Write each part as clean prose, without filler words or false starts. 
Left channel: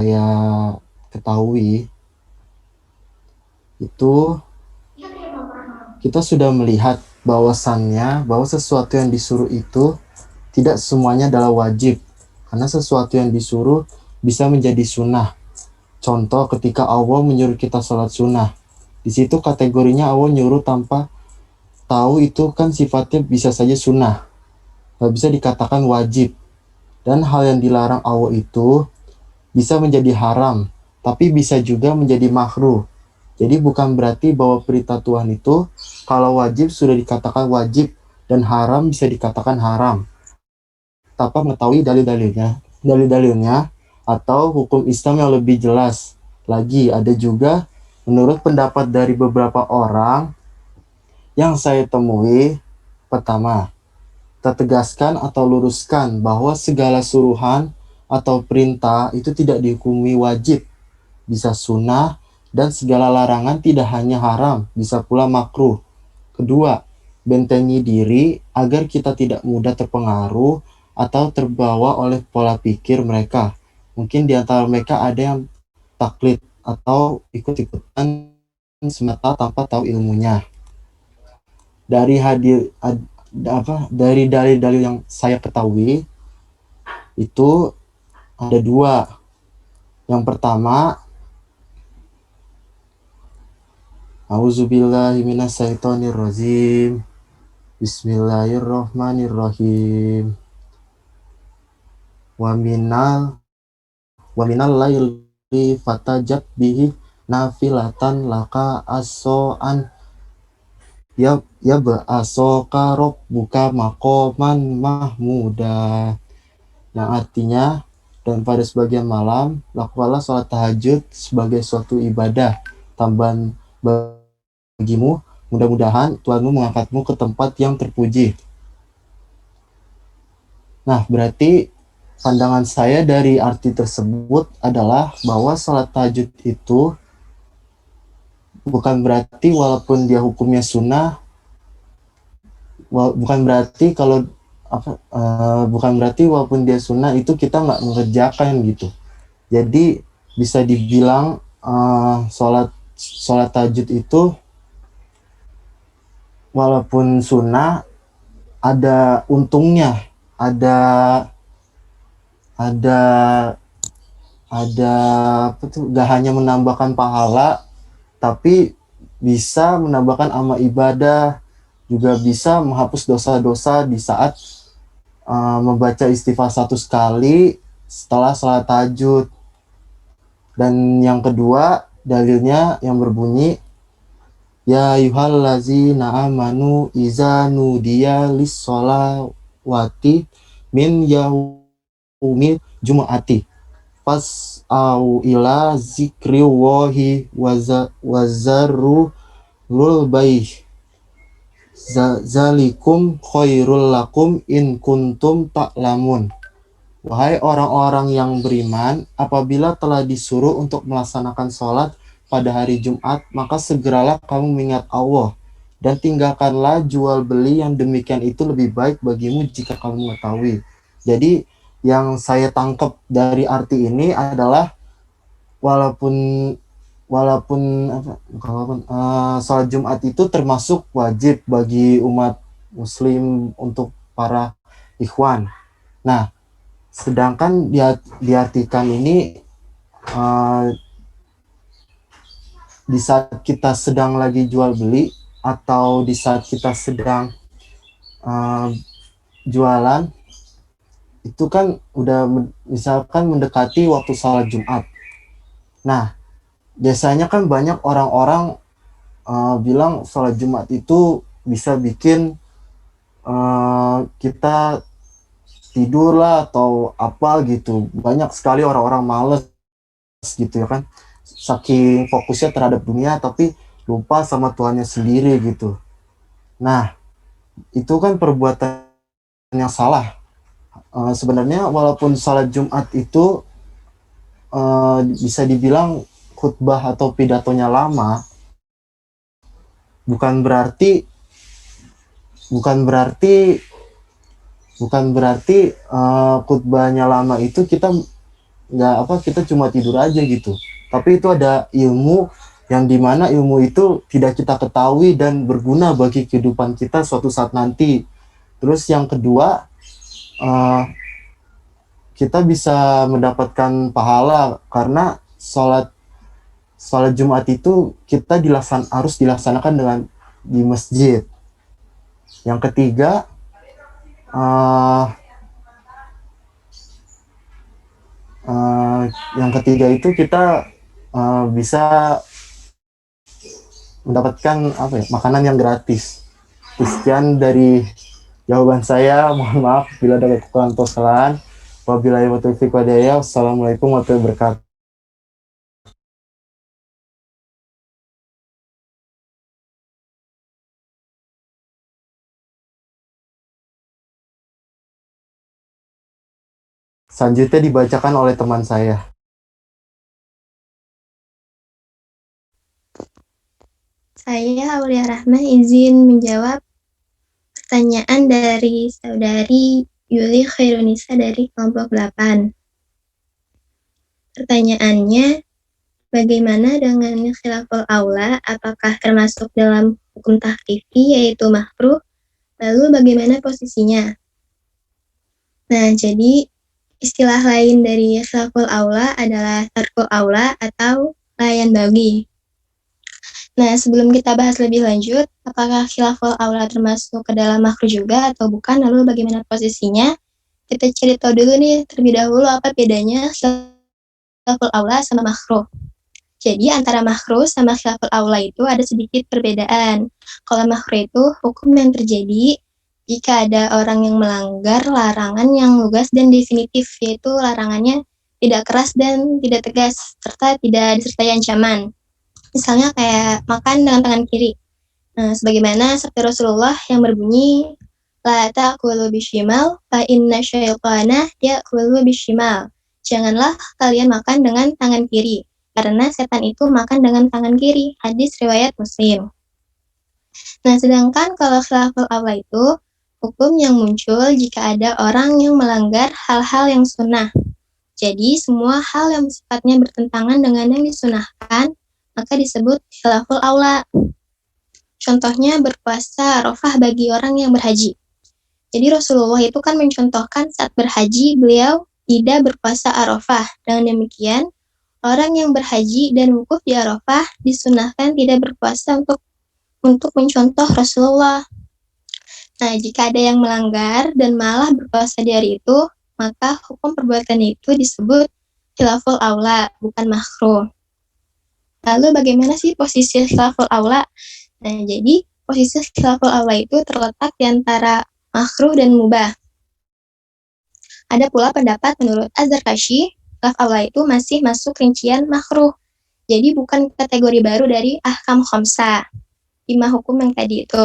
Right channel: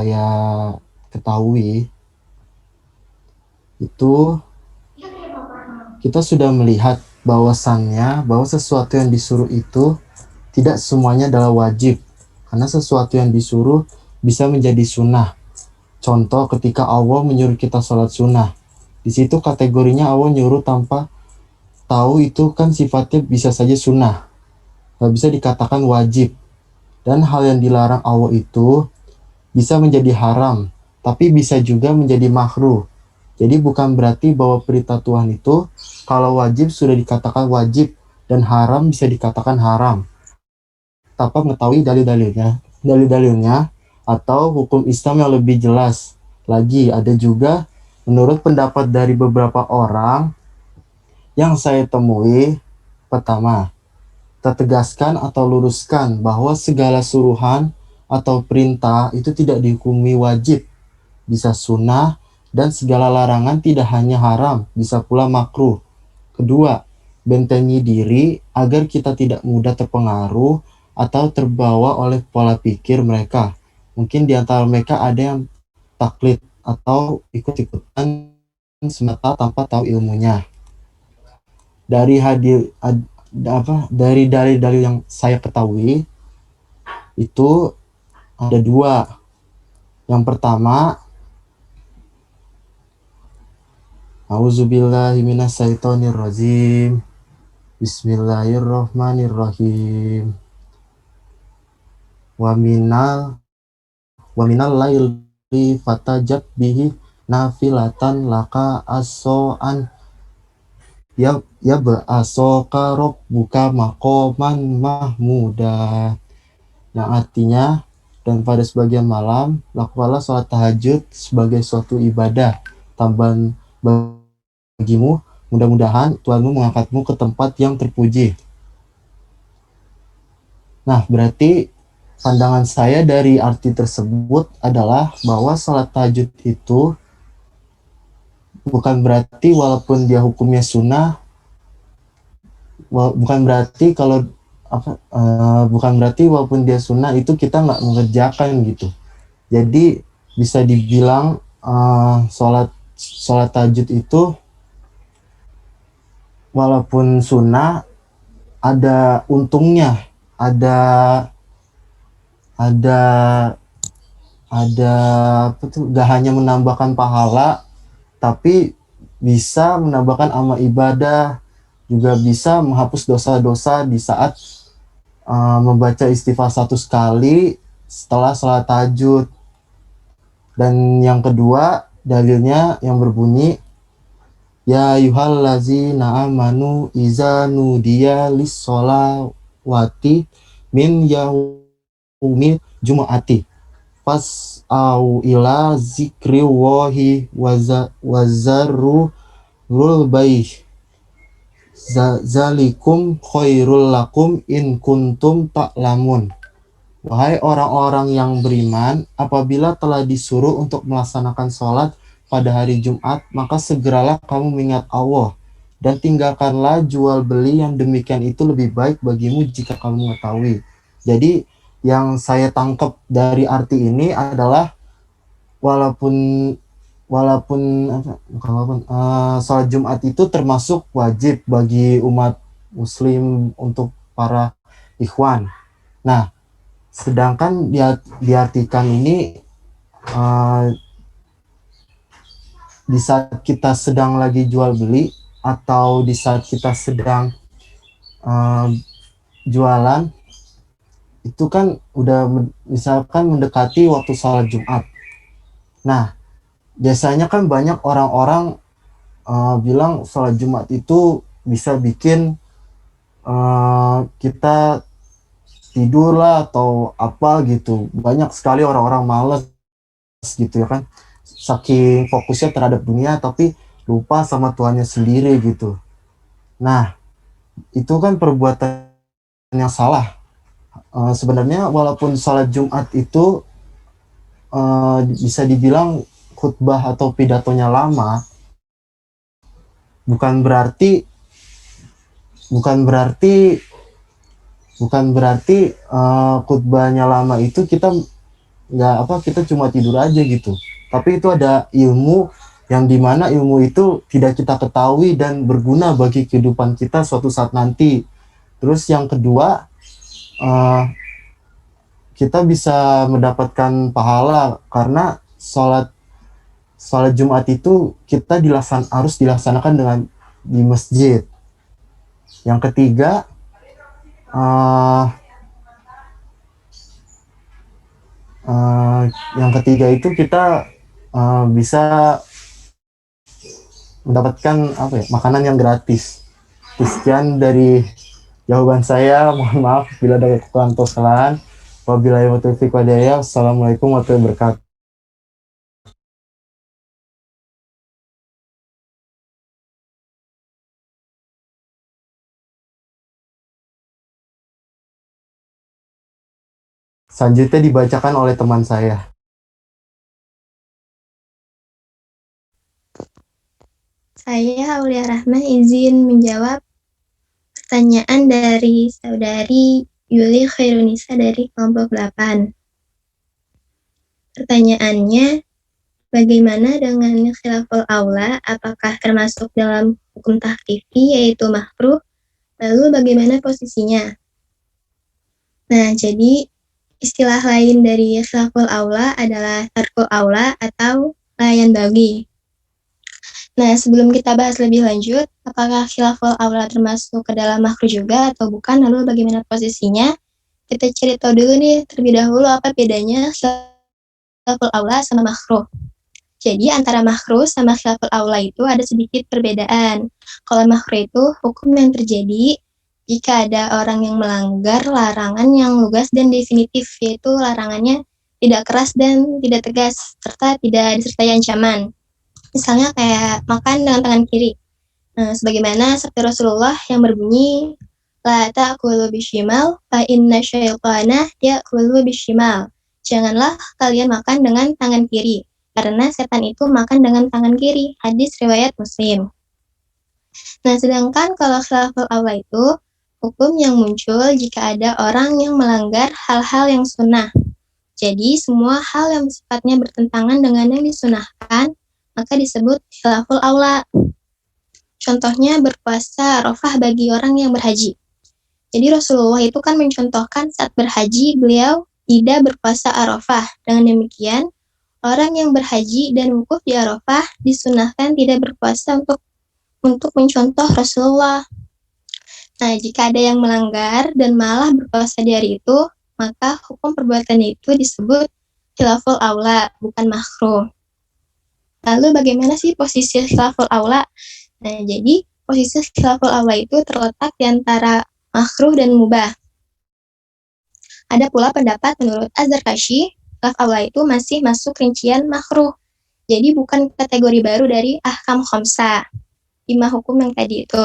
saya ketahui itu kita sudah melihat bahwa sesuatu yang disuruh itu tidak semuanya adalah wajib, karena sesuatu yang disuruh bisa menjadi sunnah. Contoh ketika Allah menyuruh kita sholat sunnah, di situ kategorinya Allah nyuruh tanpa tahu itu kan sifatnya bisa saja sunnah, nggak bisa dikatakan wajib. Dan hal yang dilarang Allah itu bisa menjadi haram, tapi bisa juga menjadi makruh. Jadi bukan berarti bahwa perintah Tuhan itu kalau wajib sudah dikatakan wajib dan haram bisa dikatakan haram tanpa mengetahui dalil-dalilnya atau hukum Islam yang lebih jelas. Lagi ada juga menurut pendapat dari beberapa orang yang saya temui, pertama, tertegaskan atau luruskan bahwa segala suruhan atau perintah itu tidak dihukumi wajib, bisa sunnah, dan segala larangan tidak hanya haram, bisa pula makruh. Kedua, bentengi diri agar kita tidak mudah terpengaruh atau terbawa oleh pola pikir mereka. Mungkin di antara mereka ada yang taklid atau ikut-ikutan semata tanpa tahu ilmunya. Dari dalil-dalil yang saya ketahui itu ada dua. Yang pertama, Auzubillahiminasyaitonirrajim. Bismillahirrahmanirrahim. Wa minal wa minal laili fatajat bihi nafilatan laka asoan ya asoka buka makoman mahmuda, yang artinya, dan pada sebagian malam lakukanlah sholat tahajud sebagai suatu ibadah tambahan bagimu, mudah-mudahan Tuhanmu mengangkatmu ke tempat yang terpuji. Nah, berarti pandangan saya dari arti tersebut adalah bahwa sholat tahajud itu bukan berarti walaupun dia hukumnya sunnah, bukan berarti kalau bukan berarti walaupun dia sunnah itu kita nggak mengerjakan gitu. Jadi bisa dibilang sholat tahajud itu walaupun sunnah ada untungnya, ada ada ada apa tuh, gak hanya menambahkan pahala, tapi bisa menambahkan amal ibadah, juga bisa menghapus dosa-dosa di saat membaca istighfar 100 kali setelah sholat tahajud. Dan yang kedua, dalilnya yang berbunyi, ya yuhallazina amanu iza nudiya lis-sholawati min yaumil jumu'ati pas au ila zikri wahi wazaru lul baih zalikum khairul lakum in kuntum ta'lamun. Wahai orang-orang yang beriman, apabila telah disuruh untuk melaksanakan sholat pada hari Jumat, maka segeralah kamu mengingat Allah, dan tinggalkanlah jual beli, yang demikian itu lebih baik bagimu jika kamu mengetahui. Jadi yang saya tangkap dari arti ini adalah walaupun walaupun sholat Jumat itu termasuk wajib bagi umat Muslim untuk para ikhwan. Nah, sedangkan diartikan ini di saat kita sedang lagi jual beli atau di saat kita sedang jualan, itu kan udah misalkan mendekati waktu sholat Jumat. Nah, biasanya kan banyak orang-orang bilang sholat Jumat itu bisa bikin kita tidur lah atau apa gitu. Banyak sekali orang-orang males gitu ya kan, saking fokusnya terhadap dunia tapi lupa sama Tuhannya sendiri gitu. Nah, itu kan perbuatan yang salah. Sebenarnya walaupun sholat Jumat itu bisa dibilang khutbah atau pidatonya lama, bukan berarti bukan berarti bukan berarti khutbahnya lama itu kita nggak apa kita cuma tidur aja gitu. Tapi itu ada ilmu yang dimana ilmu itu tidak kita ketahui dan berguna bagi kehidupan kita suatu saat nanti. Terus yang kedua, uh, kita bisa mendapatkan pahala karena sholat Jumat itu kita harus dilaksanakan dengan di masjid. Yang ketiga, uh, uh, yang ketiga itu kita bisa mendapatkan apa ya, makanan yang gratis. Sekian dari jawaban saya. Mohon maaf bila ada kekurangan atau kesalahan. Wabillahi taufiq walhidayah. Assalamualaikum warahmatullahi wabarakatuh. Selanjutnya dibacakan oleh teman saya. Saya Aulia Rahman izin menjawab pertanyaan dari saudari Yuli Khairunisa dari kelompok 8. Pertanyaannya, bagaimana dengan khilaful aula? Apakah termasuk dalam hukum tahrifi yaitu makruh? Lalu bagaimana posisinya? Nah, jadi istilah lain dari khilaful aula adalah tarkul aula atau layan bagi. Nah, sebelum kita bahas lebih lanjut, apakah khilaful aula termasuk ke dalam makruh juga atau bukan, lalu bagaimana posisinya, kita cari tahu dulu nih, terlebih dahulu apa bedanya khilaful aula sama makruh. Jadi, antara makruh sama khilaful aula itu ada sedikit perbedaan. Kalau makruh itu hukum yang terjadi jika ada orang yang melanggar larangan yang lugas dan definitif, yaitu larangannya tidak keras dan tidak tegas, serta tidak disertai ancaman. Misalnya kayak makan dengan tangan kiri. Nah, sebagaimana sabda Rasulullah yang berbunyi, La ta'kulu bishimal, fa inna syaitana ya'kulu bishimal. Janganlah kalian makan dengan tangan kiri, karena setan itu makan dengan tangan kiri. Hadis riwayat Muslim. Nah, sedangkan kalau khilaful aula itu, hukum yang muncul jika ada orang yang melanggar hal-hal yang sunnah. Jadi, semua hal yang sifatnya bertentangan dengan yang disunahkan, maka disebut khilaful aula. Contohnya berpuasa Arafah bagi orang yang berhaji. Jadi Rasulullah itu kan mencontohkan saat berhaji beliau tidak berpuasa Arafah. Dengan demikian, orang yang berhaji dan wukuf di Arafah disunahkan tidak berpuasa untuk mencontoh Rasulullah. Nah, jika ada yang melanggar dan malah berpuasa di hari itu, maka hukum perbuatannya itu disebut khilaful aula, bukan makruh. Lalu bagaimana sih posisi khilaful aula? Nah, jadi posisi khilaful aula itu terletak di antara makruh dan mubah. Ada pula pendapat menurut Az-Zarkashi, khilaf aula itu masih masuk rincian makruh. Jadi bukan kategori baru dari ahkam khamsah, 5 hukum yang tadi itu.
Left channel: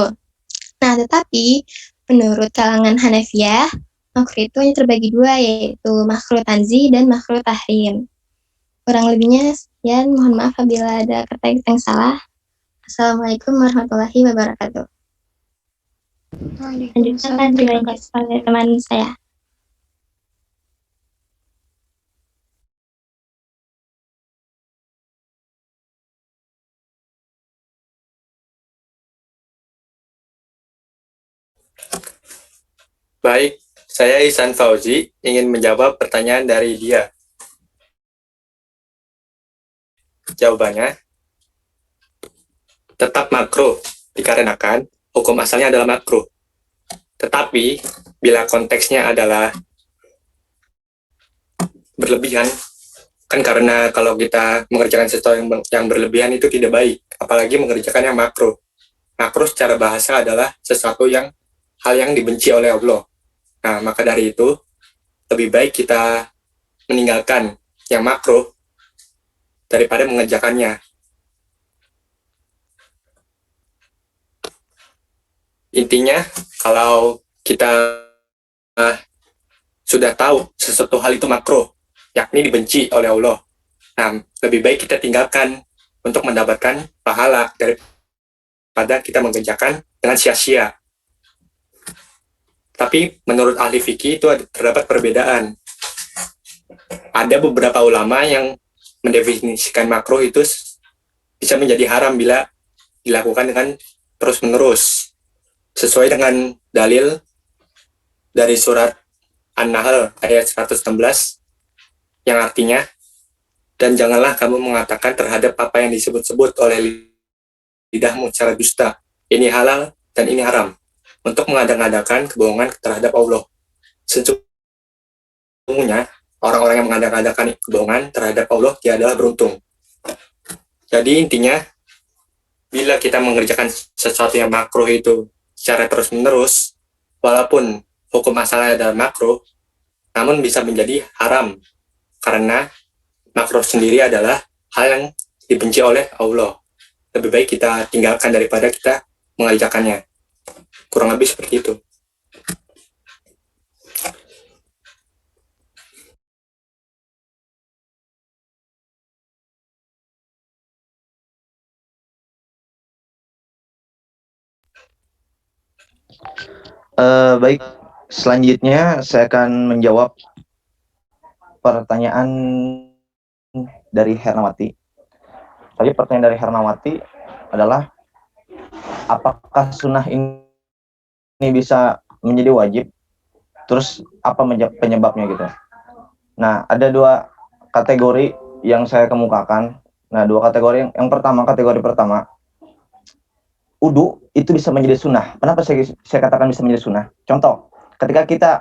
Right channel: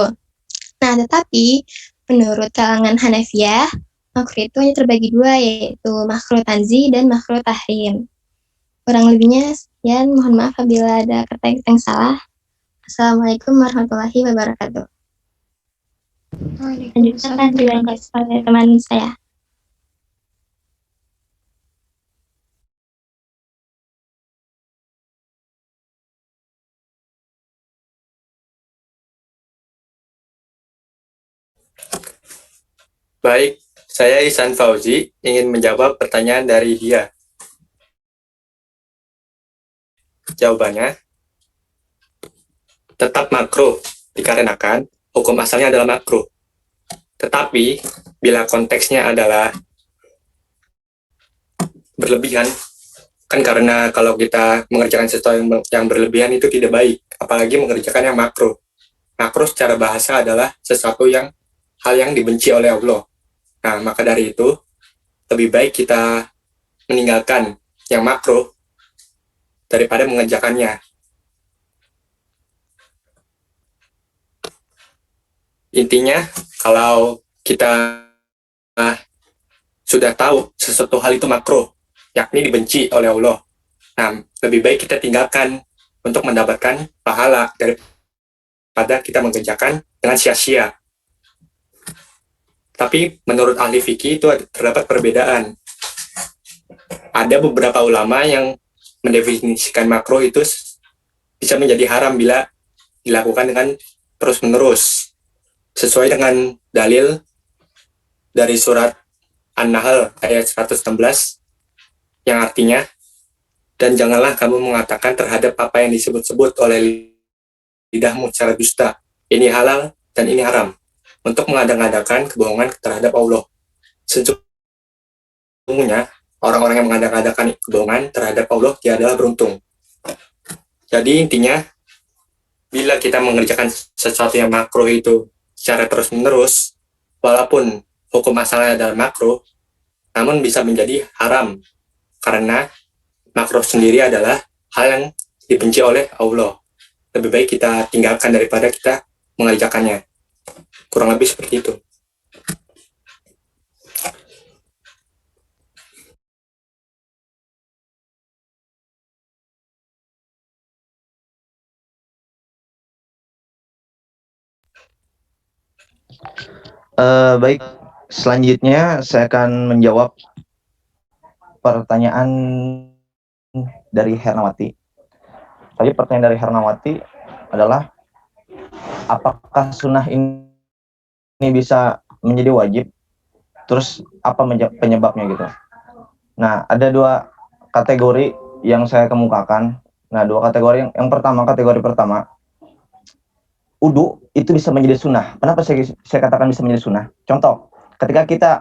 Nah, tetapi menurut kalangan Hanafiyah, makruh itu hanya terbagi dua, yaitu makruh tanzih dan makruh tahrim. Kurang lebihnya sekian, mohon maaf apabila ada kata yang salah. Assalamualaikum warahmatullahi wabarakatuh. Lanjutkan dilanjut oleh teman saya. Baik, saya Ihsan Fauzi ingin menjawab pertanyaan dari dia. Jawabannya, tetap makruh dikarenakan hukum asalnya adalah makruh. Tetapi, bila konteksnya adalah berlebihan, kan karena kalau kita mengerjakan sesuatu yang berlebihan itu tidak baik, apalagi mengerjakan yang makruh. Makruh secara bahasa adalah sesuatu hal yang dibenci oleh Allah. Nah, maka dari itu, lebih baik kita meninggalkan yang makruh daripada mengerjakannya. Intinya, kalau kita sudah tahu sesuatu hal itu makruh, yakni dibenci oleh Allah, nah, lebih baik kita tinggalkan untuk mendapatkan pahala daripada kita mengerjakan dengan sia-sia. Tapi menurut ahli fikih itu terdapat perbedaan. ada beberapa ulama yang mendefinisikan makruh itu bisa menjadi haram bila dilakukan dengan terus-menerus, sesuai dengan dalil dari surat An-Nahl ayat 116 yang artinya, dan janganlah kamu mengatakan terhadap apa yang disebut-sebut oleh lidahmu secara dusta, ini halal dan ini haram, untuk mengada-ngadakan kebohongan terhadap Allah. Sesungguhnya orang-orang yang mengada-ngadakan kebohongan terhadap Allah, dia adalah beruntung. Jadi intinya, bila kita mengerjakan sesuatu yang makruh itu secara terus-menerus, walaupun hukum asalnya adalah makruh, namun bisa menjadi haram, karena makruh sendiri adalah hal yang dibenci oleh Allah. Lebih baik kita tinggalkan daripada kita mengerjakannya. Kurang lebih seperti itu. Baik, selanjutnya saya akan menjawab pertanyaan dari Hernawati. Tadi pertanyaan dari Hernawati adalah, apakah sunnah ini bisa menjadi wajib? Terus apa penyebabnya gitu? Nah, ada dua kategori yang saya kemukakan. Nah, dua kategori. Yang pertama, kategori pertama, wudu itu bisa menjadi sunnah. Kenapa saya katakan bisa menjadi sunnah? Contoh, ketika kita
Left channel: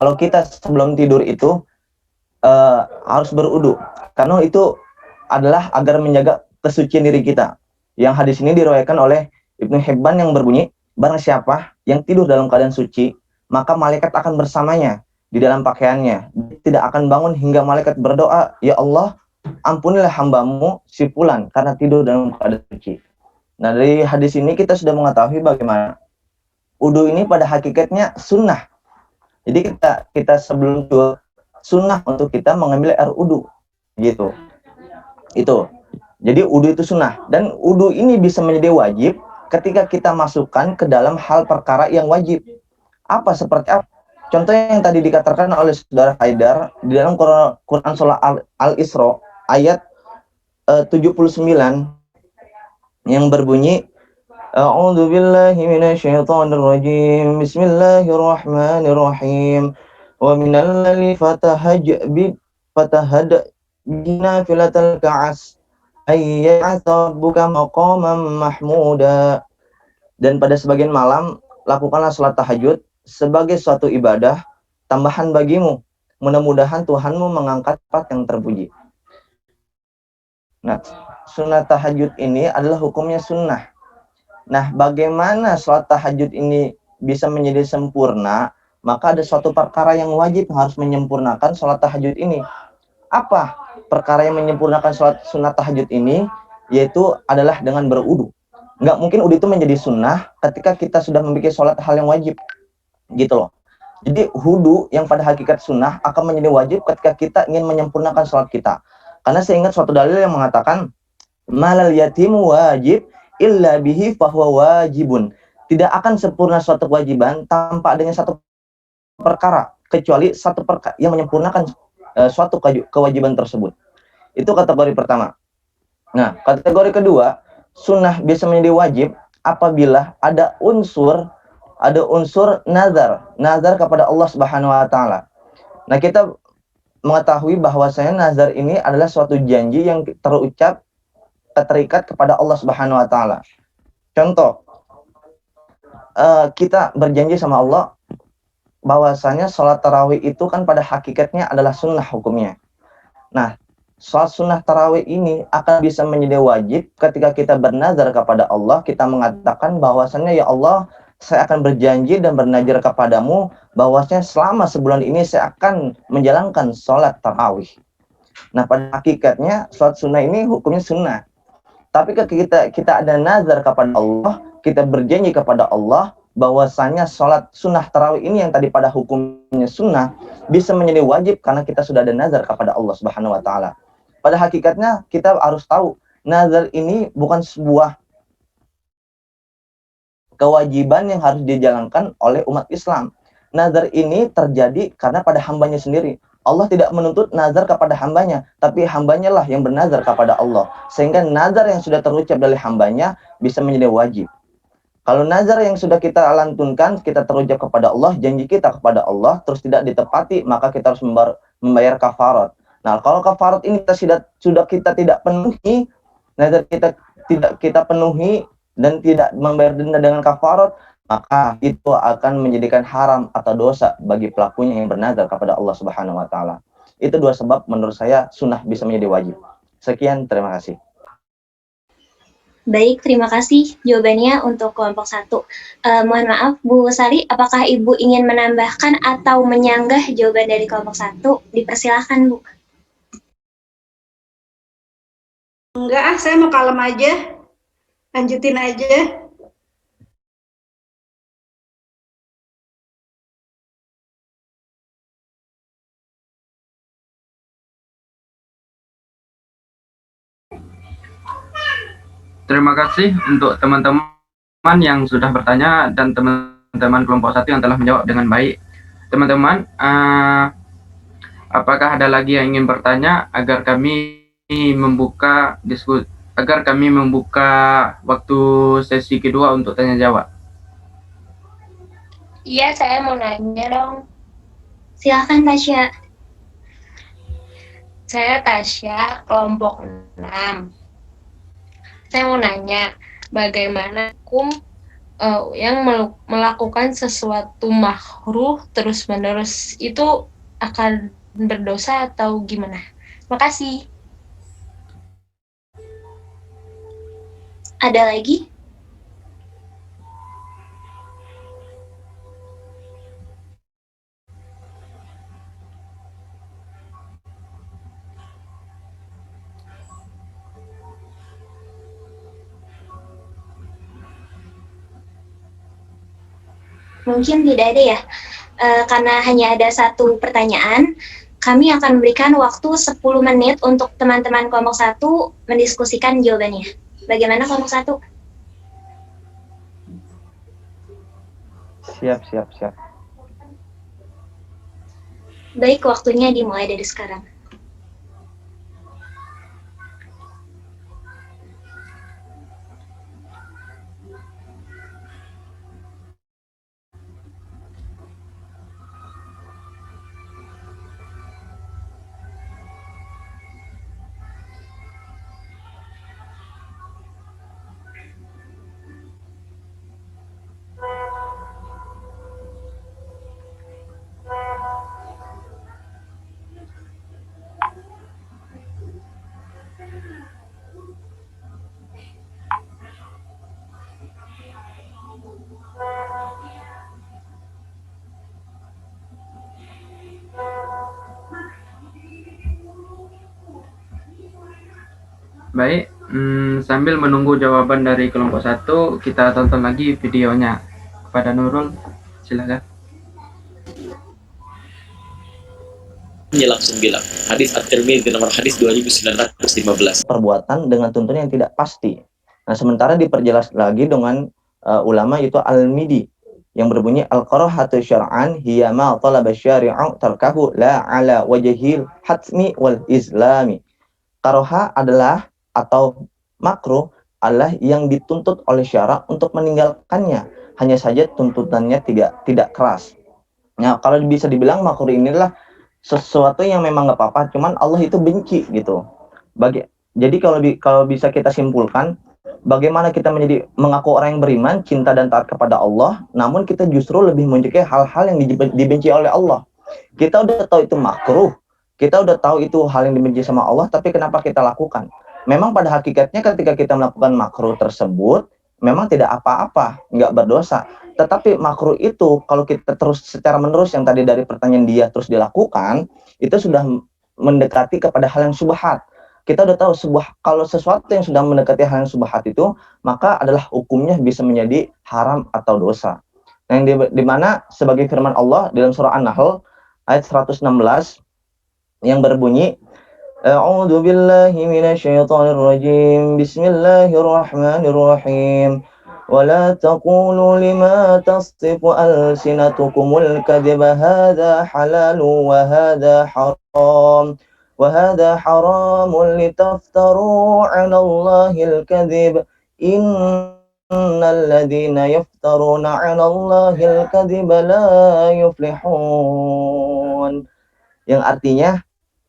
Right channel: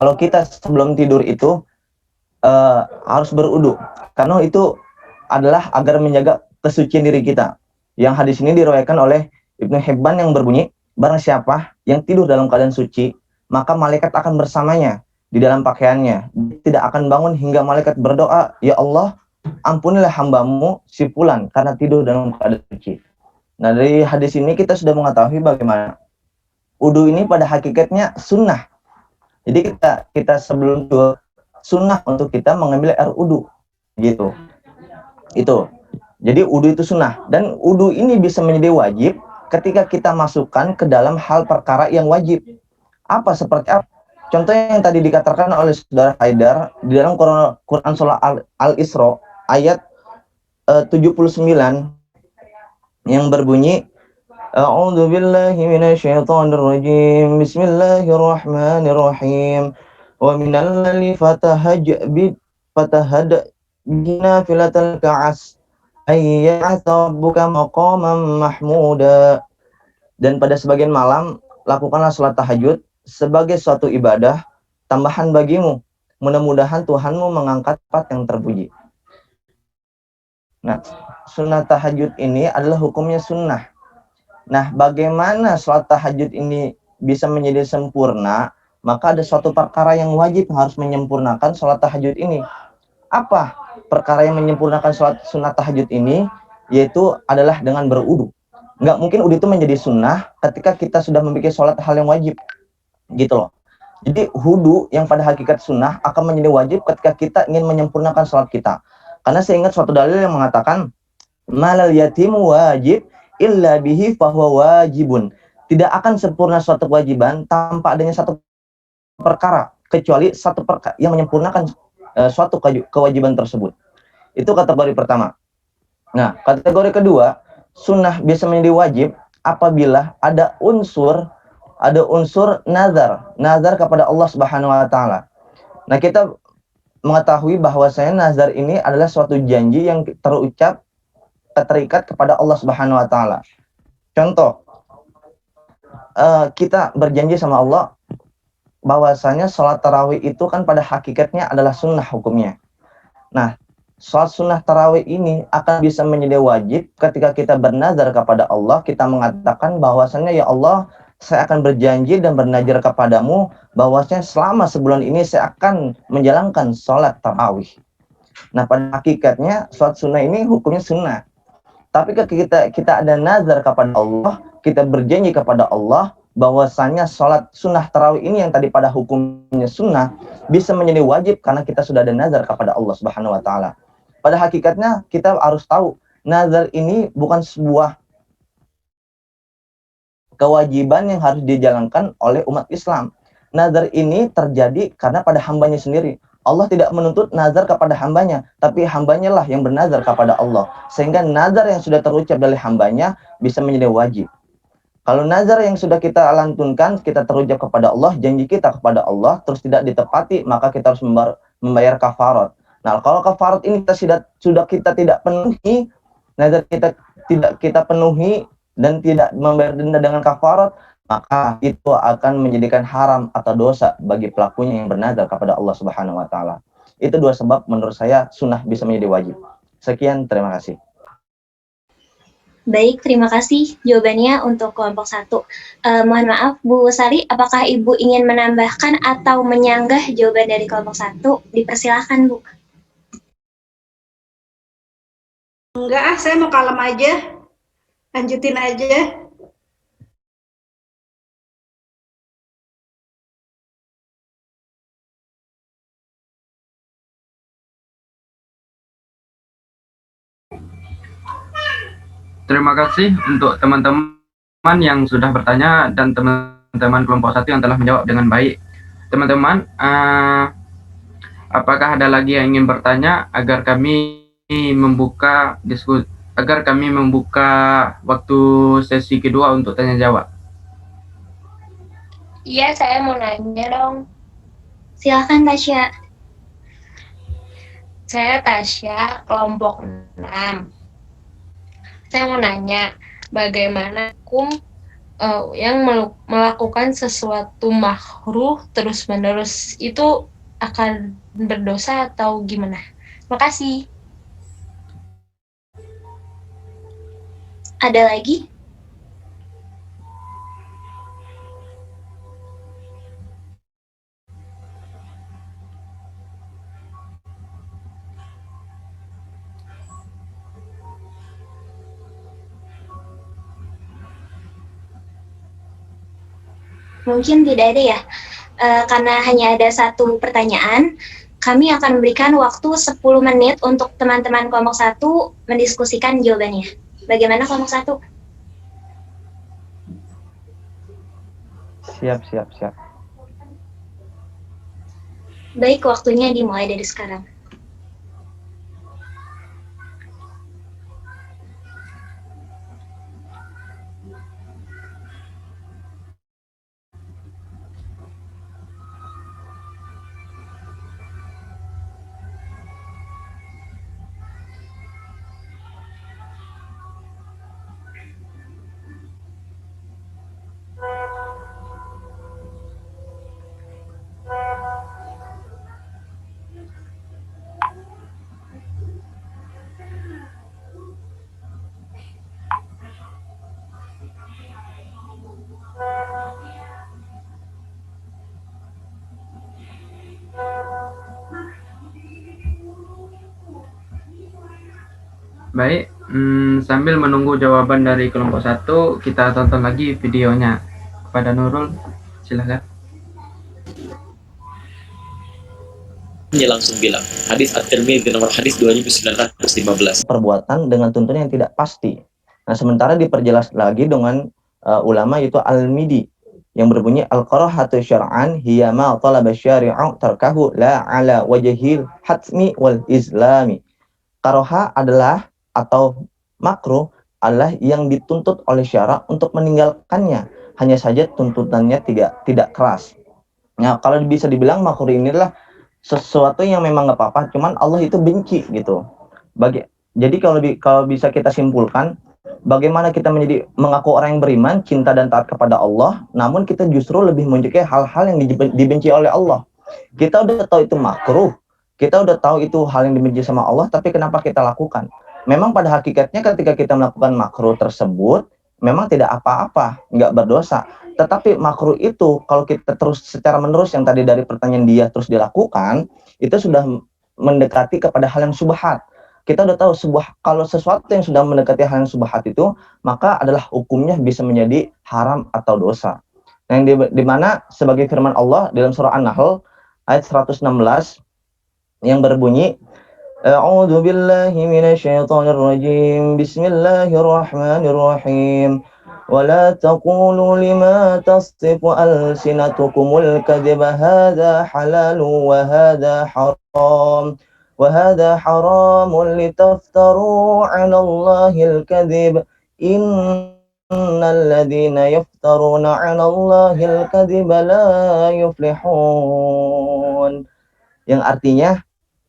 kalau kita sebelum tidur itu harus berwudu, karena itu adalah agar menjaga kesucian diri kita. Yang hadis ini diriwayatkan oleh Ibnu Hibban yang berbunyi, barang siapa yang tidur dalam keadaan suci, maka malaikat akan bersamanya di dalam pakaiannya. Tidak akan bangun hingga malaikat berdoa, ya Allah, ampunilah hambamu si fulan karena tidur dalam keadaan suci. Nah, dari hadis ini kita sudah mengetahui bagaimana wudu ini pada hakikatnya sunnah. Jadi kita sebelum tidur sunnah untuk kita mengambil air wudu, gitu. Itu. Jadi wudu itu sunnah, dan wudu ini bisa menjadi wajib ketika kita masukkan ke dalam hal perkara yang wajib. Apa seperti apa? Contohnya yang tadi dikatakan oleh Saudara Haidar di dalam Quran surah Al-Isra ayat 79 yang berbunyi, A'udzu billahi minasyaitonir rajim. Bismillahirrahmanirrahim. Wa minal laili fatahajjab binafilatal ka'as ayya'atabuka maqaman mahmuda. Dan pada sebagian malam lakukanlah salat tahajud sebagai suatu ibadah tambahan bagimu, mudah-mudahan Tuhanmu mengangkat tempat yang terpuji. Nah, sunnah tahajud ini adalah hukumnya sunnah. Nah, bagaimana salat tahajud ini bisa menjadi sempurna? Maka ada suatu perkara yang wajib harus menyempurnakan salat tahajud ini. Apa perkara yang menyempurnakan salat sunnah tahajud ini? Yaitu adalah dengan berwudu. Nggak mungkin wudu itu menjadi sunnah ketika kita sudah memiliki salat hal yang wajib. Gitu loh. Jadi wudu yang pada hakikat sunnah akan menjadi wajib ketika kita ingin menyempurnakan salat kita. Karena saya ingat suatu dalil yang mengatakan, malal yatimu wajib illa bihi fahuwa wajibun. Tidak akan sempurna suatu kewajiban tanpa adanya satu perkara, kecuali satu perkara yang menyempurnakan suatu kewajiban tersebut. Itu kategori pertama. Nah, kategori kedua, sunnah bisa menjadi wajib apabila ada unsur nazar kepada Allah Subhanahu wa taala. Nah, kita mengetahui bahwasanya nazar ini adalah suatu janji yang terucap terikat kepada Allah Subhanahu wa taala. Contoh, kita berjanji sama Allah bahwasanya sholat tarawih itu kan pada hakikatnya adalah sunnah hukumnya. Nah, sholat sunnah tarawih ini akan bisa menjadi wajib ketika kita bernazar kepada Allah, kita mengatakan bahwasanya ya Allah, saya akan berjanji dan bernazar kepadamu bahwasanya selama sebulan ini saya akan menjalankan sholat tarawih. Nah, pada hakikatnya sholat sunnah ini hukumnya sunnah. Tapi ketika kita ada nazar kepada Allah, kita berjanji kepada Allah bahwasanya sholat sunnah tarawih ini yang tadi pada hukumnya sunnah bisa menjadi wajib karena kita sudah ada nazar kepada Allah Subhanahu wa taala. Pada hakikatnya kita harus tahu nazar ini bukan sebuah kewajiban yang harus dijalankan oleh umat Islam. nazar ini terjadi karena pada hambanya sendiri. Allah tidak menuntut nazar kepada hambanya, tapi hambanya lah yang bernazar kepada Allah. Sehingga nazar yang sudah terucap dari hambanya bisa menjadi wajib. Kalau nazar yang sudah kita lantunkan, kita terucap kepada Allah, janji kita kepada Allah, terus tidak ditepati, maka kita harus membayar kafarat. Nah, kalau kafarat ini sudah kita tidak penuhi, nazar kita tidak kita penuhi dan tidak membayar denda dengan kafarat, maka itu akan menjadikan haram atau dosa bagi pelakunya yang bernazar kepada Allah Subhanahu wa taala. Itu dua sebab menurut saya sunnah bisa menjadi wajib. Sekian, terima kasih. Baik, terima kasih jawabannya untuk kelompok 1. Mohon maaf, Bu Sari, apakah Ibu ingin menambahkan atau menyanggah jawaban dari kelompok 1? Dipersilahkan, Bu. Enggak, saya mau kalem aja. Lanjutin aja. Terima kasih untuk teman-teman yang sudah bertanya dan teman-teman kelompok 1 yang telah menjawab dengan baik. Teman-teman, apakah ada lagi yang ingin bertanya agar kami membuka waktu sesi kedua untuk tanya jawab? Iya, saya mau nanya dong. Silahkan, Tasya. Saya Tasya, kelompok 6. Saya mau nanya, bagaimana hukum yang melakukan sesuatu makruh terus-menerus itu akan berdosa atau gimana? Makasih. Ada lagi? Mungkin tidak ada ya, karena hanya ada satu pertanyaan, kami akan memberikan waktu 10 menit untuk teman-teman kelompok 1 mendiskusikan jawabannya. Bagaimana kelompok 1? Siap. Baik, waktunya dimulai dari sekarang. Baik, sambil menunggu jawaban dari kelompok 1, kita tonton lagi videonya. Kepada Nurul, silakan. Dia langsung bilang, hadis At-Tirmidzi nomor hadis 2915. Perbuatan dengan tuntunan yang tidak pasti. Nah, sementara diperjelas lagi dengan ulama yaitu Al-Midi yang berbunyi al-qarahatu syar'an hiya ma talaba syari'u tarkahu la ala wajhil hatmi wal islami. Karoha adalah atau makruh adalah yang dituntut oleh syara untuk meninggalkannya, hanya saja tuntutannya tidak keras. Nah, kalau bisa dibilang makruh ini adalah sesuatu yang memang nggak apa-apa, cuman Allah itu benci gitu. Jadi kalau bisa kita simpulkan, bagaimana kita mengaku orang yang beriman, cinta dan taat kepada Allah, namun kita justru lebih menyukai hal-hal yang dibenci oleh Allah. Kita udah tahu itu makruh, kita udah tahu itu hal yang dibenci sama Allah, tapi kenapa kita lakukan? Memang pada hakikatnya ketika kita melakukan makruh tersebut, memang tidak apa-apa, nggak berdosa. Tetapi makruh itu kalau kita terus secara menerus yang tadi dari pertanyaan dia terus dilakukan, itu sudah mendekati kepada hal yang subhat. Kita udah tahu kalau sesuatu yang sudah mendekati hal yang subhat itu, maka adalah hukumnya bisa menjadi haram atau dosa. Nah, di mana sebagai firman Allah dalam surah An-Nahl ayat 116 yang berbunyi A'udzu billahi minasyaitonir rajim. Bismillahirrahmanirrahim. ولا تقولوا لما تصف ألسنتكم الكذب هذا حلال وهذا حرام لتفتروا على الله الكذب إن الذين يفترون على الله الكذب لا يفلحون. Yang artinya,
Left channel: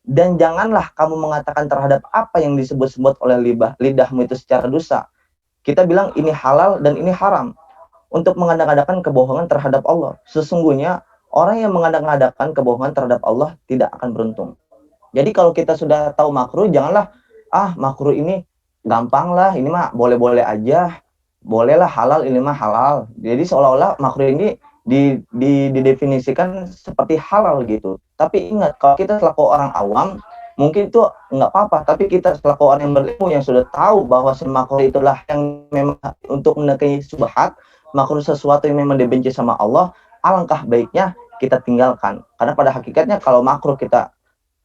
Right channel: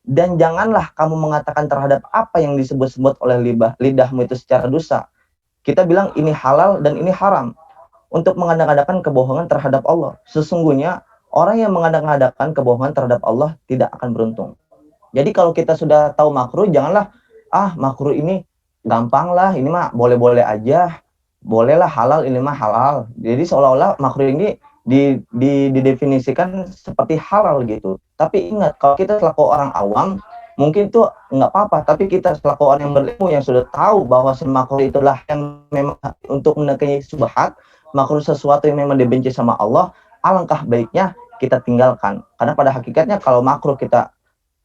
dan janganlah kamu mengatakan terhadap apa yang disebut-sebut oleh lidahmu itu secara dosa. Kita bilang ini halal dan ini haram untuk mengadakan kebohongan terhadap Allah. Sesungguhnya orang yang mengadakan kebohongan terhadap Allah tidak akan beruntung. Jadi kalau kita sudah tahu makruh, janganlah makruh ini gampang lah, ini mah boleh-boleh aja, bolehlah halal, ini mah halal. Jadi seolah-olah makruh ini didefinisikan seperti halal gitu. Tapi ingat, kalau kita selaku orang awam, mungkin itu nggak apa-apa, tapi kita selaku orang yang berilmu yang sudah tahu bahwa makruh itulah yang memang untuk menekangi subhat, makruh sesuatu yang memang dibenci sama Allah, alangkah baiknya kita tinggalkan. Karena pada hakikatnya kalau makruh kita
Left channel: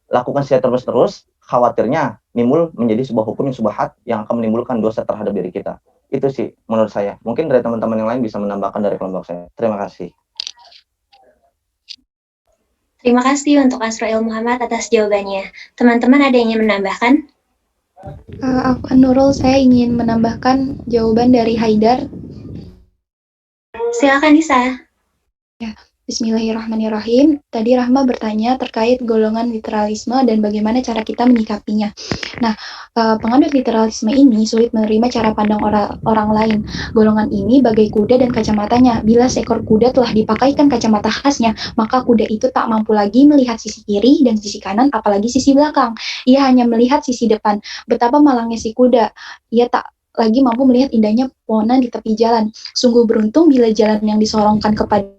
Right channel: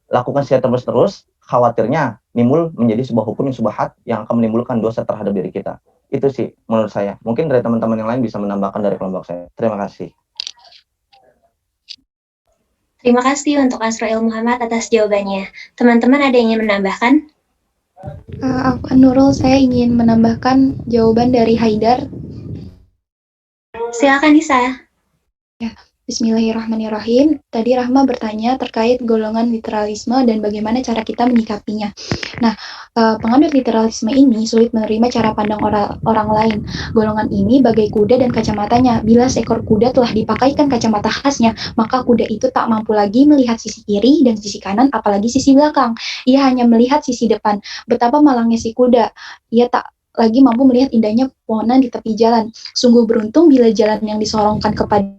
lakukan secara terus-terus, khawatirnya nimbul menjadi sebuah hukum yang subhat yang akan menimbulkan dosa terhadap diri kita. Itu sih menurut saya. Mungkin dari teman-teman yang lain bisa menambahkan dari kelompok saya. Terima kasih. Terima kasih untuk Asroil Muhammad atas jawabannya. Teman-teman ada yang ingin menambahkan? Aku Nurul, saya ingin menambahkan jawaban dari Haidar. Silakan Nisa. Bismillahirrahmanirrahim. Tadi Rahma bertanya terkait golongan literalisme dan bagaimana cara kita menyikapinya. Nah, penganut literalisme ini sulit menerima cara pandang orang lain. Golongan ini bagai kuda dan kacamatanya. Bila seekor kuda telah dipakaikan kacamata khasnya, maka kuda itu tak mampu lagi melihat sisi kiri dan sisi kanan, apalagi sisi belakang. Ia hanya melihat sisi depan. Betapa malangnya si kuda. Ia tak lagi mampu melihat indahnya pepohonan di tepi jalan. Sungguh beruntung bila jalan yang disorongkan kepadanya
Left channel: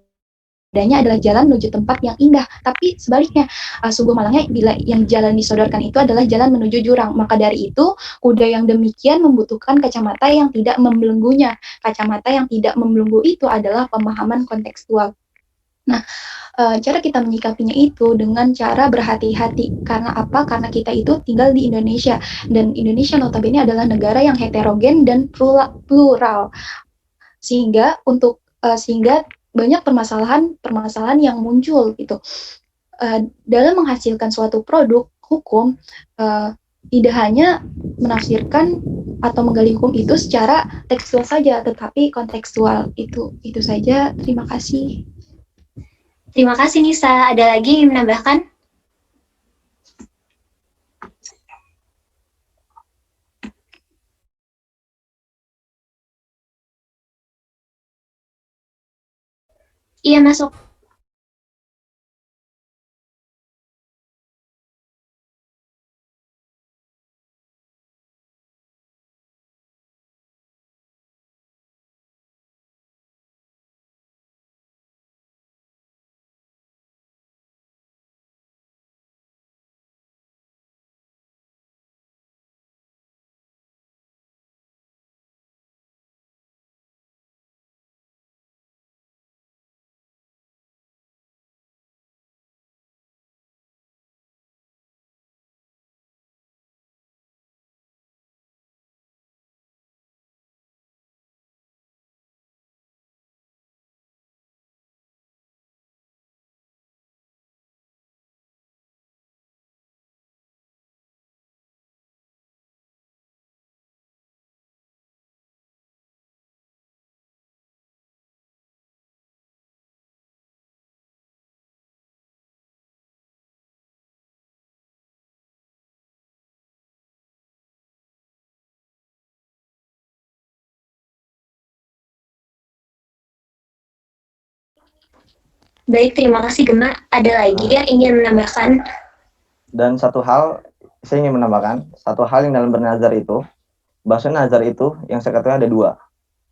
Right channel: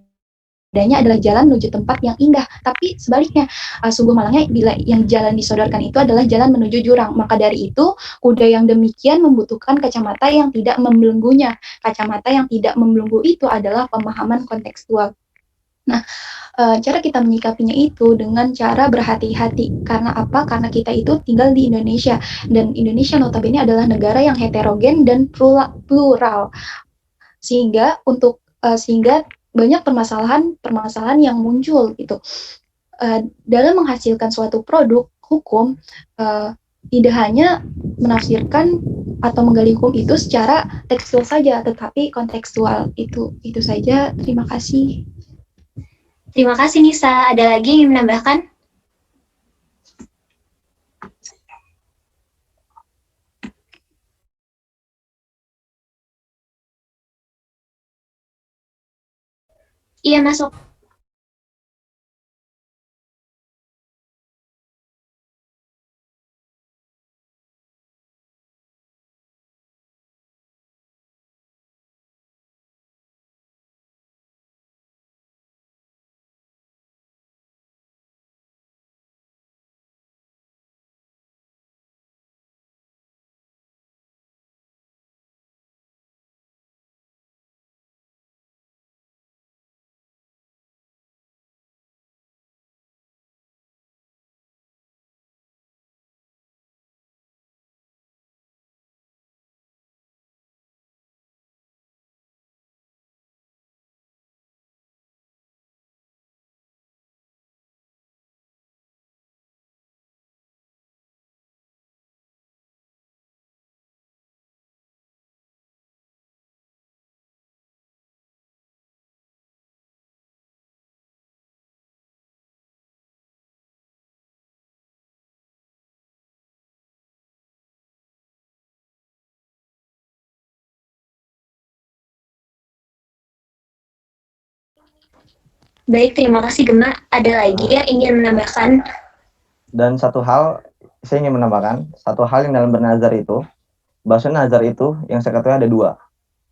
adalah jalan menuju tempat yang indah. Tapi sebaliknya, sungguh malangnya bila yang jalan disodorkan itu adalah jalan menuju jurang. Maka dari itu, kuda yang demikian membutuhkan kacamata yang tidak membelenggunya. Kacamata yang tidak membelenggu itu adalah pemahaman kontekstual. Nah, cara kita menyikapinya itu dengan cara berhati-hati. Karena apa? Karena kita itu tinggal di Indonesia. Dan Indonesia notabene adalah negara yang heterogen dan plural. Sehingga banyak permasalahan yang muncul gitu. Dalam menghasilkan suatu produk hukum, tidak hanya menafsirkan atau menggali hukum itu secara tekstual saja, tetapi kontekstual. Itu saja. Terima kasih. Terima kasih Nisa. Ada lagi yang ingin menambahkan? Iya, masuk. Baik, terima kasih Gema. Ada lagi yang ingin menambahkan? Dan satu hal, saya ingin menambahkan, satu hal yang dalam bernazar itu, bahasa nazar itu yang saya katakan ada dua.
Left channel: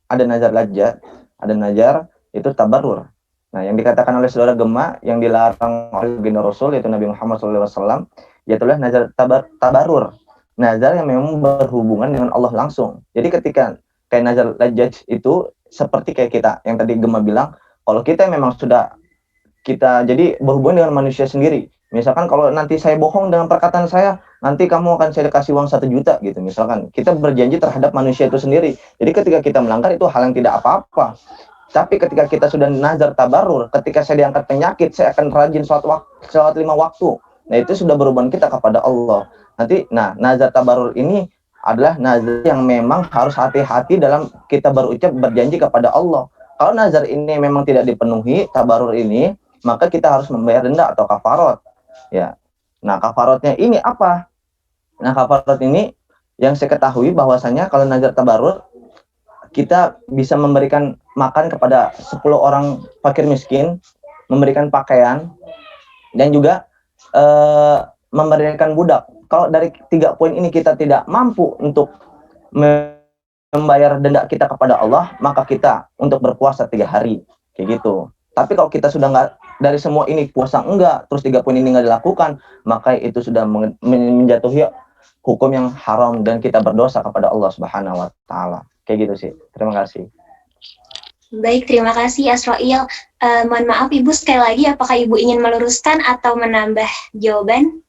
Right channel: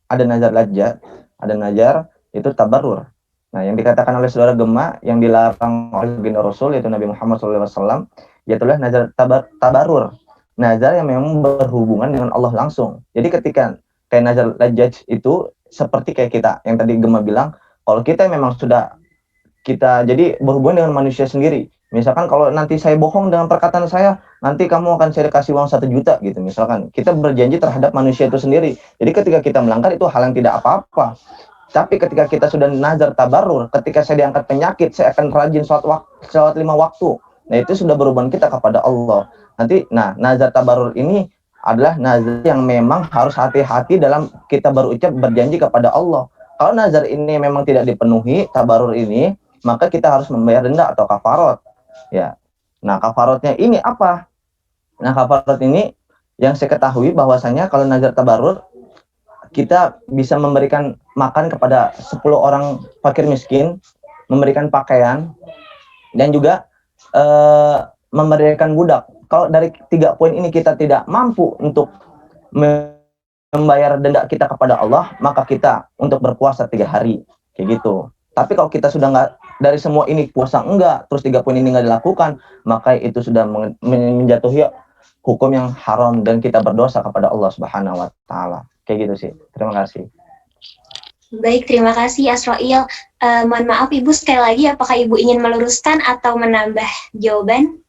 Ada nazar lajjat, ada nazar itu tabarrur. Nah, yang dikatakan oleh saudara Gema, yang dilarang oleh baginda Rasul, yaitu Nabi Muhammad SAW, yaitulah nazar tabarrur. Nazar yang memang berhubungan dengan Allah langsung. Jadi ketika kayak nazar lajjat itu, seperti kayak kita, yang tadi Gema bilang, kalau kita memang sudah kita jadi berhubungan dengan manusia sendiri, Misalkan kalau nanti saya bohong dengan perkataan saya, nanti kamu akan saya kasih uang 1 juta gitu. Misalkan kita berjanji terhadap manusia itu sendiri. Jadi ketika kita melanggar itu hal yang tidak apa-apa. Tapi ketika kita sudah nazar tabarur, ketika saya diangkat penyakit, saya akan rajin sholat 5 waktu. Nah itu sudah berhubungan kita kepada Allah. Nanti, nazar tabarur ini adalah nazar yang memang harus hati-hati dalam kita berucap berjanji kepada Allah. Kalau nazar ini memang tidak dipenuhi, tabarur ini, maka kita harus membayar denda atau kafarat. Ya, nah kafaratnya ini apa? Nah kafarat ini yang saya ketahui bahwasanya kalau nazar tabarur kita bisa memberikan makan kepada 10 orang fakir miskin, memberikan pakaian, dan juga memberikan budak. Kalau dari 3 poin ini kita tidak mampu untuk membayar denda kita kepada Allah, maka kita untuk berpuasa 3 hari, kayak gitu. Tapi kalau kita sudah nggak dari semua ini puasa enggak, terus 3 poin ini nggak dilakukan, maka itu sudah menjatuhi hukum yang haram dan kita berdosa kepada Allah Subhanahu wa taala. Kayak gitu sih. Terima kasih. Baik, terima kasih Asroil. Mohon maaf Ibu sekali lagi, apakah Ibu ingin meluruskan atau menambah jawaban?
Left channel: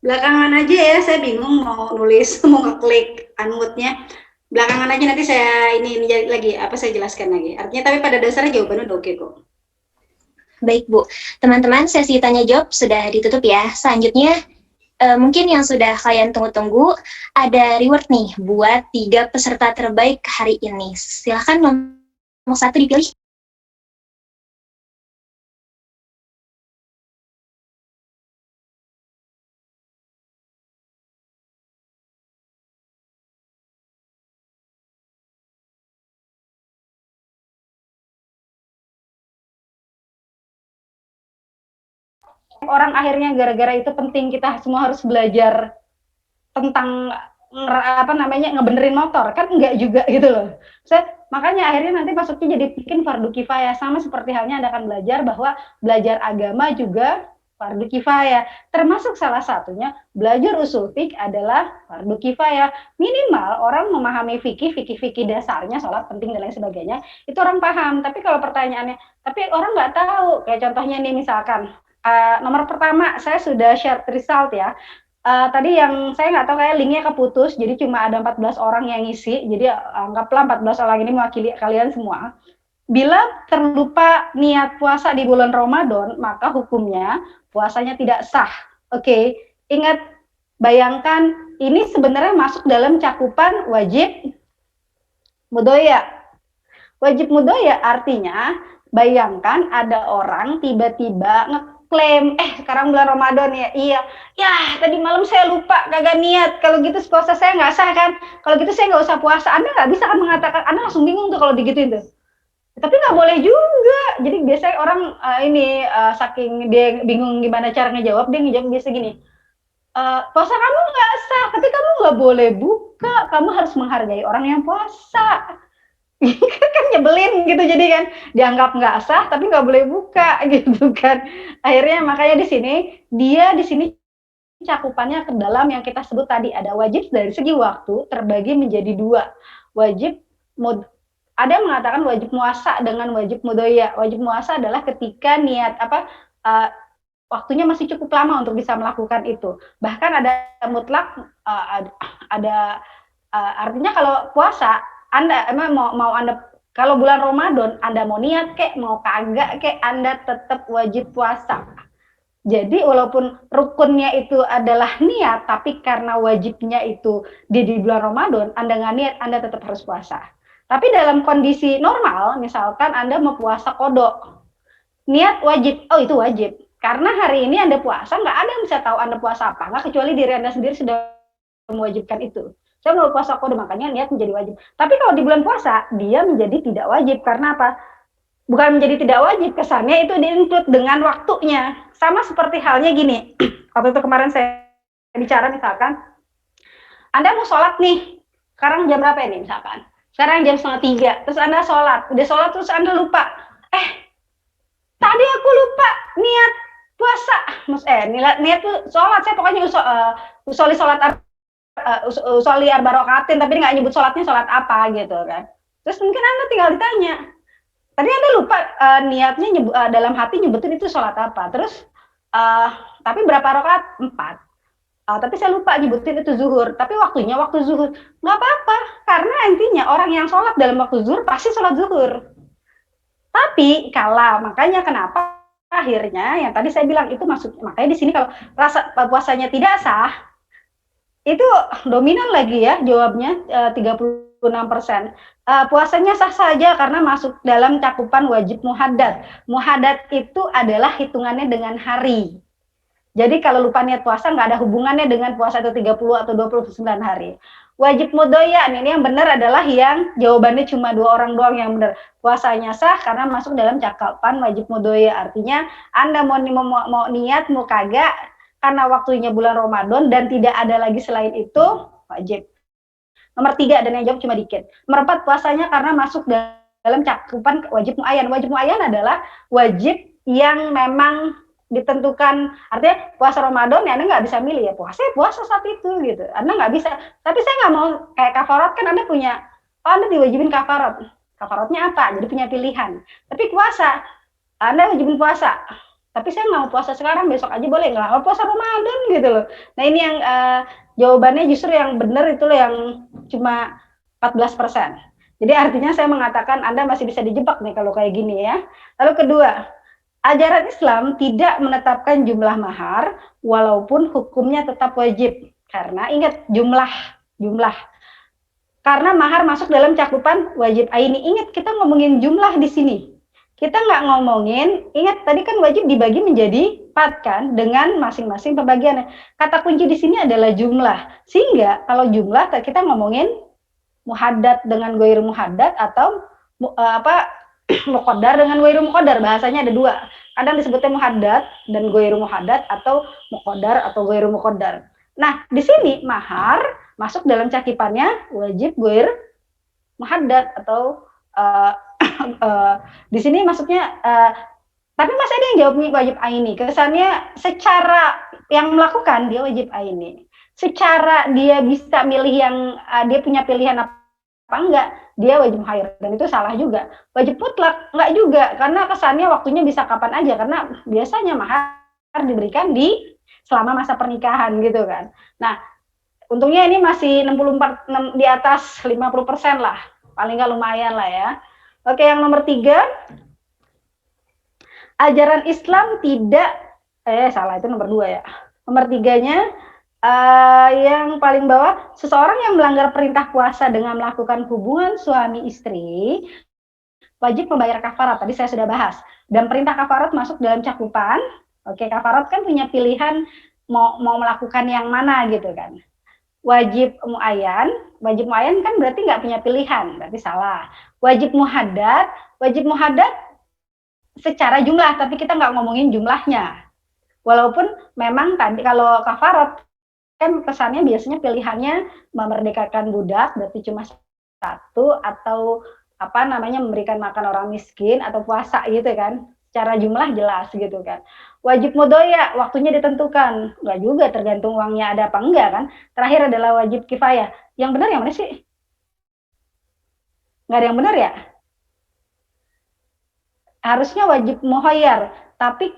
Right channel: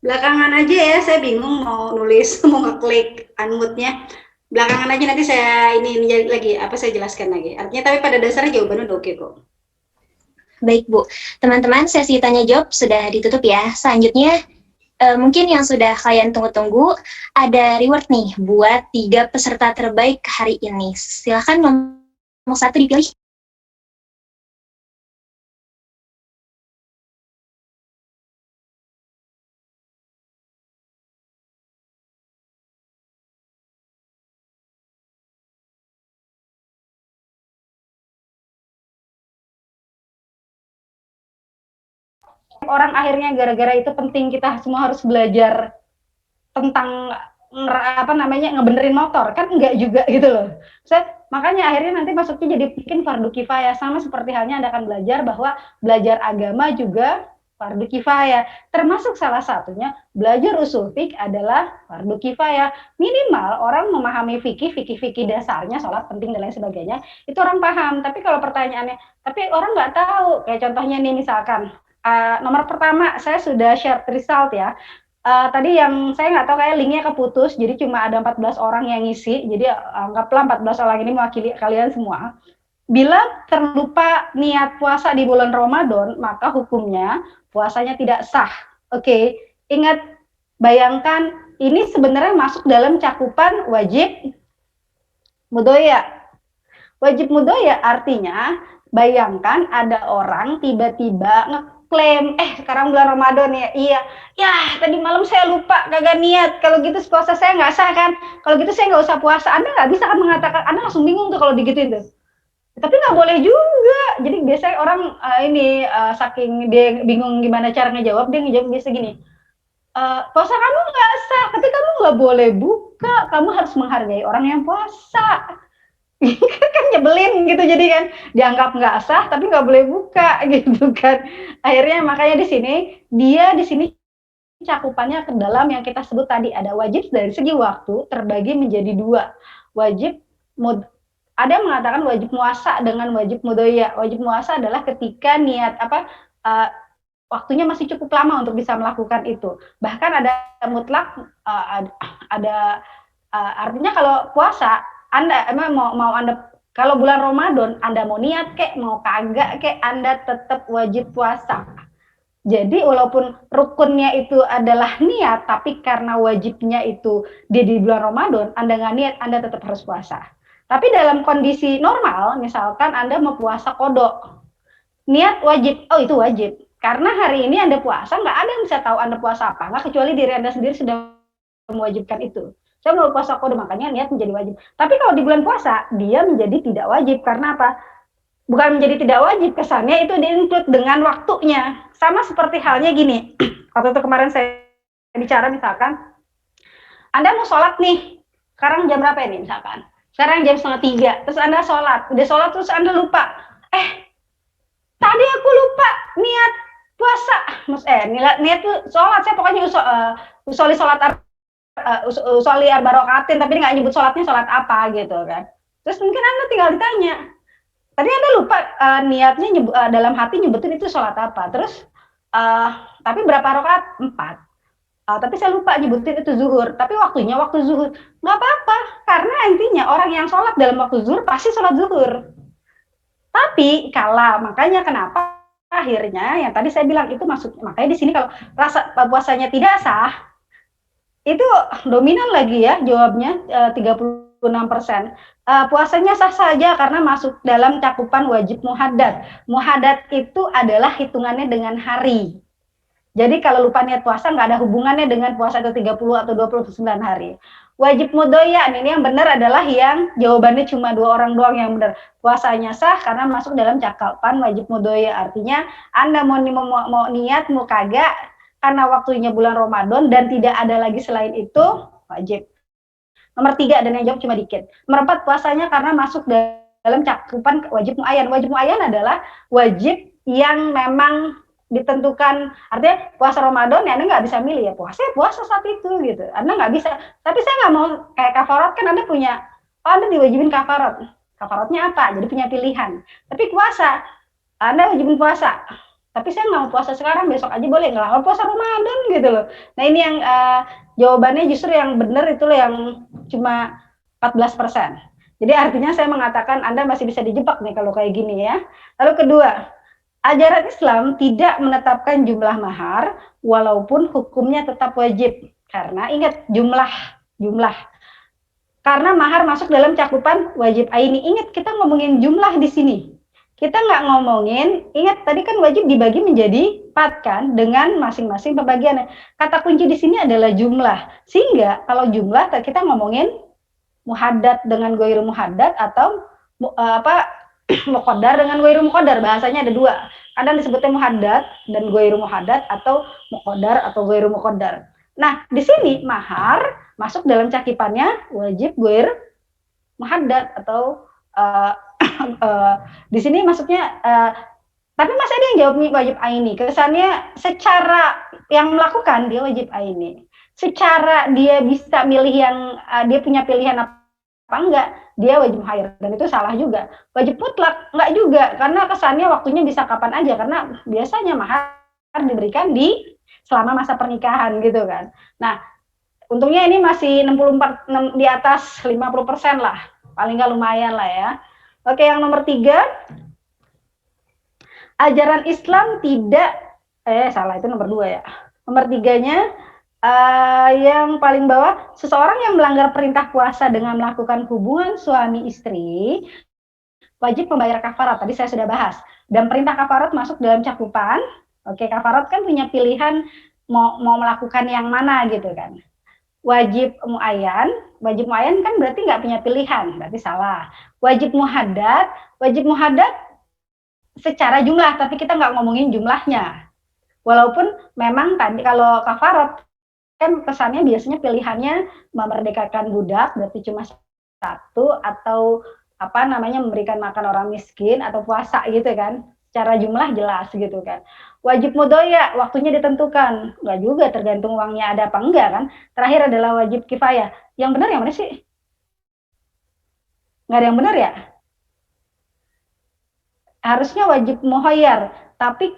Belakangan aja ya, saya bingung mau nulis, mau ngeklik unmute-nya. Belakangan aja nanti saya ini lagi, saya jelaskan lagi. Artinya tapi pada dasarnya jawabannya udah oke kok. Baik Bu, teman-teman sesi tanya jawab sudah ditutup ya. Selanjutnya mungkin yang sudah kalian tunggu-tunggu, ada reward nih buat 3 peserta terbaik hari ini. Silahkan nomor 1 dipilih. Orang akhirnya gara-gara itu penting kita semua harus belajar tentang ngebenerin motor, kan enggak juga gitu loh. Makanya akhirnya nanti masuknya jadi bikin fardu kifayah, sama seperti halnya Anda akan belajar bahwa belajar agama juga fardu kifayah. Termasuk salah satunya belajar usul fiqh adalah fardu kifayah. Minimal orang memahami fikih dasarnya, sholat penting dan lain sebagainya, itu orang paham. Tapi kalau pertanyaannya, tapi orang nggak tahu, kayak contohnya nih misalkan, nomor pertama saya sudah share result ya. Tadi yang saya nggak tahu kayak linknya keputus, jadi cuma ada 14 orang yang ngisi, jadi anggaplah 14 orang ini mewakili kalian semua. Bila terlupa niat puasa di bulan Ramadan, maka hukumnya puasanya tidak sah. Oke, ingat, bayangkan ini sebenarnya masuk dalam cakupan wajib mudoya. Wajib mudoya artinya, bayangkan ada orang tiba-tiba klaim, sekarang bulan Ramadan ya, tadi malam saya lupa, kagak niat, kalau gitu puasa saya nggak sah kan, kalau gitu saya nggak usah puasa. Anda nggak bisa kan mengatakan, Anda langsung bingung tuh kalau digituin tuh. Tapi nggak boleh juga. Jadi biasanya orang saking dia bingung gimana cara ngejawab, dia ngejawab biasa gini, puasa kamu nggak sah, tapi kamu nggak boleh buka, kamu harus menghargai orang yang puasa. Kan nyebelin gitu, jadi kan dianggap nggak sah tapi nggak boleh buka gitu kan. Akhirnya makanya di sini cakupannya ke dalam yang kita sebut tadi, ada wajib dari segi waktu terbagi menjadi 2. Ada yang mengatakan wajib muasa dengan wajib mudoya. Wajib muasa adalah ketika niat waktunya masih cukup lama untuk bisa melakukan itu. Bahkan ada mutlak, artinya kalau puasa Anda emang mau Anda, kalau bulan Ramadan Anda mau niat kek, mau kagak kek, Anda tetap wajib puasa. Jadi walaupun rukunnya itu adalah niat, tapi karena wajibnya itu di bulan Ramadan, Anda nggak niat, Anda tetap harus puasa. Tapi dalam kondisi normal, misalkan Anda mau puasa kodok, niat wajib, itu wajib. Karena hari ini Anda puasa, nggak ada yang bisa tahu Anda puasa apa, nggak kecuali diri Anda sendiri sudah mewajibkan itu. Saya mau puasa kode, makanya niat menjadi wajib. Tapi kalau di bulan puasa, dia menjadi tidak wajib. Karena apa? Bukan menjadi tidak wajib, kesannya itu di-include dengan waktunya. Sama seperti halnya gini, waktu itu kemarin saya bicara misalkan, Anda mau sholat nih, sekarang jam berapa ini misalkan? Sekarang jam 2:30, terus Anda sholat. Udah sholat terus Anda lupa. Tadi aku lupa niat puasa. Niat tuh sholat, saya pokoknya usoli sholat usoli arba'rokatin, tapi nggak nyebut sholatnya sholat apa gitu kan. Terus mungkin Anda tinggal ditanya, tadi Anda lupa niatnya dalam hati nyebutin itu sholat apa. Terus tapi berapa rakaat? 4. Tapi saya lupa nyebutin itu zuhur. Tapi waktunya waktu zuhur. Nggak apa-apa. Karena intinya orang yang sholat dalam waktu zuhur pasti sholat zuhur. Tapi makanya kenapa akhirnya yang tadi saya bilang itu makanya di sini kalau rasa puasanya tidak sah, itu dominan lagi ya jawabnya 36%. Puasanya sah saja karena masuk dalam cakupan wajib muhaddad. Muhaddad itu adalah hitungannya dengan hari. Jadi kalau lupa niat puasa nggak ada hubungannya dengan puasa itu 30 atau 29 hari. Wajib mudoya, ini yang benar adalah yang jawabannya cuma 2 orang doang yang benar. Puasanya sah karena masuk dalam cakupan wajib mudoya. Artinya Anda mau niat, mau kagak, karena waktunya bulan Ramadan dan tidak ada lagi selain itu, wajib. Nomor 3, dan yang jawab cuma dikit. Nomor 4, puasanya karena masuk dalam cakupan wajib muayyan. Wajib muayyan adalah wajib yang memang ditentukan, artinya puasa Ramadan ya Anda nggak bisa milih ya puasa saat itu gitu, Anda nggak bisa. Tapi saya nggak mau kayak kafarat, kan Anda punya, Anda diwajibin kafaratnya apa, jadi punya pilihan. Tapi puasa, Anda wajibin puasa, tapi saya nggak mau puasa sekarang, besok aja boleh nggak, mau puasa Ramadan gitu loh. Nah ini yang jawabannya justru yang benar itu yang cuma 14%. Jadi artinya saya mengatakan Anda masih bisa dijebak nih kalau kayak gini ya. Lalu kedua, ajaran Islam tidak menetapkan jumlah mahar walaupun hukumnya tetap wajib. Karena ingat jumlah. Karena mahar masuk dalam cakupan wajib aini. Ingat kita ngomongin jumlah di sini. Kita nggak ngomongin, ingat tadi kan wajib dibagi menjadi 4 kan dengan masing-masing pembagiannya. Kata kunci di sini adalah jumlah. Sehingga kalau jumlah kita ngomongin muhaddad dengan ghair muhaddad atau muqaddar dengan ghairu muqaddar, bahasanya ada 2. Kadang disebutnya muhaddad dan ghairu muhaddad atau muqaddar atau ghairu muqaddar. Nah, di sini mahar masuk dalam cakupannya wajib ghair muhaddad atau di sini maksudnya tapi masih ada yang jawabnya wajib aini. Kesannya secara yang melakukan dia wajib aini. Secara dia bisa milih yang dia punya pilihan apa enggak, dia wajib muhayyar, dan itu salah juga. Wajib mutlak enggak juga, karena kesannya waktunya bisa kapan aja, karena biasanya mahar diberikan selama masa pernikahan gitu kan. Nah, untungnya ini masih 64 di atas 50% lah, paling nggak lumayan lah ya. Oke, yang nomor 3, ajaran Islam tidak salah, itu nomor 2 ya. Nomor 3-nya yang paling bawah, seseorang yang melanggar perintah puasa dengan melakukan hubungan suami istri wajib membayar kafarat. Tadi saya sudah bahas. Dan perintah kafarat masuk dalam cakupan. Oke, kafarat kan punya pilihan mau melakukan yang mana gitu kan. Wajib muayyan kan berarti nggak punya pilihan, berarti salah. Wajib muhaddad secara jumlah, tapi kita nggak ngomongin jumlahnya. Walaupun memang tadi kalau kafarat kan kesannya biasanya pilihannya memerdekakan budak, berarti cuma 1, atau memberikan makan orang miskin, atau puasa gitu kan. Secara jumlah jelas gitu kan. Wajib mudoya, waktunya ditentukan. Enggak juga, tergantung uangnya ada apa enggak kan. Terakhir adalah wajib kifayah. Yang benar yang mana sih? Nggak ada yang benar ya? Harusnya wajib muhayyar. Tapi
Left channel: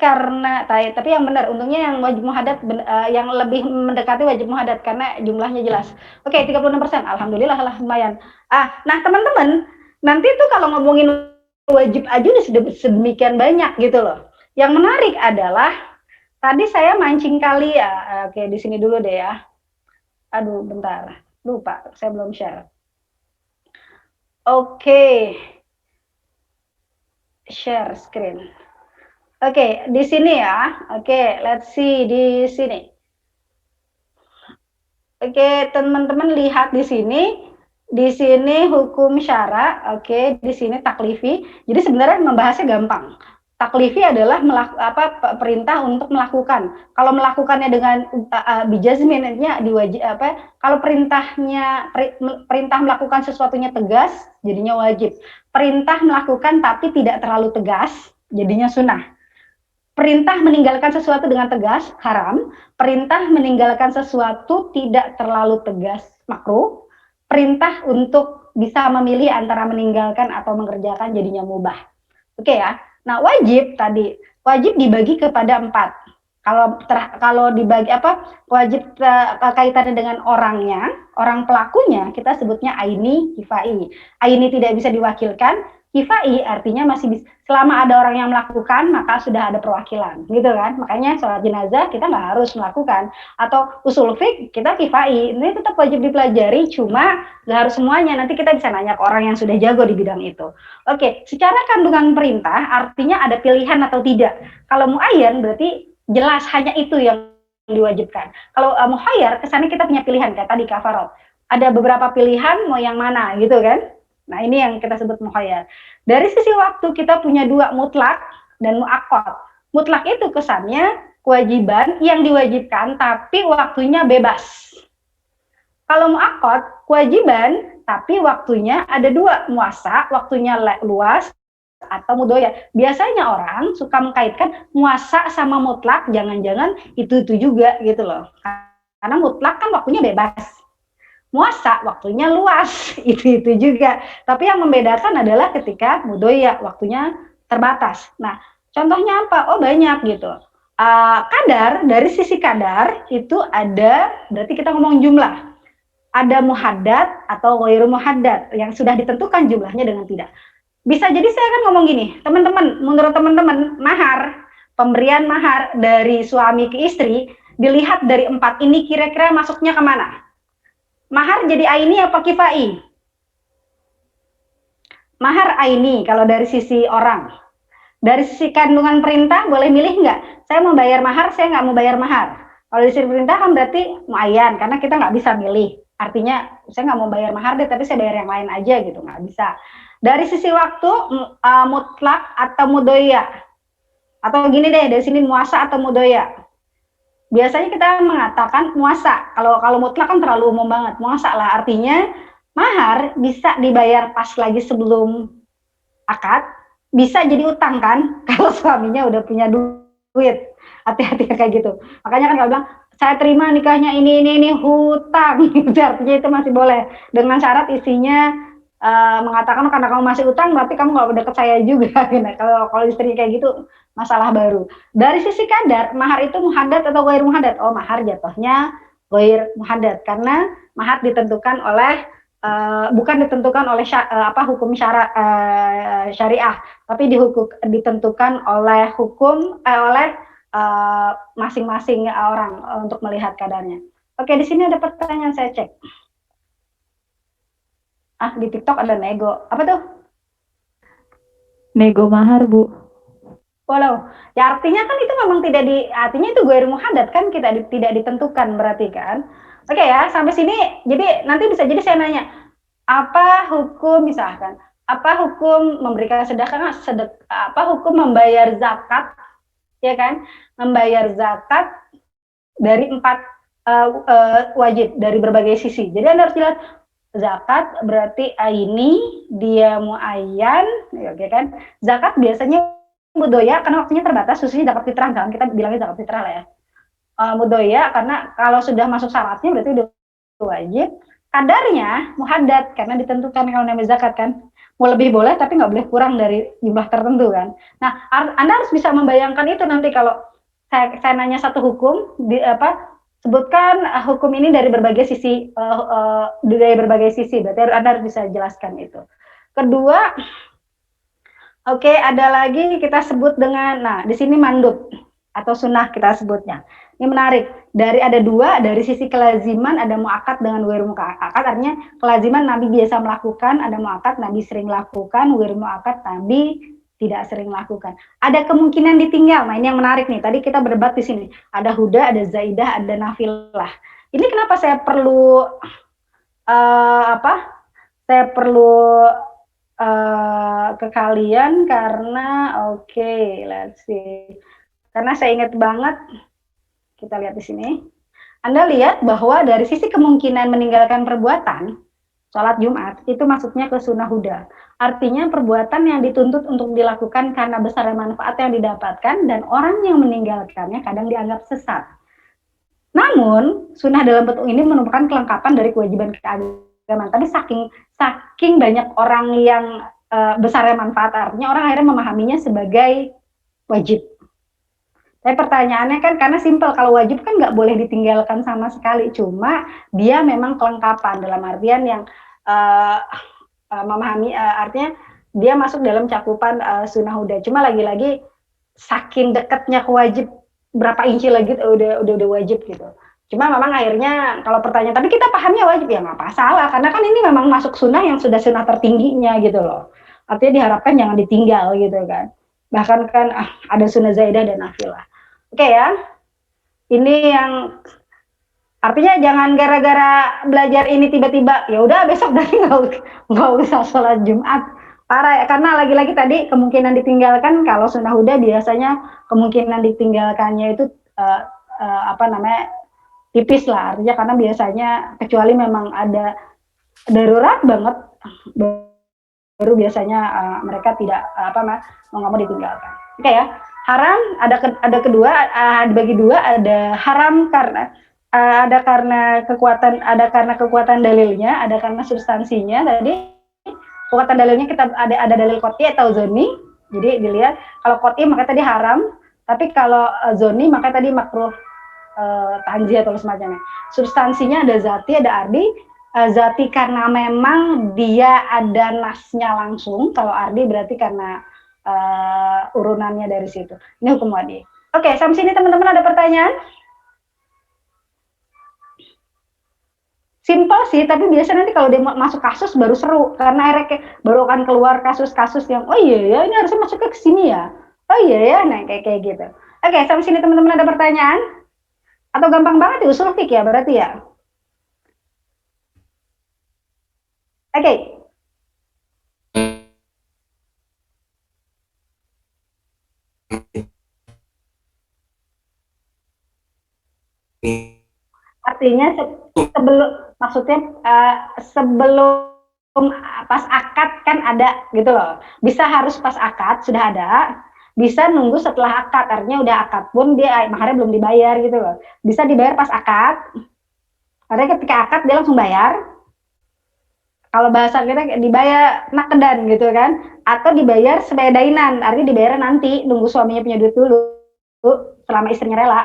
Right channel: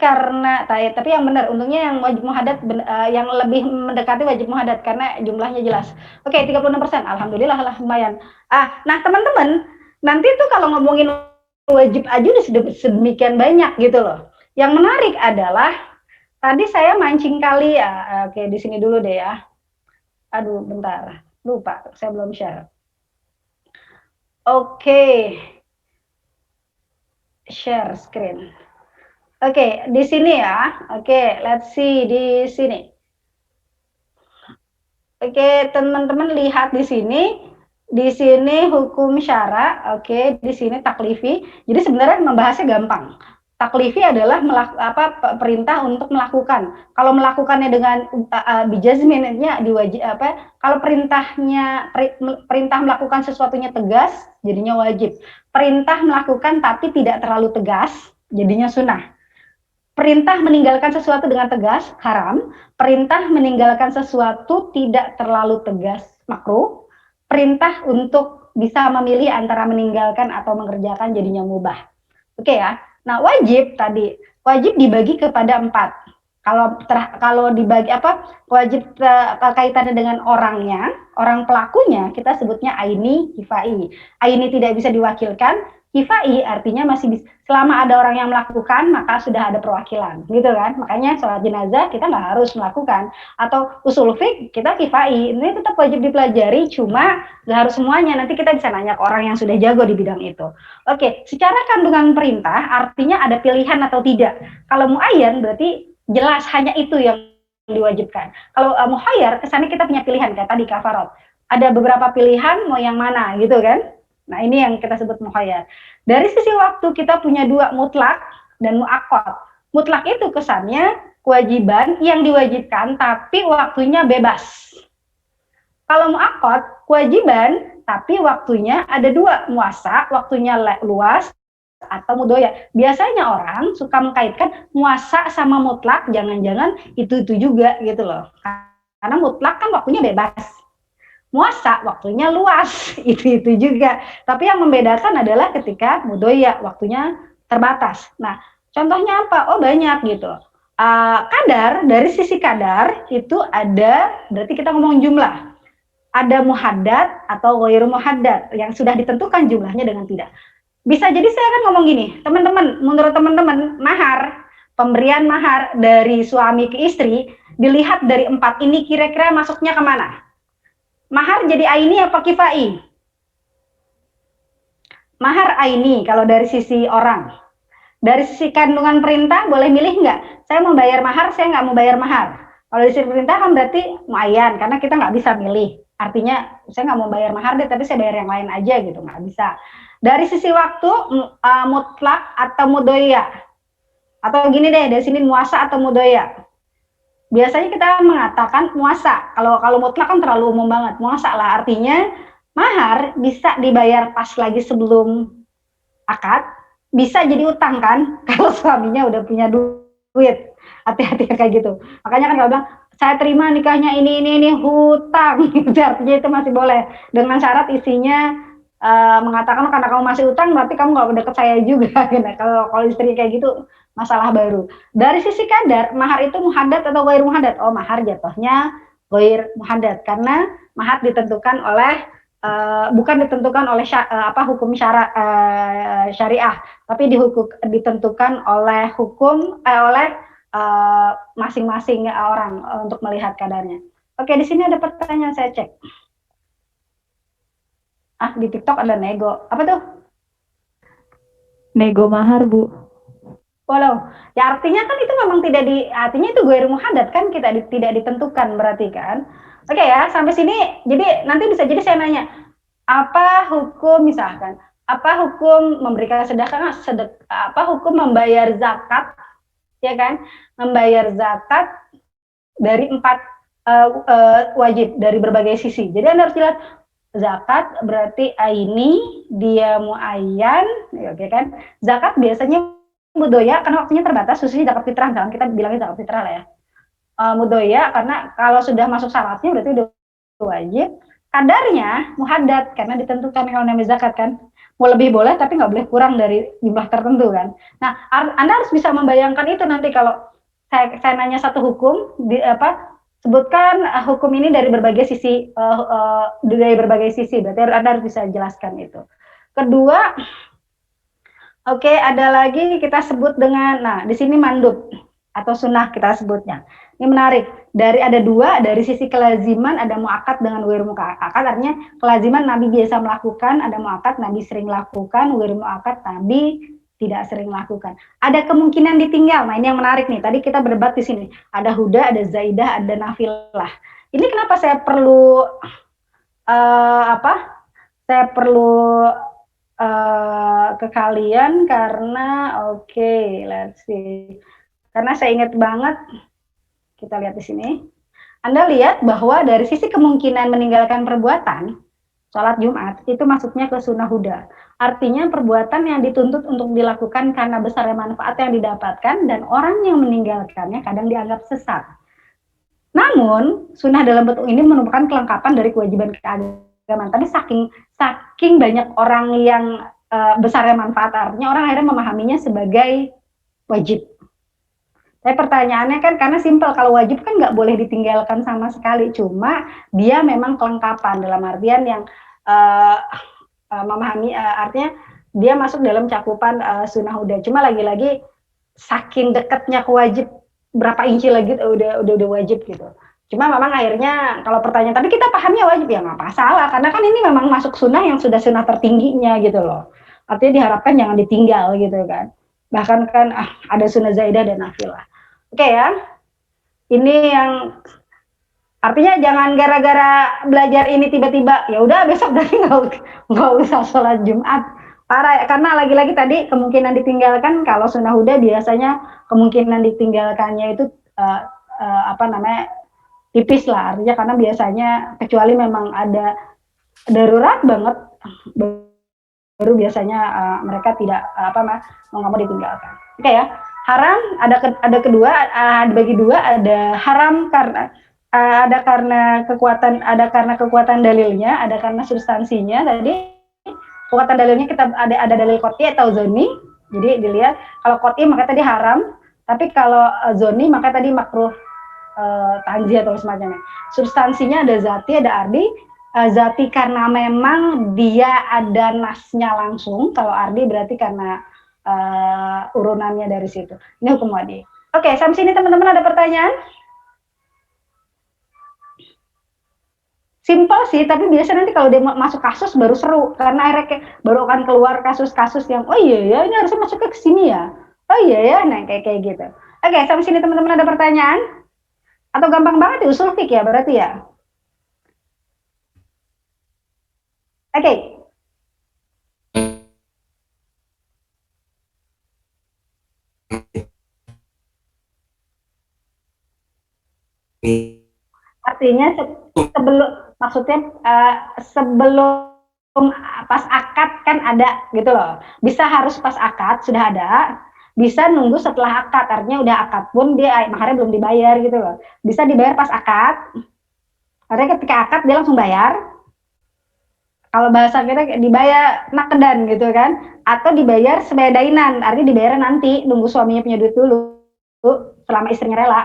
yang benar, untungnya yang wajib muhaddad yang lebih mendekati wajib muhaddad karena jumlahnya jelas. Oke, 36%. Alhamdulillah lah lumayan. Nah, teman-teman, nanti tuh kalau ngomongin wajib aja udah sedemikian banyak gitu loh. Yang menarik adalah tadi saya mancing kali ya. Oke, di sini dulu deh ya. Aduh, bentar. Lupa, saya belum share. Oke. Share screen. Oke, di sini ya. Oke, let's see di sini. Oke, teman-teman lihat di sini. Di sini hukum syara, oke, di sini taklifi. Jadi sebenarnya membahasnya gampang. Taklifi adalah perintah untuk melakukan. Kalau melakukannya dengan bijazminnya kalau perintah melakukan sesuatunya tegas, jadinya wajib. Perintah melakukan tapi tidak terlalu tegas, jadinya sunnah. Perintah meninggalkan sesuatu dengan tegas, haram. Perintah meninggalkan sesuatu tidak terlalu tegas, makruh. Perintah untuk bisa memilih antara meninggalkan atau mengerjakan jadinya mubah. Oke ya. Nah, wajib tadi, wajib dibagi kepada 4. Kalau dibagi wajib kaitannya dengan orangnya, orang pelakunya kita sebutnya aini, kifai. Aini tidak bisa diwakilkan, kifai artinya masih bisa, selama ada orang yang melakukan maka sudah ada perwakilan, gitu kan? Makanya sholat jenazah kita nggak harus melakukan, atau usul fiqh kita kifai, ini tetap wajib dipelajari, cuma nggak harus semuanya. Nanti kita bisa nanya ke orang yang sudah jago di bidang itu. Oke, secara kandungan perintah artinya ada pilihan atau tidak. Kalau muayyan berarti jelas hanya itu yang diwajibkan. Kalau muhayyar kesannya kita punya pilihan kayak tadi kafarat. Ada beberapa pilihan mau yang mana gitu kan. Nah, ini yang kita sebut muhayyar. Dari sisi waktu kita punya 2, mutlak dan muakkad. Mutlak itu kesannya kewajiban yang diwajibkan tapi waktunya bebas. Kalau muakkad kewajiban tapi waktunya ada 2, muasa waktunya luas atau mudoya. Biasanya orang suka mengkaitkan muasa sama mutlak, jangan-jangan itu juga gitu loh. Karena mutlak kan waktunya bebas. Muasa waktunya luas, itu juga. Tapi yang membedakan adalah ketika mudoya waktunya terbatas. Nah, contohnya apa? Oh, banyak gitu. Kadar, dari sisi kadar itu ada, berarti kita ngomong jumlah. Ada muhaddad atau ghairu muhaddad yang sudah ditentukan jumlahnya dengan tidak. Bisa jadi saya kan ngomong gini, teman-teman, menurut teman-teman, mahar, pemberian mahar dari suami ke istri, dilihat dari 4 ini kira-kira masuknya kemana? Mahar jadi aini apa kifai? Mahar aini kalau dari sisi orang. Dari sisi kandungan perintah boleh milih nggak? Saya mau bayar mahar, saya nggak mau bayar mahar. Kalau dari sisi perintah kan berarti muayyan, karena kita nggak bisa milih. Artinya saya nggak mau bayar mahar deh, tapi saya bayar yang lain aja gitu, nggak bisa. Dari sisi waktu mutlak atau mudoya, atau gini deh, dari sini muasa atau mudoya. Biasanya kita mengatakan muasa. Kalau mutlak kan terlalu umum banget. Muasa lah, artinya mahar bisa dibayar pas lagi sebelum akad, bisa jadi utang kan kalau suaminya udah punya duit. Hati-hati kayak gitu. Makanya kan kalau bilang saya terima nikahnya ini hutang, artinya itu masih boleh dengan syarat isinya mengatakan karena kamu masih utang berarti kamu nggak deket saya juga. Kalau istri kayak gitu masalah baru. Dari sisi kadar, mahar itu muhaddad atau ghair muhaddad? Oh, mahar jatuhnya ghair muhaddad karena mahar ditentukan oleh bukan ditentukan oleh hukum syariah, tapi ditentukan oleh hukum oleh masing-masing orang untuk melihat kadarnya. Oke, di sini ada pertanyaan saya cek. Di TikTok ada nego. Apa tuh? Nego mahar, Bu. Walau, ya artinya kan itu memang artinya itu ghair muhaddad kan, tidak ditentukan berarti kan. Oke ya, sampai sini. Jadi nanti bisa jadi saya nanya, apa hukum misalkan, apa hukum memberikan sedekah, apa hukum membayar zakat, ya kan? Membayar zakat dari 4 wajib dari berbagai sisi. Jadi Anda harus jelas. Zakat berarti aini, dia muayyan, oke kan? Zakat biasanya mudoya karena waktunya terbatas, khususnya zakat fitrah, kan kita bilangnya zakat fitrah lah ya. Mudoya karena kalau sudah masuk syaratnya berarti udah wajib. Kadarnya muhaddad karena ditentukan kalau namanya zakat kan. Mau lebih boleh tapi nggak boleh kurang dari jumlah tertentu kan. Nah, Anda harus bisa membayangkan itu nanti kalau saya nanya satu hukum sebutkan hukum ini dari berbagai sisi, berarti Anda harus bisa jelaskan itu. Kedua, oke, ada lagi kita sebut dengan, nah di sini mandub atau sunnah kita sebutnya. Ini menarik. Ada 2, dari sisi kelaziman ada muakkad dengan ghair muakkad. Artinya kelaziman Nabi biasa melakukan, ada muakkad Nabi sering lakukan, ghair muakkad Nabi tidak sering lakukan. Ada kemungkinan ditinggal. Nah, ini yang menarik nih. Tadi kita berdebat di sini. Ada huda, ada zaidah, ada nafilah. Ini kenapa saya perlu Saya perlu ke kalian karena let's see. Karena saya ingat banget, kita lihat di sini. Anda lihat bahwa dari sisi kemungkinan meninggalkan perbuatan sholat Jumat itu masuknya ke sunnah huda. Artinya perbuatan yang dituntut untuk dilakukan karena besar manfaat yang didapatkan dan orang yang meninggalkannya kadang dianggap sesat. Namun, sunnah dalam bentuk ini merupakan kelengkapan dari kewajiban keagamaan tapi saking banyak orang yang besarnya manfaat, artinya orang akhirnya memahaminya sebagai wajib. Tapi pertanyaannya kan karena simpel, kalau wajib kan nggak boleh ditinggalkan sama sekali, cuma dia memang kelengkapan dalam artian yang memahami, artinya dia masuk dalam cakupan sunnah huda. Cuma lagi-lagi saking dekatnya ke wajib, berapa inci lagi udah wajib gitu. Cuma memang akhirnya kalau pertanyaan, tapi kita pahamnya wajib ya nggak masalah, karena kan ini memang masuk sunnah yang sudah sunnah tertingginya gitu loh. Artinya diharapkan jangan ditinggal gitu kan. Bahkan kan ada sunnah zaidah dan nafilah. Oke ya, ini yang artinya jangan gara-gara belajar ini tiba-tiba ya udah besok dari nggak usah sholat Jumat. Parah ya, karena lagi-lagi tadi kemungkinan ditinggalkan, kalau sunnah huda biasanya kemungkinan ditinggalkannya itu tipis lah, artinya karena biasanya kecuali memang ada darurat banget baru biasanya mereka tidak nggak mau ditinggalkan. Oke ya. Haram ada kedua, bagi dua, ada haram karena karena kekuatan dalilnya, ada karena substansinya. Tadi kekuatan dalilnya kita ada dalil qot'i atau zoni. Jadi dilihat kalau qot'i maka tadi haram, tapi kalau zoni maka tadi makruh tanzih atau semacamnya. Substansinya ada zati, ada ardi. Zati karena memang dia ada nasnya langsung, kalau ardi berarti karena urunannya dari situ. Ini hukum wadi. Oke, sampai sini teman-teman ada pertanyaan? Simpel sih, tapi biasanya nanti kalau dia masuk kasus baru seru, karena akhirnya baru akan keluar kasus-kasus yang oh iya ya ini harusnya masuk ke sini ya. Oh iya ya, nah kayak gitu. Oke, sampai sini teman-teman ada pertanyaan? Atau gampang banget usul fiqh ya berarti ya? Oke. Artinya sebelum pas akad kan ada gitu loh. Bisa harus pas akad sudah ada, bisa nunggu setelah akad, artinya udah akad pun dia maharnya belum dibayar gitu loh. Bisa dibayar pas akad, artinya ketika akad dia langsung bayar. Kalau bahasa kita dibayar nakedan gitu kan, atau dibayar sebagai dainan, artinya dibayar nanti, nunggu suaminya punya duit dulu, selama istrinya rela.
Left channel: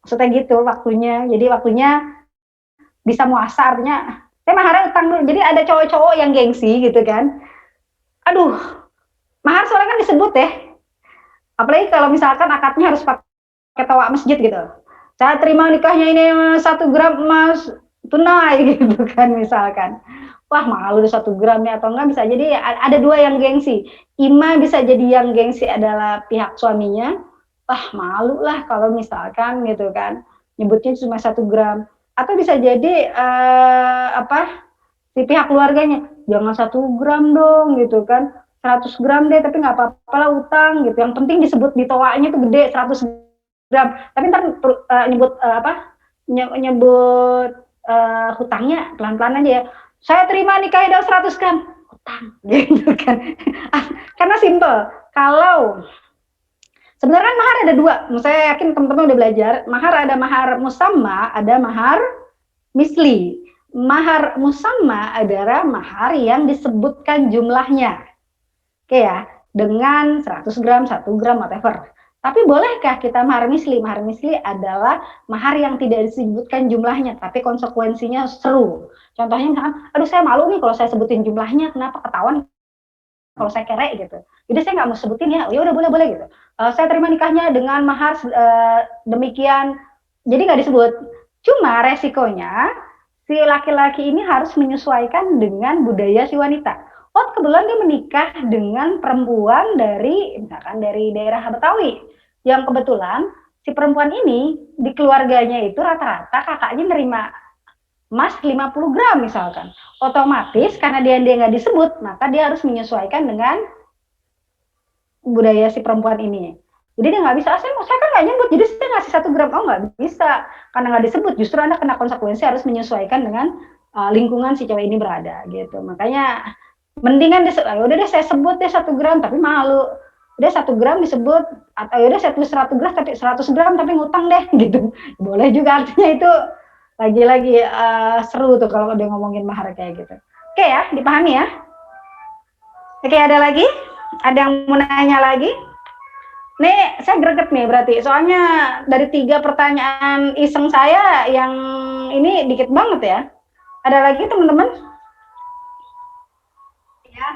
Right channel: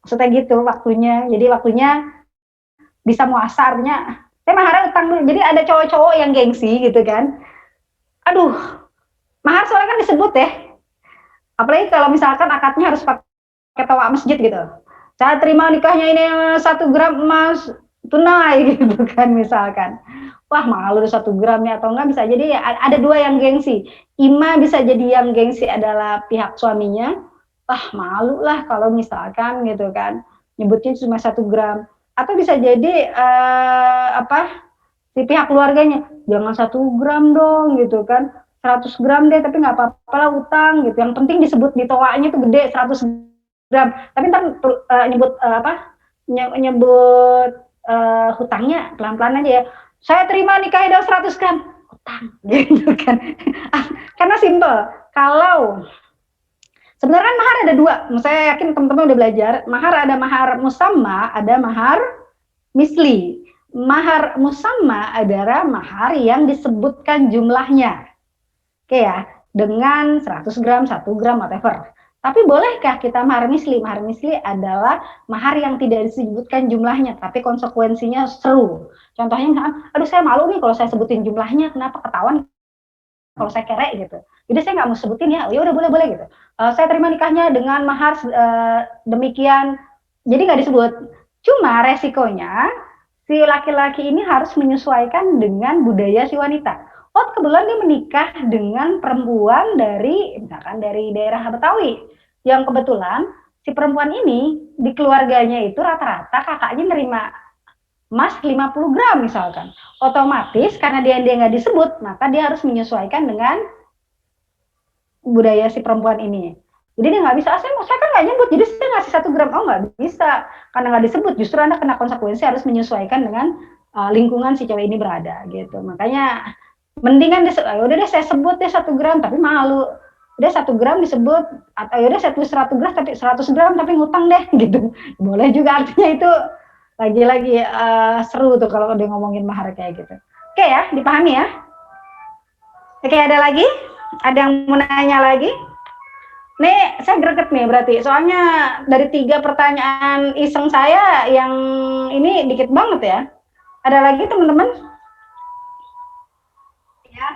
Maksudnya gitu waktunya, jadi waktunya bisa muasa, artinya saya maharnya utang dulu. Jadi ada cowok-cowok yang gengsi gitu kan, aduh mahar soalnya kan disebut ya, apalagi kalau misalkan akadnya harus pakai toa masjid gitu, saya terima nikahnya ini 1 gram emas tunai gitu kan misalkan. Wah malu 1 gram ya, atau enggak bisa jadi ada dua yang gengsi. Ima bisa jadi yang gengsi adalah pihak suaminya, wah malu lah kalau misalkan gitu kan nyebutnya cuma 1 gram. Atau bisa jadi si pihak keluarganya, jangan 1 gram dong gitu kan, 100 gram deh tapi nggak apa-apa lah utang gitu. Yang penting disebut di toanya tuh gede 100 gram. Tapi ntar nyebut hutangnya pelan-pelan aja ya. Saya terima nikahnya 100 gram utang gitu kan. Karena simple. Kalau sebenarnya kan mahar ada dua. Saya yakin teman-teman udah belajar. Mahar ada mahar musamma, ada mahar misli. Mahar musamma adalah mahar yang disebutkan jumlahnya. Oke ya, dengan 100 gram, 1 gram, whatever. Tapi bolehkah kita mahar misli? Mahar misli adalah mahar yang tidak disebutkan jumlahnya, tapi konsekuensinya seru. Contohnya misalkan, aduh saya malu nih kalau saya sebutin jumlahnya, kenapa ketahuan kalau saya kere gitu. Jadi saya nggak mau sebutin ya, ya udah boleh gitu. Saya terima nikahnya dengan mahar demikian, jadi nggak disebut. Cuma resikonya si laki-laki ini harus menyesuaikan dengan budaya si wanita. Oh kebetulan dia menikah dengan perempuan dari misalkan dari daerah Betawi, yang kebetulan si perempuan ini di keluarganya itu rata-rata kakaknya nerima emas 50 gram misalkan. Otomatis karena dia nggak disebut, maka dia harus menyesuaikan dengan budaya si perempuan ini. Jadi dia nggak bisa, saya kan nggak nyebut, jadi saya ngasih 1 gram. Oh nggak bisa, karena nggak disebut. Justru Anda kena konsekuensi harus menyesuaikan dengan lingkungan si cewek ini berada gitu. Makanya mendingan udah deh saya sebut deh 1 gram tapi malu. Udah 1 gram disebut, atau udah saya tulis 100 gram tapi 100 gram tapi ngutang deh gitu. Boleh juga, artinya itu Lagi-lagi seru tuh kalau udah ngomongin mahar kayak gitu. Oke ya, dipahami ya? Oke, ada lagi? Ada yang mau nanya lagi? Nih, saya greget nih berarti. Soalnya dari 3 pertanyaan iseng saya yang ini dikit banget ya. Ada lagi teman-teman? Ya.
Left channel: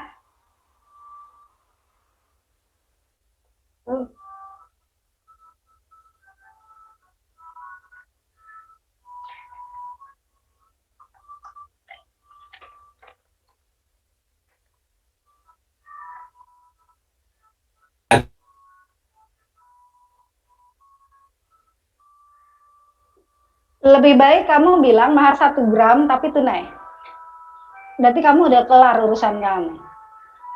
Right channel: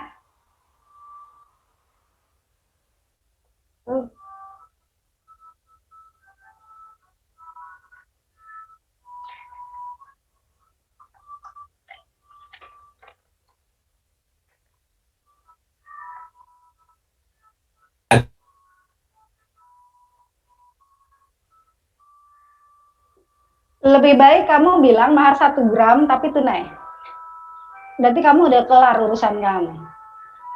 Lebih baik kamu bilang mahar 1 gram tapi tunai. Berarti kamu udah kelar urusan kamu.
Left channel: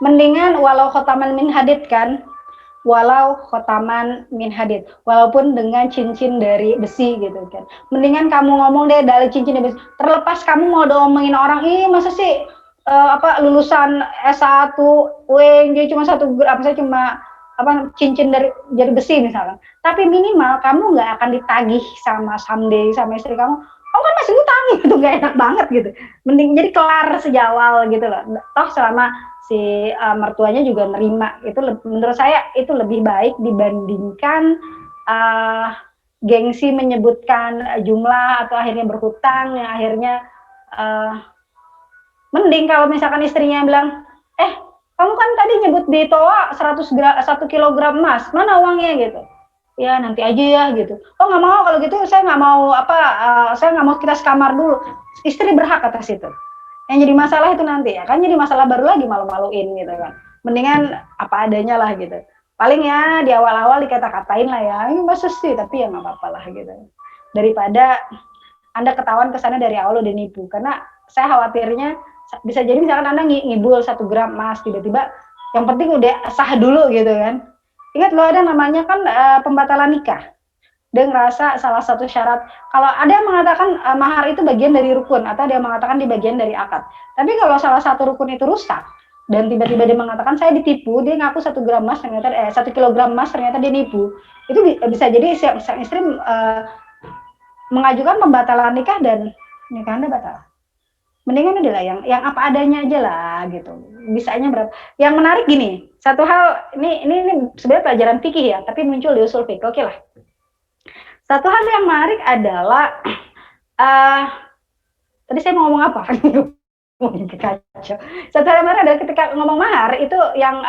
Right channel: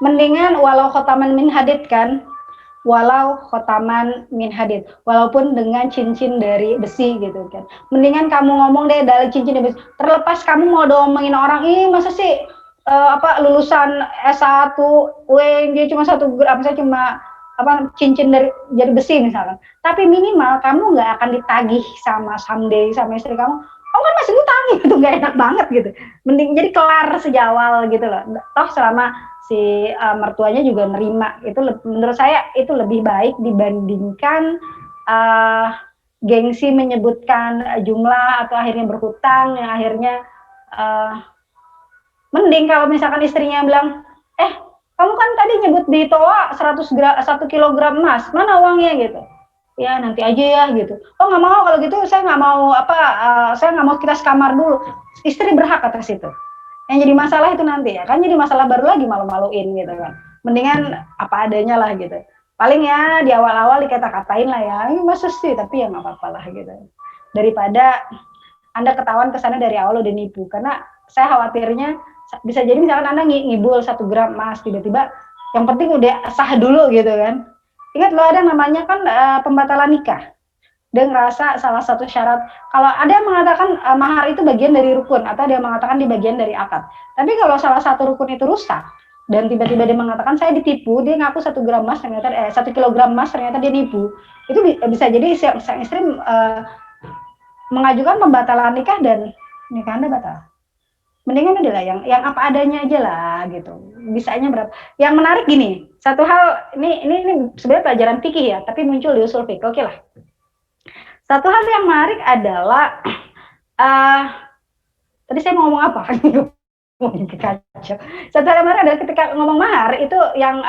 Mendingan walau khotaman min hadid kan, walau khotaman min hadid, walaupun dengan cincin dari besi gitu kan. Mendingan kamu ngomong deh dari cincin dari besi. Terlepas kamu mau ngomongin orang, ih masa sih lulusan S1 UNJ cuma 1 gram, saya cuma cincin dari besi misalkan. Tapi minimal kamu nggak akan ditagih sama someday sama istri kamu. Kamu kan masih utang gitu, nggak enak banget gitu. Mending jadi kelar sejawal gitu loh. Toh selama si mertuanya juga nerima, itu menurut saya itu lebih baik dibandingkan gengsi menyebutkan jumlah atau akhirnya berhutang yang akhirnya mending kalau misalkan istrinya bilang, kamu kan tadi nyebut di toa 1 kilogram emas, mana uangnya gitu? Ya nanti aja ya gitu. Oh nggak mau kalau gitu, saya nggak mau saya nggak mau kita sekamar dulu. Istri berhak atas itu. Yang jadi masalah itu nanti ya, kan jadi masalah baru lagi malu-maluin gitu kan. Mendingan apa adanya lah gitu. Paling ya di awal-awal dikata-katain lah ya, ini masa sih, tapi ya nggak apa-apa lah gitu. Daripada Anda ketahuan kesana dari awal udah nipu, karena saya khawatirnya bisa jadi misalkan Anda ngibul 1 gram emas, tiba-tiba yang penting udah sah dulu gitu kan. Ingat loh ada namanya kan pembatalan nikah. Dia ngerasa salah satu syarat, kalau ada yang mengatakan mahar itu bagian dari rukun, atau dia mengatakan di bagian dari akad. Tapi kalau salah satu rukun itu rusak, dan tiba-tiba dia mengatakan saya ditipu, dia ngaku 1 gram emas, ternyata 1 kilogram emas, ternyata dia nipu. Itu bisa jadi sang istri mengajukan pembatalan nikah dan nikah Anda batal. Mendingan adalah yang apa adanya aja lah gitu. Bisanya berapa? Yang menarik gini, satu hal ini sebenarnya pelajaran fikih ya, tapi muncul di usul fikih. Oke lah. Satu hal yang menarik adalah tadi saya mau ngomong apa? Kacau. Satu hal yang menarik adalah ketika ngomong mahar itu yang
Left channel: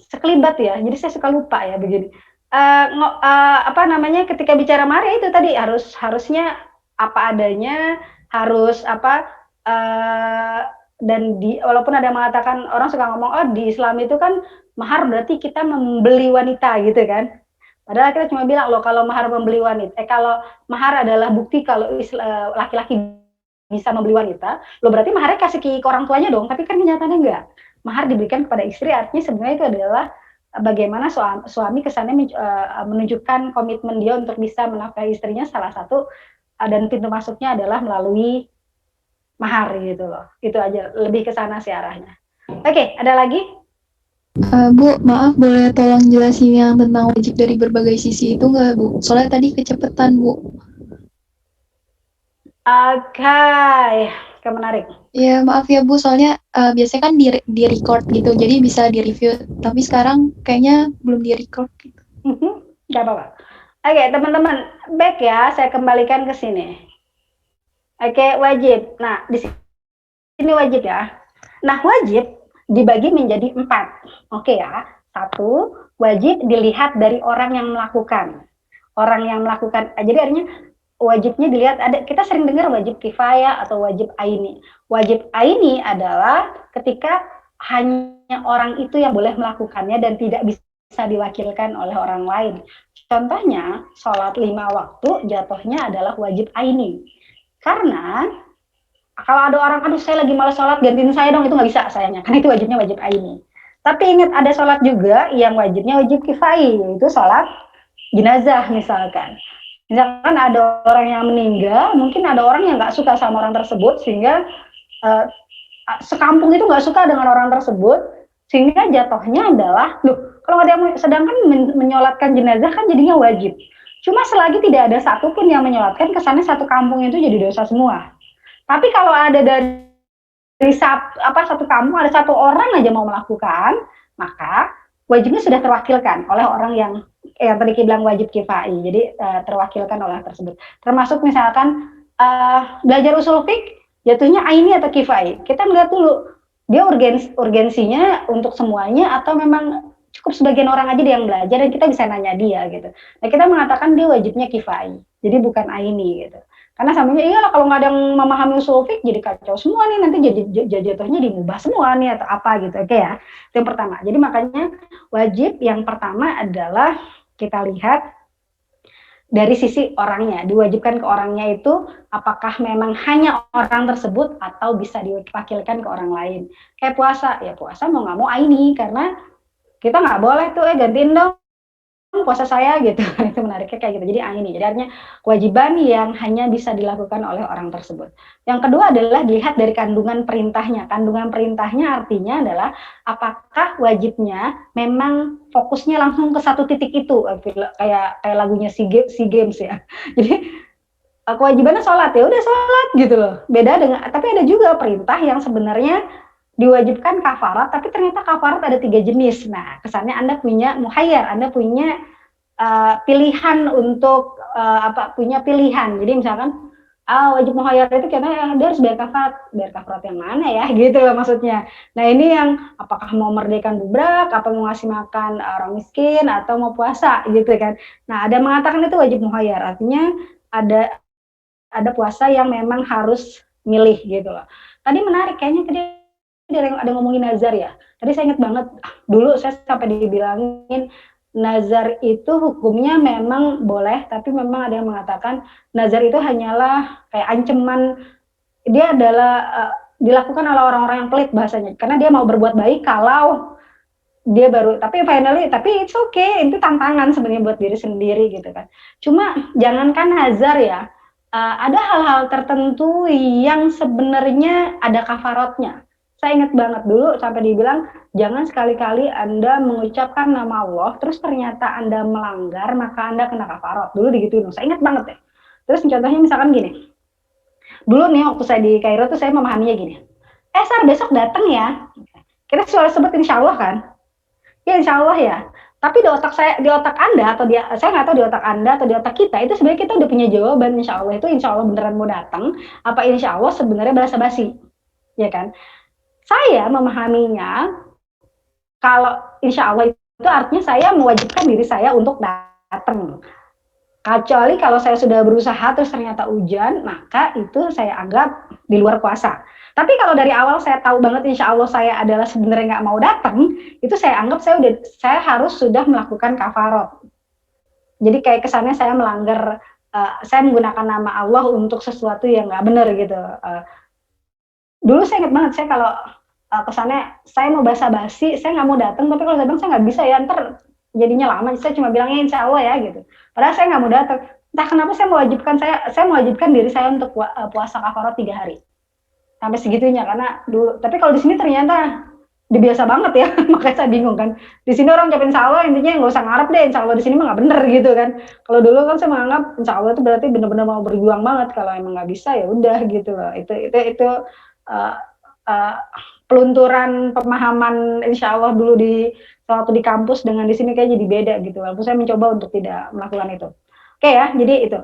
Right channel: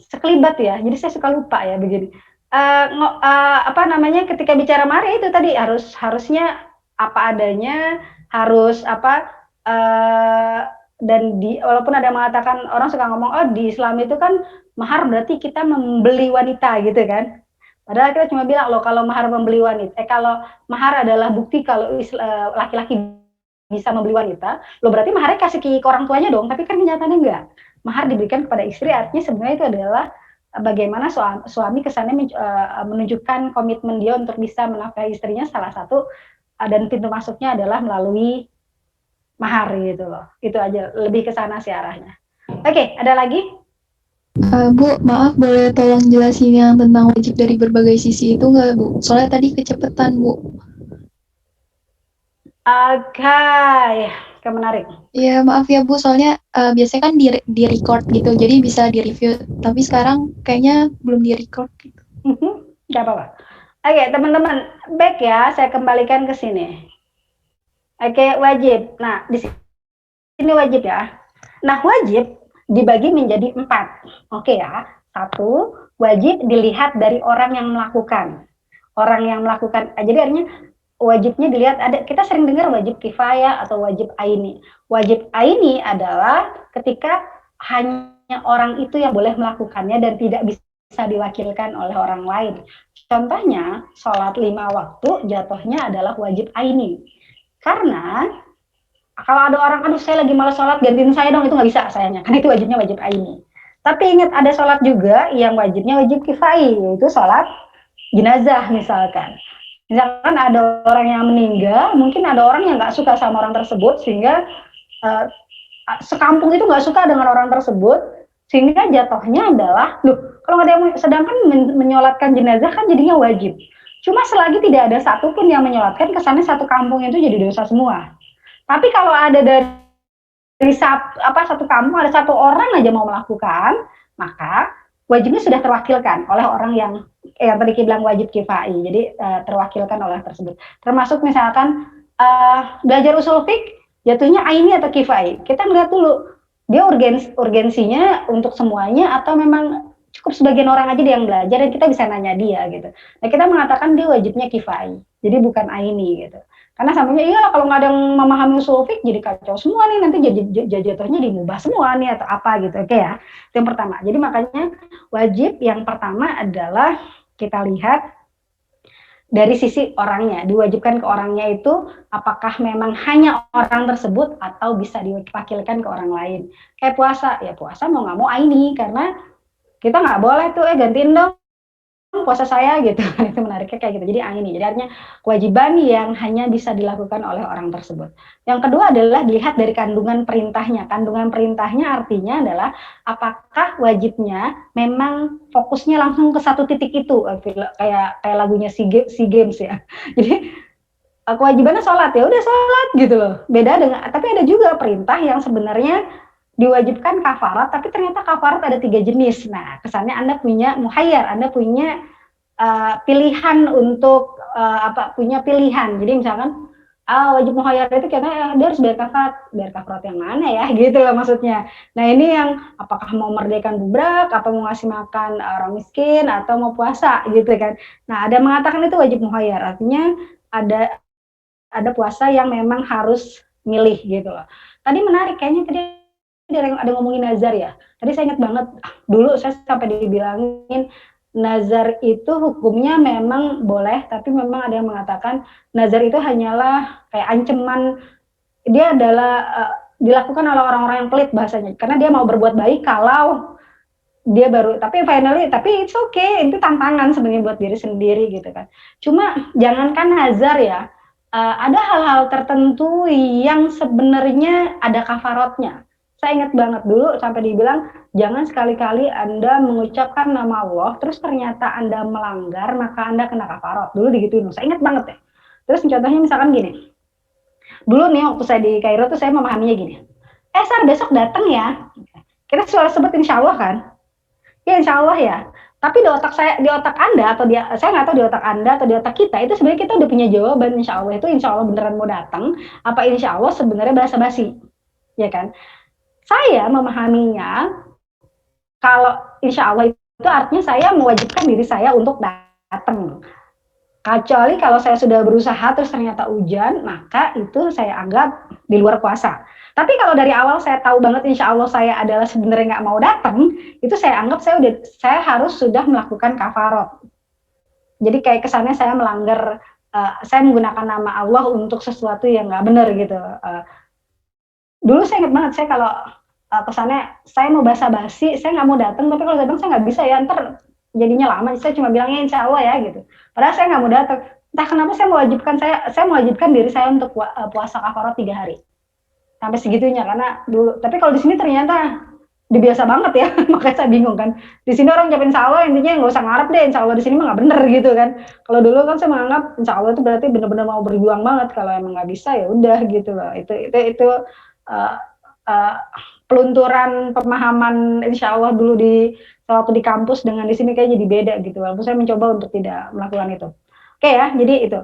sekelibat ya. Jadi saya suka lupa ya begini. Ketika bicara mahar itu tadi harusnya apa adanya, harus dan walaupun ada yang mengatakan, orang suka ngomong di Islam itu kan mahar berarti kita membeli wanita gitu kan. Padahal kita cuma bilang loh, kalau mahar membeli wanita, kalau mahar adalah bukti kalau laki-laki bisa membeli wanita, lo berarti maharnya kasih ke orang tuanya dong, tapi kan kenyataannya enggak. Mahar diberikan kepada istri, artinya sebenarnya itu adalah bagaimana suami kesannya menunjukkan komitmen dia untuk bisa menafkahi istrinya, salah satu dan pintu masuknya adalah melalui mahar gitu loh. Itu aja, lebih ke sana sih arahnya. Oke, ada lagi? Bu, maaf boleh tolong jelasin yang tentang wajib dari berbagai sisi itu nggak Bu? Soalnya tadi kecepatan Bu. Oke, menarik. Ya maaf ya Bu, soalnya biasanya kan di record gitu, jadi bisa di review. Tapi sekarang kayaknya belum di record gitu. Gak apa-apa. Oke, teman-teman, back ya, saya kembalikan ke sini. Oke, wajib. Nah, di sini wajib ya. Nah, wajib dibagi menjadi 4. Oke ya. 1, wajib dilihat dari orang yang melakukan. Orang yang melakukan, jadi artinya wajibnya dilihat, kita sering dengar wajib kifayah atau wajib aini. Wajib aini adalah ketika hanya orang itu yang boleh melakukannya dan tidak bisa diwakilkan oleh orang lain. Contohnya, sholat 5 waktu jatuhnya adalah wajib aini. Karena kalau ada orang, aduh saya lagi malas sholat, gantiin saya dong, itu nggak bisa sayangnya, karena itu wajibnya wajib aini. Tapi ingat, ada sholat juga yang wajibnya wajib kifai, yaitu sholat jenazah misalkan. Misalkan ada orang yang meninggal, mungkin ada orang yang nggak suka sama orang tersebut, sehingga sekampung itu nggak suka dengan orang tersebut, sehingga jatuhnya adalah, loh, kalau ada yang sedangkan menyolatkan jenazah kan jadinya wajib. Cuma selagi tidak ada satupun yang menyolatkan, kesannya satu kampung itu jadi dosa semua. Tapi kalau ada dari satu kampung ada satu orang aja mau melakukan, maka wajibnya sudah terwakilkan oleh orang yang tadi kita bilang wajib kifai. Jadi terwakilkan oleh tersebut. Termasuk misalkan belajar usul fiqh, jatuhnya aini atau kifai. Kita melihat dulu dia urgensinya untuk semuanya atau memang cukup sebagian orang aja yang belajar dan kita bisa nanya dia gitu. Nah kita mengatakan dia wajibnya kifai, jadi bukan aini gitu. Karena samanya iyalah kalau nggak ada yang memahami usul fiqh jadi kacau semua nih, nanti jatuhnya dimubah semua nih atau apa gitu. Oke ya, itu yang pertama. Jadi makanya wajib yang pertama adalah kita lihat dari sisi orangnya, diwajibkan ke orangnya itu apakah memang hanya orang tersebut atau bisa diwakilkan ke orang lain. Kayak puasa, ya puasa mau nggak mau aini karena kita nggak boleh tuh gantiin dong puasa saya gitu. Itu menariknya kayak gitu. Jadi ini jadi artinya kewajiban yang hanya bisa dilakukan oleh orang tersebut. Yang kedua adalah dilihat dari kandungan perintahnya. Kandungan perintahnya artinya adalah apakah wajibnya memang fokusnya langsung ke satu titik itu, kayak lagunya SEA Games ya. Jadi kewajibannya sholat, ya udah sholat gitu loh. Beda dengan, tapi ada juga perintah yang sebenarnya diwajibkan kafarat, tapi ternyata kafarat ada 3 jenis. Nah, kesannya Anda punya muhayyar, Anda punya pilihan untuk punya pilihan. Jadi misalkan wajib muhayyar itu karena dia harus bayar kafarat yang mana ya, gitu loh maksudnya. Nah, ini yang apakah mau merdekakan budak, apa mau ngasih makan orang miskin, atau mau puasa gitu kan. Nah, ada mengatakan itu wajib muhayyar, artinya ada puasa yang memang harus milih gitu loh. Tadi menarik, kayaknya tadi ada ngomongin nazar ya. Tadi saya ingat banget, dulu saya sampai dibilangin nazar itu hukumnya memang boleh, tapi memang ada yang mengatakan nazar itu hanyalah kayak ancaman, dia adalah dilakukan oleh orang-orang yang pelit bahasanya, karena dia mau berbuat baik kalau dia baru, tapi it's okay, itu tantangan sebenarnya buat diri sendiri gitu kan. Cuma jangankan nazar ya, ada hal-hal tertentu yang sebenarnya ada kafarotnya. Saya ingat banget dulu sampai dibilang jangan sekali-kali Anda mengucapkan nama Allah terus ternyata Anda melanggar maka Anda kena kafarot. Dulu digituin, saya ingat banget ya. Terus contohnya misalkan gini. Dulu nih waktu saya di Kairo tuh saya memahaminya gini. Sar besok datang ya. Kita selalu sebut insya Allah kan? Ya insya Allah ya. Tapi di otak Anda atau saya nggak tahu di otak Anda atau di otak kita itu sebenarnya kita udah punya jawaban insya Allah itu insya Allah beneran mau datang. Apa insya Allah sebenarnya basa-basi, ya kan? Saya memahaminya kalau insya Allah itu artinya saya mewajibkan diri saya untuk datang. Kecuali kalau saya sudah berusaha terus ternyata hujan, maka itu saya anggap di luar kuasa. Tapi kalau dari awal saya tahu banget insya Allah saya adalah sebenarnya nggak mau datang, itu saya anggap saya harus sudah melakukan kafarot. Jadi kayak kesannya saya melanggar, saya menggunakan nama Allah untuk sesuatu yang nggak benar gitu. Dulu saya ingat banget, saya kalau kesannya saya mau basa-basi, saya nggak mau datang, tapi kalau saya bilang saya nggak bisa ya, ntar jadinya lama, saya cuma bilangnya insya Allah ya gitu. Padahal saya nggak mau datang. Entah kenapa saya mewajibkan diri saya untuk puasa kafarat 3 hari. Sampai segitunya karena dulu. Tapi kalau di sini ternyata biasa banget ya, makanya saya bingung kan. Di sini orang ucapin insya Allah intinya nggak usah ngarep deh, insya Allah di sini mah nggak bener gitu kan. Kalau dulu kan saya menganggap insya Allah itu berarti benar-benar mau berjuang banget. Kalau emang nggak bisa ya udah gitu loh. Itu pelunturan pemahaman insya Allah dulu waktu di kampus dengan di sini kayak jadi beda gitu. Walaupun saya mencoba untuk tidak melakukan itu. Oke ya, jadi itu.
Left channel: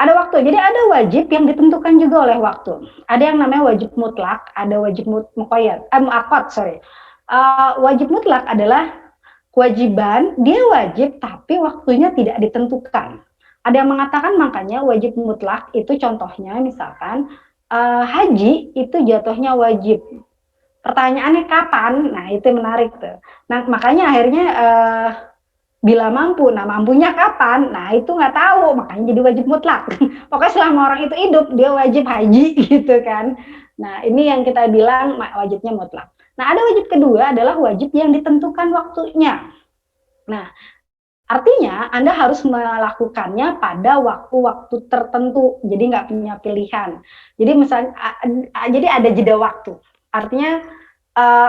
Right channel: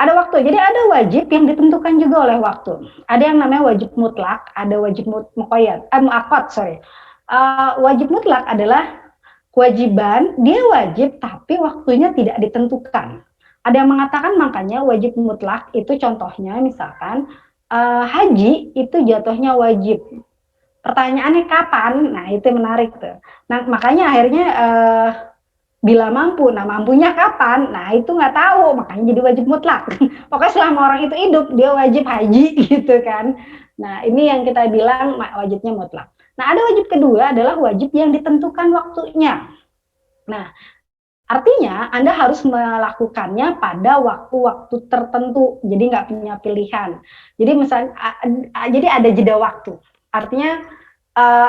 Ada waktu. Jadi ada wajib yang ditentukan juga oleh waktu. Ada yang namanya wajib mutlak, ada wajib muqayyad. Muakkad, sorry. Wajib mutlak adalah kewajiban, dia wajib tapi waktunya tidak ditentukan. Ada yang mengatakan makanya wajib mutlak itu contohnya misalkan haji itu jatuhnya wajib. Pertanyaannya kapan? Nah, itu menarik tuh. Nah, makanya akhirnya bila mampu. Nah, mampunya kapan? Nah, itu nggak tahu. Makanya jadi wajib mutlak. Pokoknya selama orang itu hidup, dia wajib haji gitu kan. Nah, ini yang kita bilang wajibnya mutlak. Nah, ada wajib kedua adalah wajib yang ditentukan waktunya. Nah, artinya Anda harus melakukannya pada waktu-waktu tertentu. Jadi nggak punya pilihan. Jadi misalnya, jadi ada jeda waktu. Artinya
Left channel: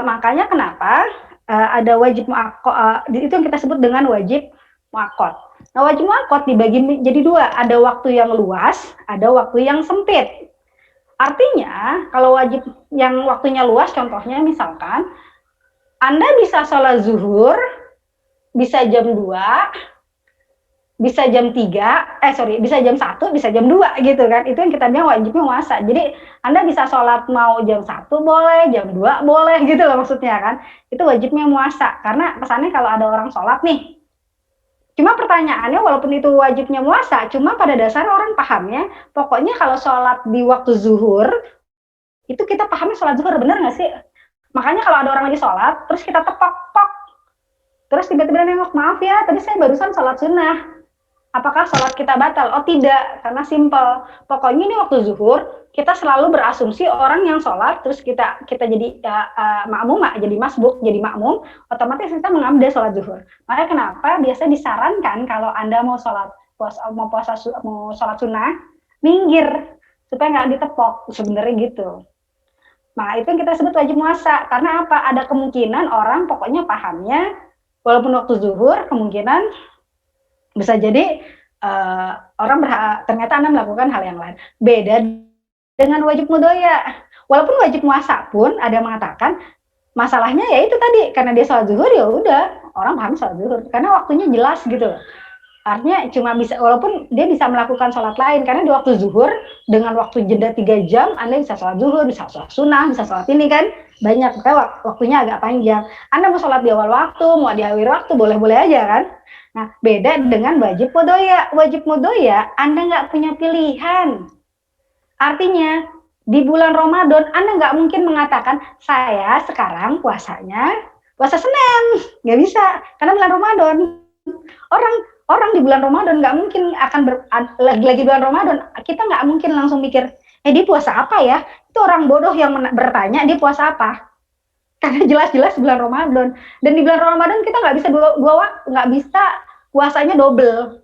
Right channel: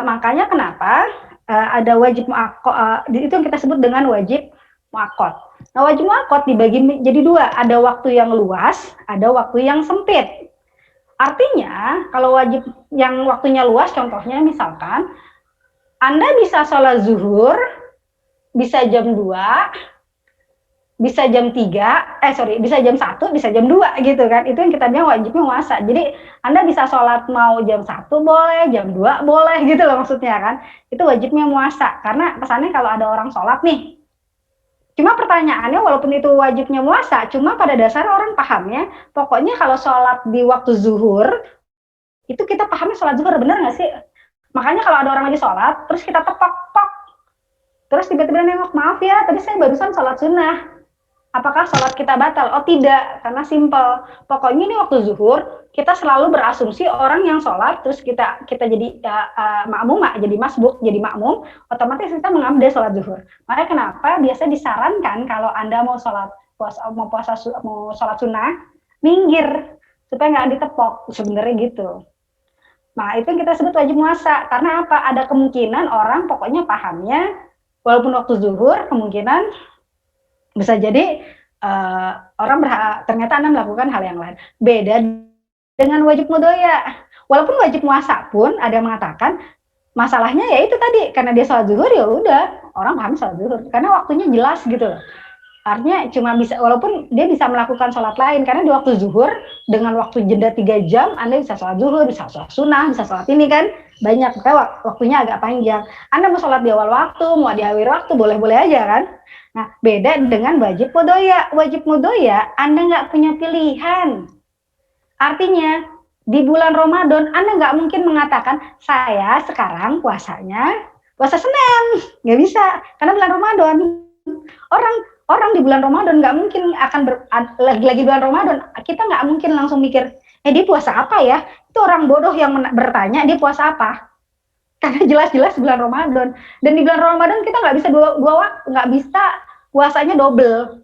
makanya kenapa ada wajib muakkad, itu yang kita sebut dengan wajib muakkad. Nah, wajib muakkad dibagi jadi dua, ada waktu yang luas, ada waktu yang sempit. Artinya, kalau wajib yang waktunya luas, contohnya misalkan, Anda bisa sholat zuhur, bisa jam 2, bisa jam 3, bisa jam 1, bisa jam 2 gitu kan. Itu yang kita bilang wajibnya puasa. Jadi Anda bisa sholat mau jam 1 boleh, jam 2 boleh gitu loh maksudnya kan. Itu wajibnya puasa. Karena pesannya kalau ada orang sholat nih, cuma pertanyaannya walaupun itu wajibnya puasa, cuma pada dasarnya orang pahamnya, pokoknya kalau sholat di waktu zuhur, itu kita pahamnya sholat zuhur, bener nggak sih? Makanya kalau ada orang lagi sholat, terus kita tepok-pok, terus tiba-tiba nengok, maaf ya, tadi saya barusan sholat sunnah. Apakah sholat kita batal? Oh tidak, karena simple. Pokoknya ini waktu zuhur, kita selalu berasumsi orang yang sholat, terus kita jadi makmum, jadi masbuk, jadi makmum, otomatis kita mengambil sholat zuhur. Makanya kenapa biasa disarankan kalau Anda mau sholat sunnah, minggir supaya nggak ditepok, sebenarnya gitu. Nah itu yang kita sebut wajib puasa. Karena apa? Ada kemungkinan orang pokoknya pahamnya, walaupun waktu zuhur, kemungkinan bisa jadi orang ternyata Anda melakukan hal yang lain. Beda dengan wajib mudoya. Walaupun wajib puasa pun ada yang mengatakan masalahnya ya itu tadi, karena dia sholat zuhur ya udah orang paham sholat zuhur karena waktunya jelas gitu loh. Artinya cuma bisa, walaupun dia bisa melakukan sholat lain, karena di waktu zuhur dengan waktu jeda 3 jam Anda bisa sholat zuhur, bisa sholat sunnah, bisa sholat ini kan banyak, karena waktunya agak panjang. Anda mau sholat di awal waktu, mau di akhir waktu, boleh-boleh aja kan. Nah beda dengan wajib mudoya. Wajib mudoya Anda nggak punya pilihan. Artinya di bulan Ramadan Anda nggak mungkin mengatakan saya sekarang puasanya puasa Senin, nggak bisa karena bulan Ramadan. Orang di bulan Ramadan nggak mungkin akan lagi bulan Ramadan, kita nggak mungkin langsung mikir, dia puasa apa ya? Itu orang bodoh yang bertanya dia puasa apa? Karena jelas-jelas bulan Ramadan. Dan di bulan Ramadan kita nggak bisa nggak bisa puasanya double.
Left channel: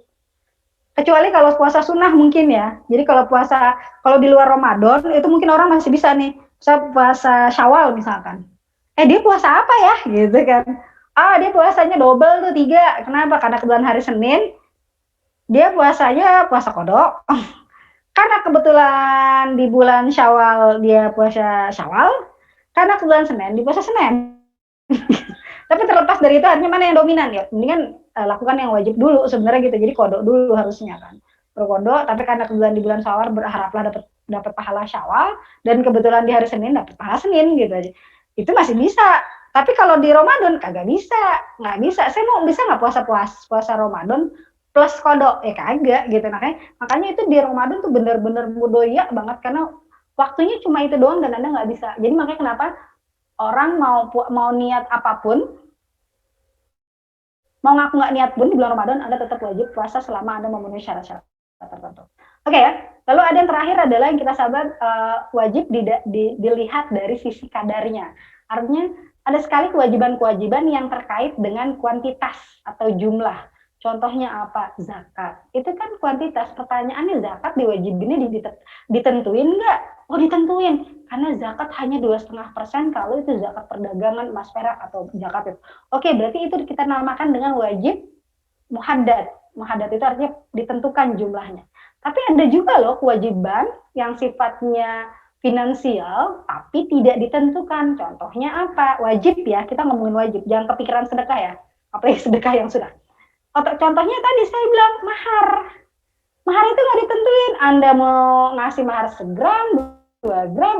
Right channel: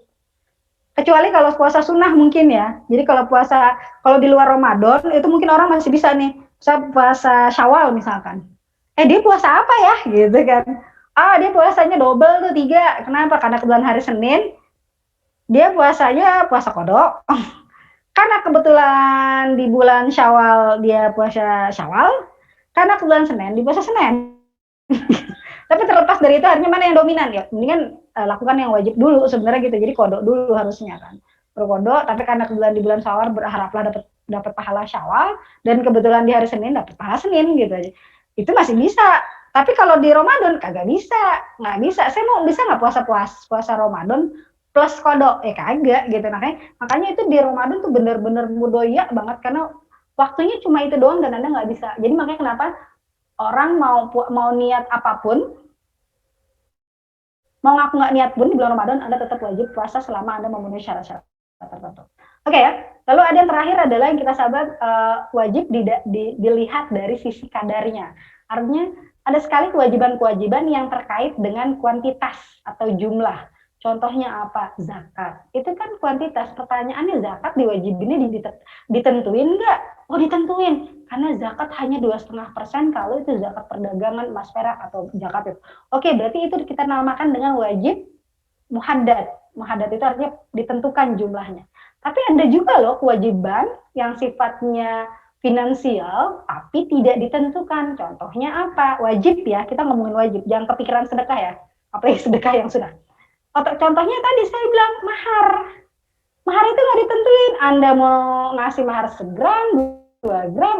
Kecuali kalau puasa sunnah mungkin ya. Jadi kalau di luar Ramadan itu mungkin orang masih bisa nih, saya puasa Syawal misalkan. Dia puasa apa ya? Gitu kan. Dia puasanya double tuh 3. Kenapa? Karena kebetulan hari Senin dia puasanya puasa kodok. Karena kebetulan di bulan Syawal dia puasa Syawal. Karena kebetulan Senin di puasa Senin. Tapi terlepas dari itu artinya mana yang dominan ya? Mendingan lakukan yang wajib dulu sebenarnya gitu. Jadi kodok dulu harusnya kan. Berkodok, tapi karena kebetulan di bulan Syawal berharaplah dapat pahala Syawal, dan kebetulan di hari Senin dapat pahala Senin gitu aja. Itu masih bisa. Tapi kalau di Ramadan kagak bisa, nggak bisa. Saya mau bisa nggak puasa Ramadan plus kodok? Kagak gitu. Makanya itu di Ramadan tuh bener-bener mudoya banget karena waktunya cuma itu doang dan Anda nggak bisa. Jadi makanya kenapa orang mau niat apapun, mau ngaku nggak niat pun di bulan Ramadan Anda tetap wajib puasa selama Anda memenuhi syarat-syarat tertentu. Oke ya. Lalu ada yang terakhir adalah yang kita sahabat wajib dilihat dari sisi kadarnya. Artinya ada sekali kewajiban-kewajiban yang terkait dengan kuantitas atau jumlah. Contohnya apa? Zakat. Itu kan kuantitas. Pertanyaannya zakat diwajibinnya ditentuin nggak? Oh ditentuin. Karena zakat hanya 2,5% kalau itu zakat perdagangan emas perak atau zakat itu. Oke, berarti itu kita namakan dengan wajib muhaddad. Muhaddad itu artinya ditentukan jumlahnya. Tapi ada juga loh kewajiban yang sifatnya finansial tapi tidak ditentukan. Contohnya apa? Wajib ya, kita ngomongin wajib, jangan kepikiran sedekah ya, apalagi sedekah yang sudah. Contohnya tadi saya bilang mahar itu nggak ditentuin. Anda mau ngasih mahar 1 gram, 2 gram,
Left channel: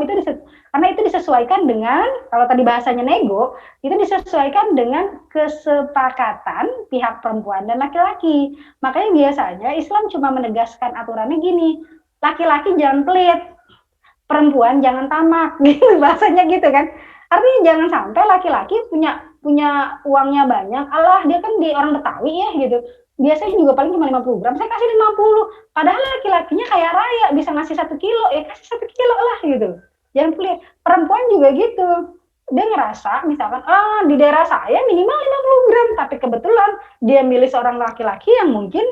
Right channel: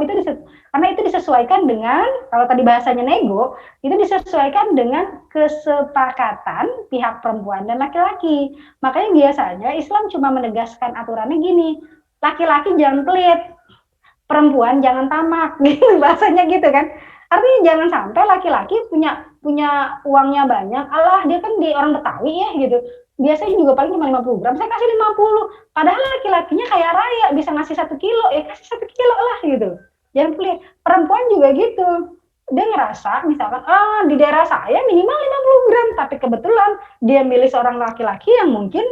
karena itu disesuaikan dengan, kalau tadi bahasanya nego, itu disesuaikan dengan kesepakatan pihak perempuan dan laki-laki. Makanya biasanya Islam cuma menegaskan aturannya gini, laki-laki jangan pelit, perempuan jangan tamak, gitu bahasanya gitu kan. Artinya jangan sampai laki-laki punya uangnya banyak, Allah dia kan di orang Betawi ya gitu. Biasanya juga paling cuma 50 gram, saya kasih 50. Padahal laki-lakinya kaya raya, bisa ngasih 1 kilo, ya kasih 1 kilo lah gitu. Jangan pelit. Perempuan juga gitu. Dia ngerasa misalkan, di daerah saya minimal 50 gram, tapi kebetulan dia milih seorang laki-laki yang mungkin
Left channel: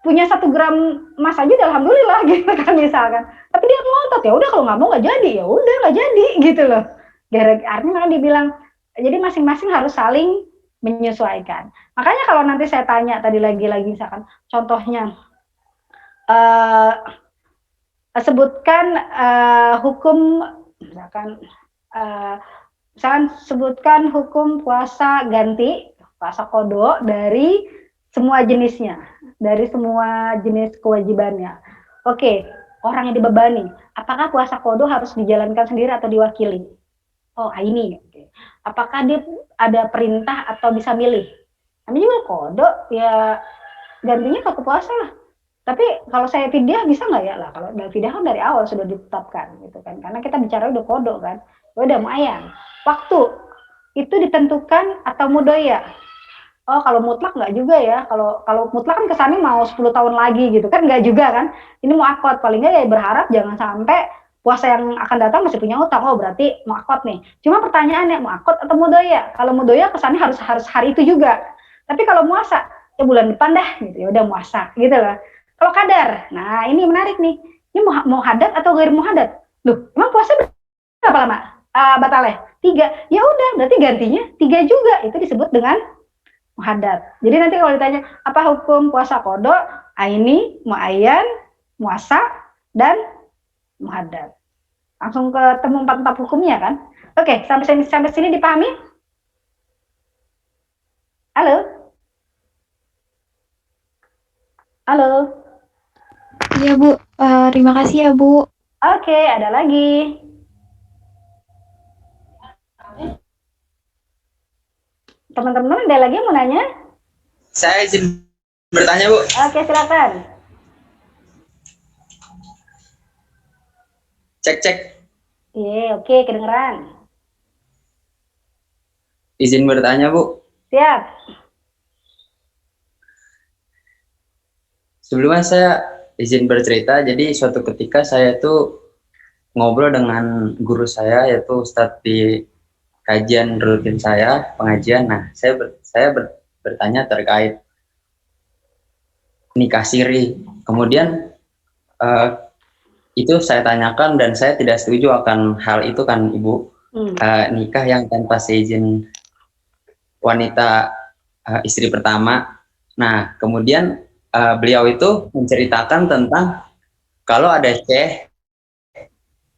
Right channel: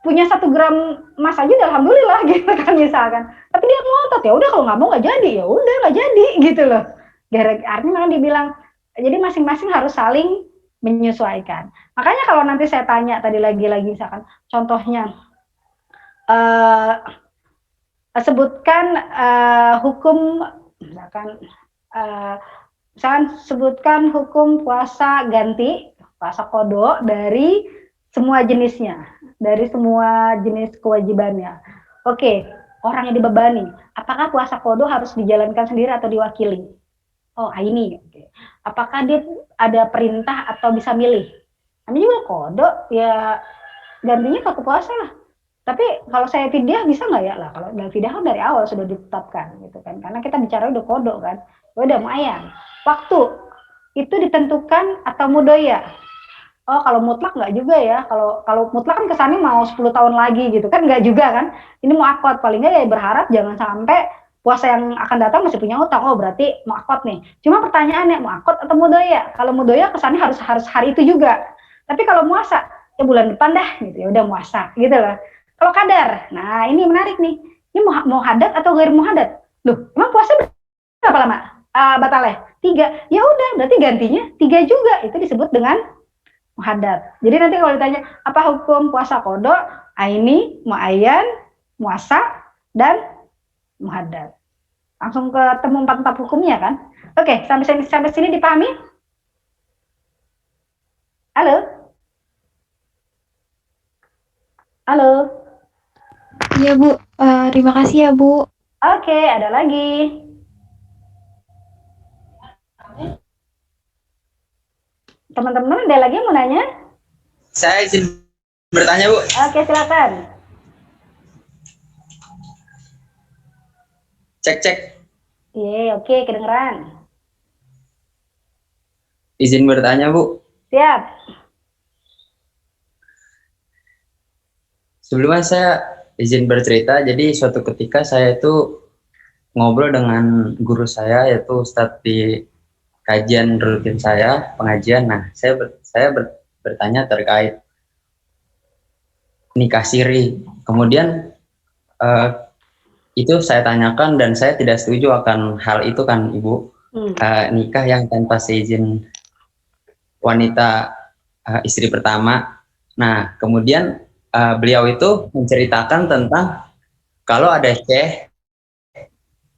punya 1 gram emas aja alhamdulillah gitu kan misalkan. Tapi dia ngotot, ya udah kalau nggak mau nggak jadi, ya udah nggak jadi gitu loh. Artinya dibilang, jadi masing-masing harus saling menyesuaikan. Makanya kalau nanti saya tanya tadi lagi misalkan contohnya sebutkan hukum misalkan sebutkan hukum puasa ganti, puasa qada dari semua jenisnya, dari semua jenis kewajibannya. Oke, orang yang dibebani, apakah puasa qada harus dijalankan sendiri atau diwakili? Oh, ini. Apakah dia ada perintah atau bisa milih? Namanya juga qada, ya gantinya ke puasa lah. Tapi kalau saya fidyah bisa nggak ya? Lah kalau fidyah kan dari awal sudah ditetapkan gitu kan. Karena kita bicara udah qada kan. Udah muayyan. Waktu itu ditentukan atau mudoya? Oh, kalau mutlak nggak juga ya. Kalau mutlak kan kesannya mau 10 tahun lagi gitu kan, nggak juga kan. Ini muakkad, paling nggak ya berharap jangan sampai puasa yang akan datang masih punya utang. Oh, berarti muakkad nih. Cuma pertanyaannya muakkad atau mudoya? Kalau mudoya kesannya harus hari itu juga. Tapi kalau muasa ya bulan depan dah gitu, ya udah muasa gitu loh. Kalau kadar, nah ini menarik nih. Ini mau hadat atau gair muhadat? Loh, emang puasa berapa lama? Batalnya 3. Ya udah, berarti gantinya 3 juga. Itu disebut dengan muhadat. Jadi nanti kalau ditanya apa hukum puasa qada, ini muayyan, muasa, dan muhadat. Langsung ketemu 4 hukumnya kan? Oke, sampai sini dipahami? Halo? Halo? Iya Bu, terima kasih ya Bu. Oke, ada lagi. Teman-teman ada lagi yang mau nanya? Saya izin bertanya Bu. Oke, silakan. Cek. Iya, oke, kedengeran. Izin bertanya Bu. Siap. Sebelumnya saya izin bercerita. Jadi suatu ketika saya itu ngobrol dengan guru saya, yaitu Ustadz di kajian rutin saya, pengajian. Nah, saya bertanya terkait nikah siri. Kemudian itu saya tanyakan dan saya tidak setuju akan hal itu kan Ibu. Nikah yang tanpa seizin wanita istri pertama. Nah, kemudian beliau itu menceritakan tentang kalau ada syekh,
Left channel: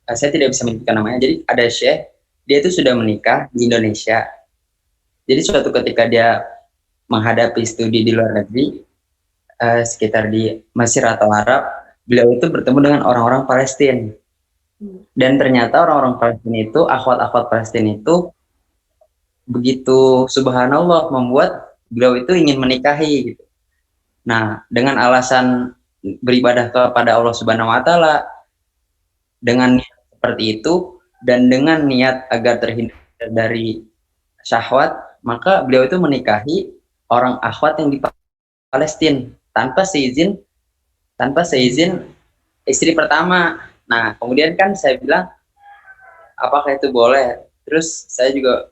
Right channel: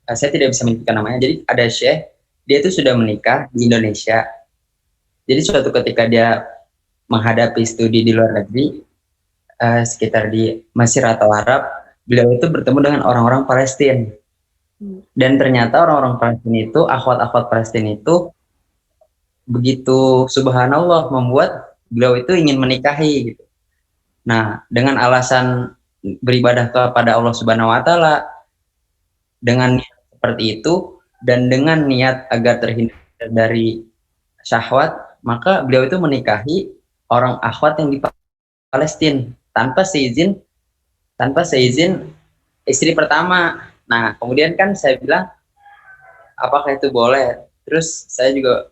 saya tidak bisa menyebutkan namanya, jadi ada syekh, dia itu sudah menikah di Indonesia. Jadi suatu ketika dia menghadapi studi di luar negeri, sekitar di Mesir atau Arab, beliau itu bertemu dengan orang-orang Palestina. Dan ternyata orang-orang Palestina itu, akhwat-akhwat Palestina itu, begitu subhanallah membuat beliau itu ingin menikahi gitu. Nah, dengan alasan beribadah kepada Allah Subhanahu wa taala dengan niat seperti itu dan dengan niat agar terhindar dari syahwat, maka beliau itu menikahi orang akhwat yang di Palestina tanpa seizin istri pertama. Nah, kemudian kan saya bilang apakah itu boleh? Terus saya juga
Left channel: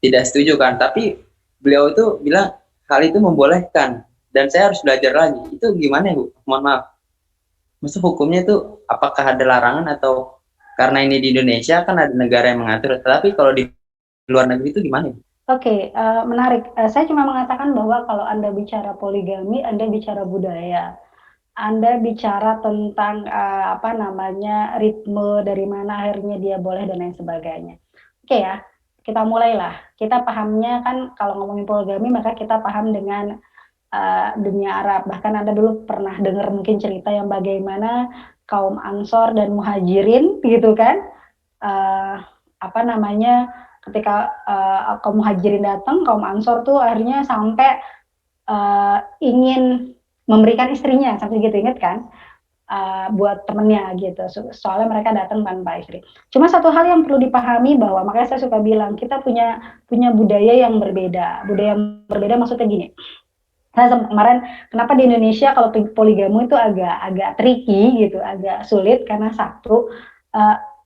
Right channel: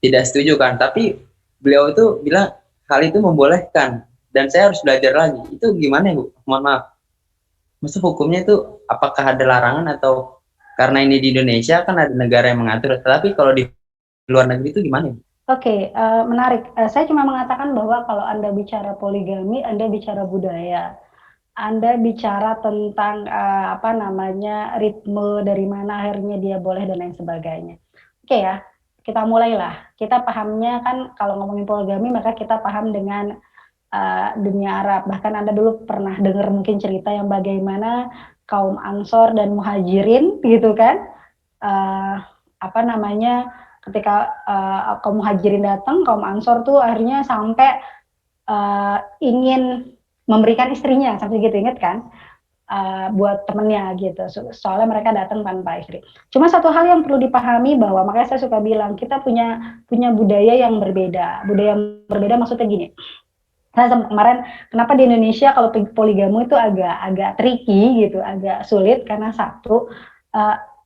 tidak setuju kan, tapi beliau itu bilang hal itu membolehkan dan saya harus belajar lagi. Itu gimana Bu? Mohon maaf. Maksud hukumnya itu apakah ada larangan atau karena ini di Indonesia kan ada negara yang mengatur, tapi kalau di luar negeri itu gimana? Oke, menarik. Saya cuma mengatakan bahwa kalau Anda bicara poligami, Anda bicara budaya. Anda bicara tentang ritme dari mana akhirnya dia boleh dan lain sebagainya. Oke ya, kita mulailah. Kita pahamnya kan kalau ngomongin poligami maka kita paham dengan dunia Arab. Bahkan Anda dulu pernah dengar mungkin cerita yang bagaimana kaum Ansor dan Muhajirin gitu kan, ketika kaum Muhajirin datang, kaum Ansor tuh akhirnya sampai ingin memberikan istrinya, sampai gitu, inget kan, buat temennya gitu, soalnya mereka datang tanpa istri. Cuma satu hal yang perlu dipahami bahwa, makanya saya suka bilang kita punya budaya yang berbeda. Budaya yang berbeda maksudnya gini. Saya kemarin kenapa di Indonesia kalau poligami itu agak tricky gitu, agak sulit karena satu,